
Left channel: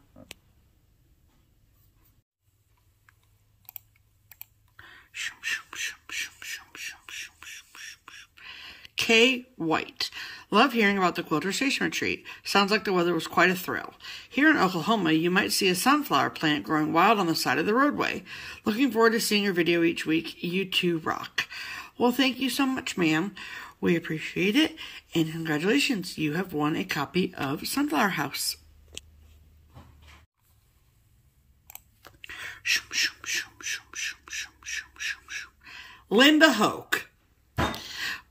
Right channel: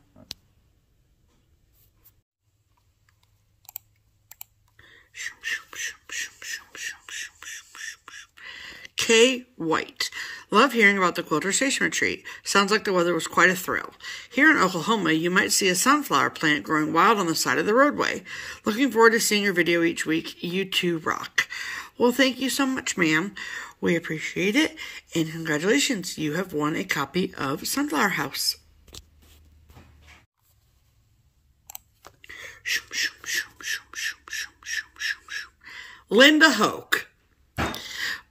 Kay White. Love hearing about the Quilter Station retreat. Sounds like the weather was quite a thrill. Here in Oklahoma, you might see a sunflower plant growing wild on the side of the roadway. Looking forward to seeing your video each week. You two rock. Well, thank you so much, ma'am. We appreciate it, and congratulations. You have won a copy of Sunflower House. Linda Hoke.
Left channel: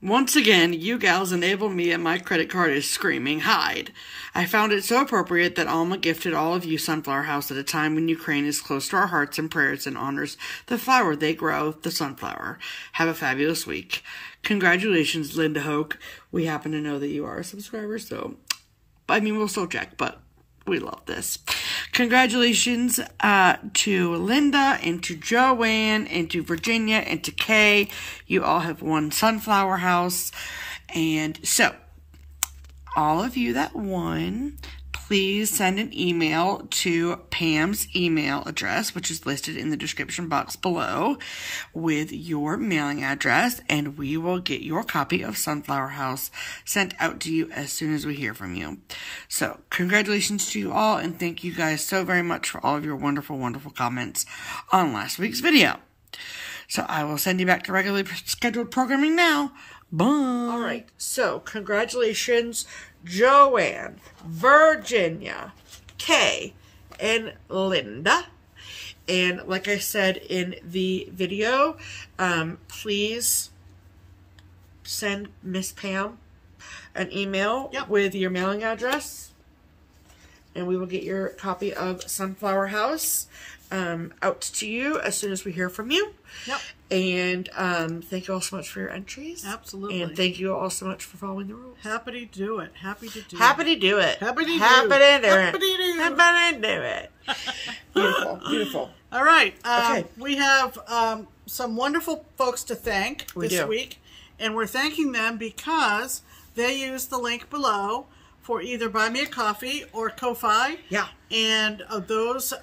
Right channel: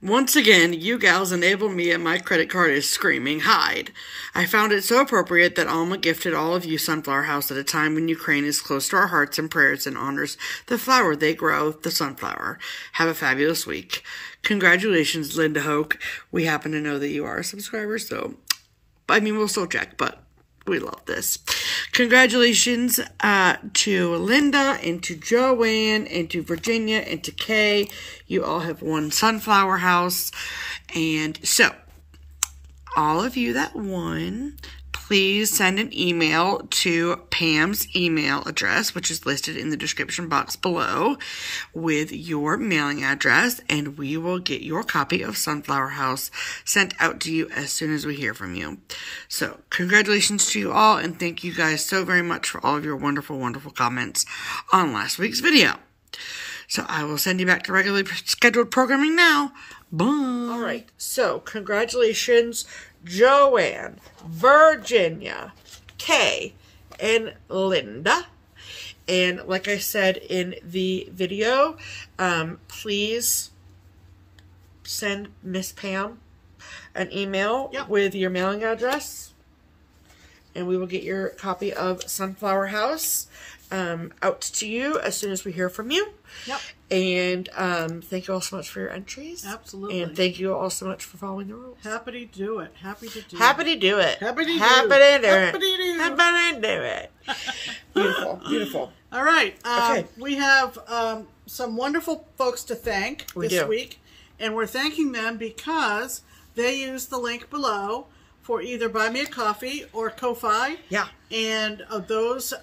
Once again, you gals enabled me and my credit card is screaming hide. I found it so appropriate that Alma gifted all of you Sunflower House at a time when Ukraine is close to our hearts and prayers and honors the flower they grow, the sunflower. Have a fabulous week. Congratulations, Linda Hoke. We happen to know that you are a subscriber, so, I mean, we'll still check, but we love this. Congratulations to Linda and to Joanne and to Virginia and to Kay. You all have won Sunflower House. And so, all of you that won, please send an email to Pam's email address, which is listed in the description box below, with your mailing address, and we will get your copy of Sunflower House sent out to you as soon as we hear from you. So, congratulations to you all, and thank you guys so very much for all of your wonderful, wonderful comments on last week's video. So, I will send you back to regularly scheduled programming now. Bye! All right, so congratulations, Joanne, Virginia, Kay, and Linda. And like I said in the video, please send Miss Pam an email with your mailing address, and we will get your copy of Sunflower House out to you as soon as we hear from you. Yep. And thank you all so much for your entries. Absolutely. And thank you all so much for following the rules. Happy to do it. Happy to do it. Happy to do it. Happy to do it. Happy to do it. Happy to do it. Happy to do it. Beautiful. Beautiful. All right. Okay. We have some wonderful folks to thank this week. And we're thanking them because they use the link below for either Buy Me a Coffee or Ko-Fi. Yeah. And those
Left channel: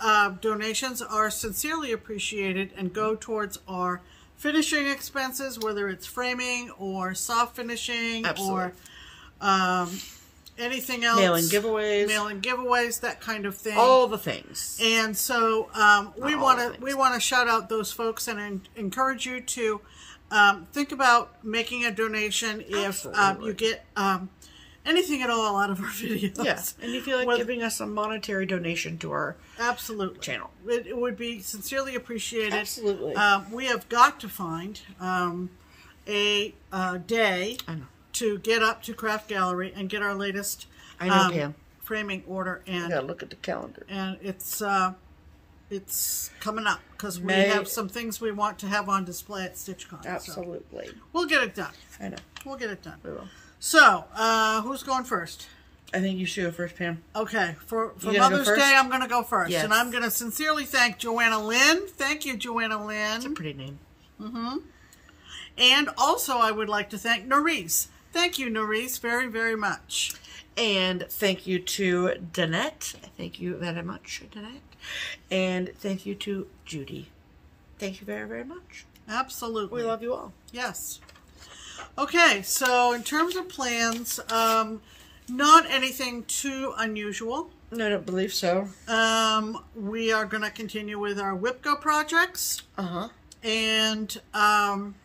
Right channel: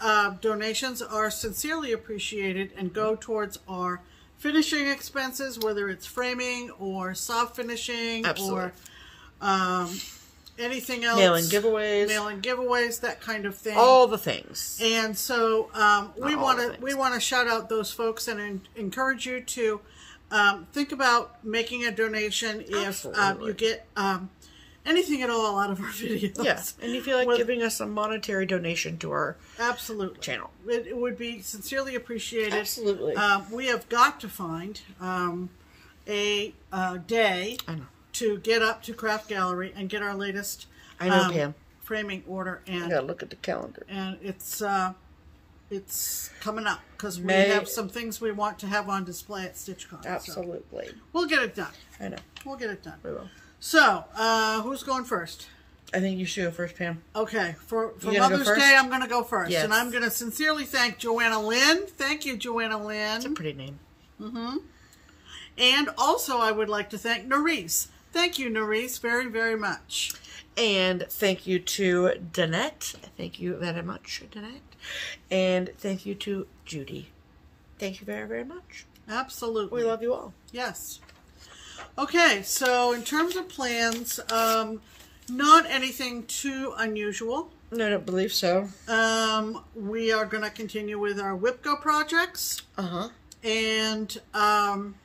donations are sincerely appreciated and go towards our finishing expenses, whether it's framing or soft finishing or anything else. Mailing giveaways. Mailing giveaways, that kind of thing. All the things. And so we want to shout out those folks and encourage you to think about making a donation if you get anything at all out of our videos. Yes, and you feel like giving us a monetary donation to our channel. It would be sincerely appreciated. Absolutely. We have got to find a day to get up to Craft Gallery and get our latest framing order. And I gotta look at the calendar. And it's coming up because we have some things we want to have on display at StitchCon. Absolutely. So we'll get it done. I know. We'll get it done. We will. So, who's going first? I think you should go first, Pam. Okay. For Mother's Day, I'm going to go first. Yes. And I'm going to sincerely thank Joanna Lynn. Thank you, Joanna Lynn. That's a pretty name. Mm-hmm. And also, I would like to thank Nerese. Thank you, Nerese, very, very much. And thank you to Danette. Thank you very much, Danette. And thank you to Judy. Thank you very, very much. Absolutely. We love you all. Yes. Okay, so in terms of plans, not anything too unusual. No, I don't believe so. We are going to continue with our WIPGO projects. Uh-huh. And, trying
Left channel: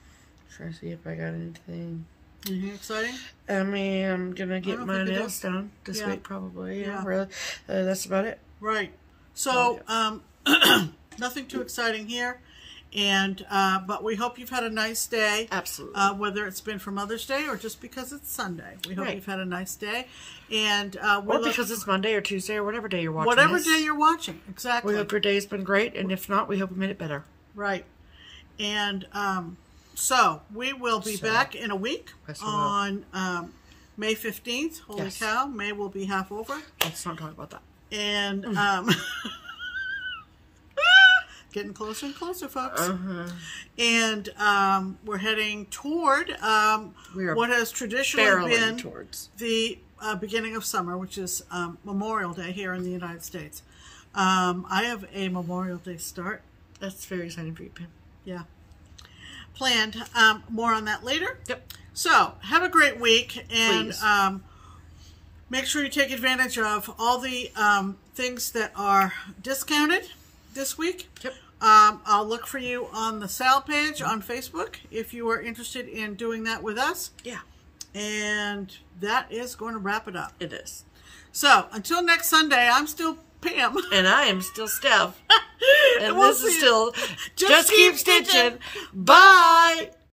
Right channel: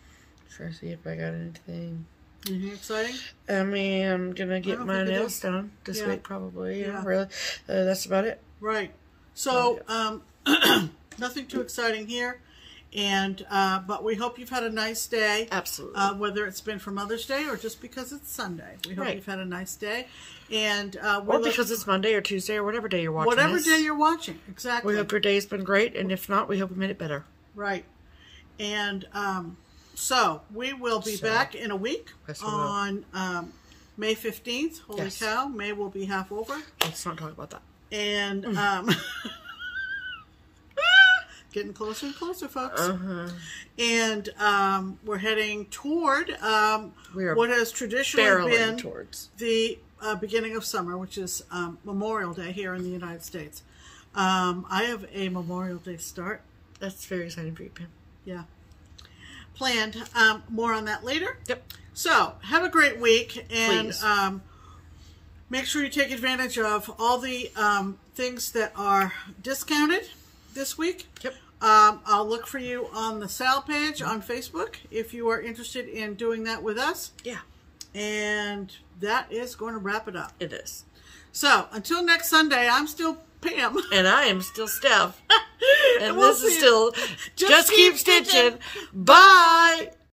to see if I got anything. Anything exciting? I mean, I'm going to get my nails done this week, probably. Yeah, really. That's about it. Right. So, nothing too exciting here. And but we hope you've had a nice day. Absolutely. Whether it's been for Mother's Day or just because it's Sunday. We hope you've had a nice day. And or because it's Monday or Tuesday or whatever day you're watching. Whatever day you're watching, exactly. We hope your day's been great, and if not, we hope we made it better. Right. And so we will be back in a week on May 15th. Holy cow, May will be half over. Let's not talk about that. And getting closer and closer, folks. And we're heading toward what has traditionally been the beginning of summer, which is Memorial Day here in the United States. I have a Memorial Day start. That's very exciting for you, Pam. Yeah. Planned. More on that later. Yep. So, have a great week. And make sure you take advantage of all the things that are discounted this week. Yep. I'll look for you on the sale page on Facebook if you are interested in doing that with us. Yeah. And that is going to wrap it up. It is. So, until next Sunday, I'm still Pam. And I am still Steph. And this is still Just Keep Stitching. Bye!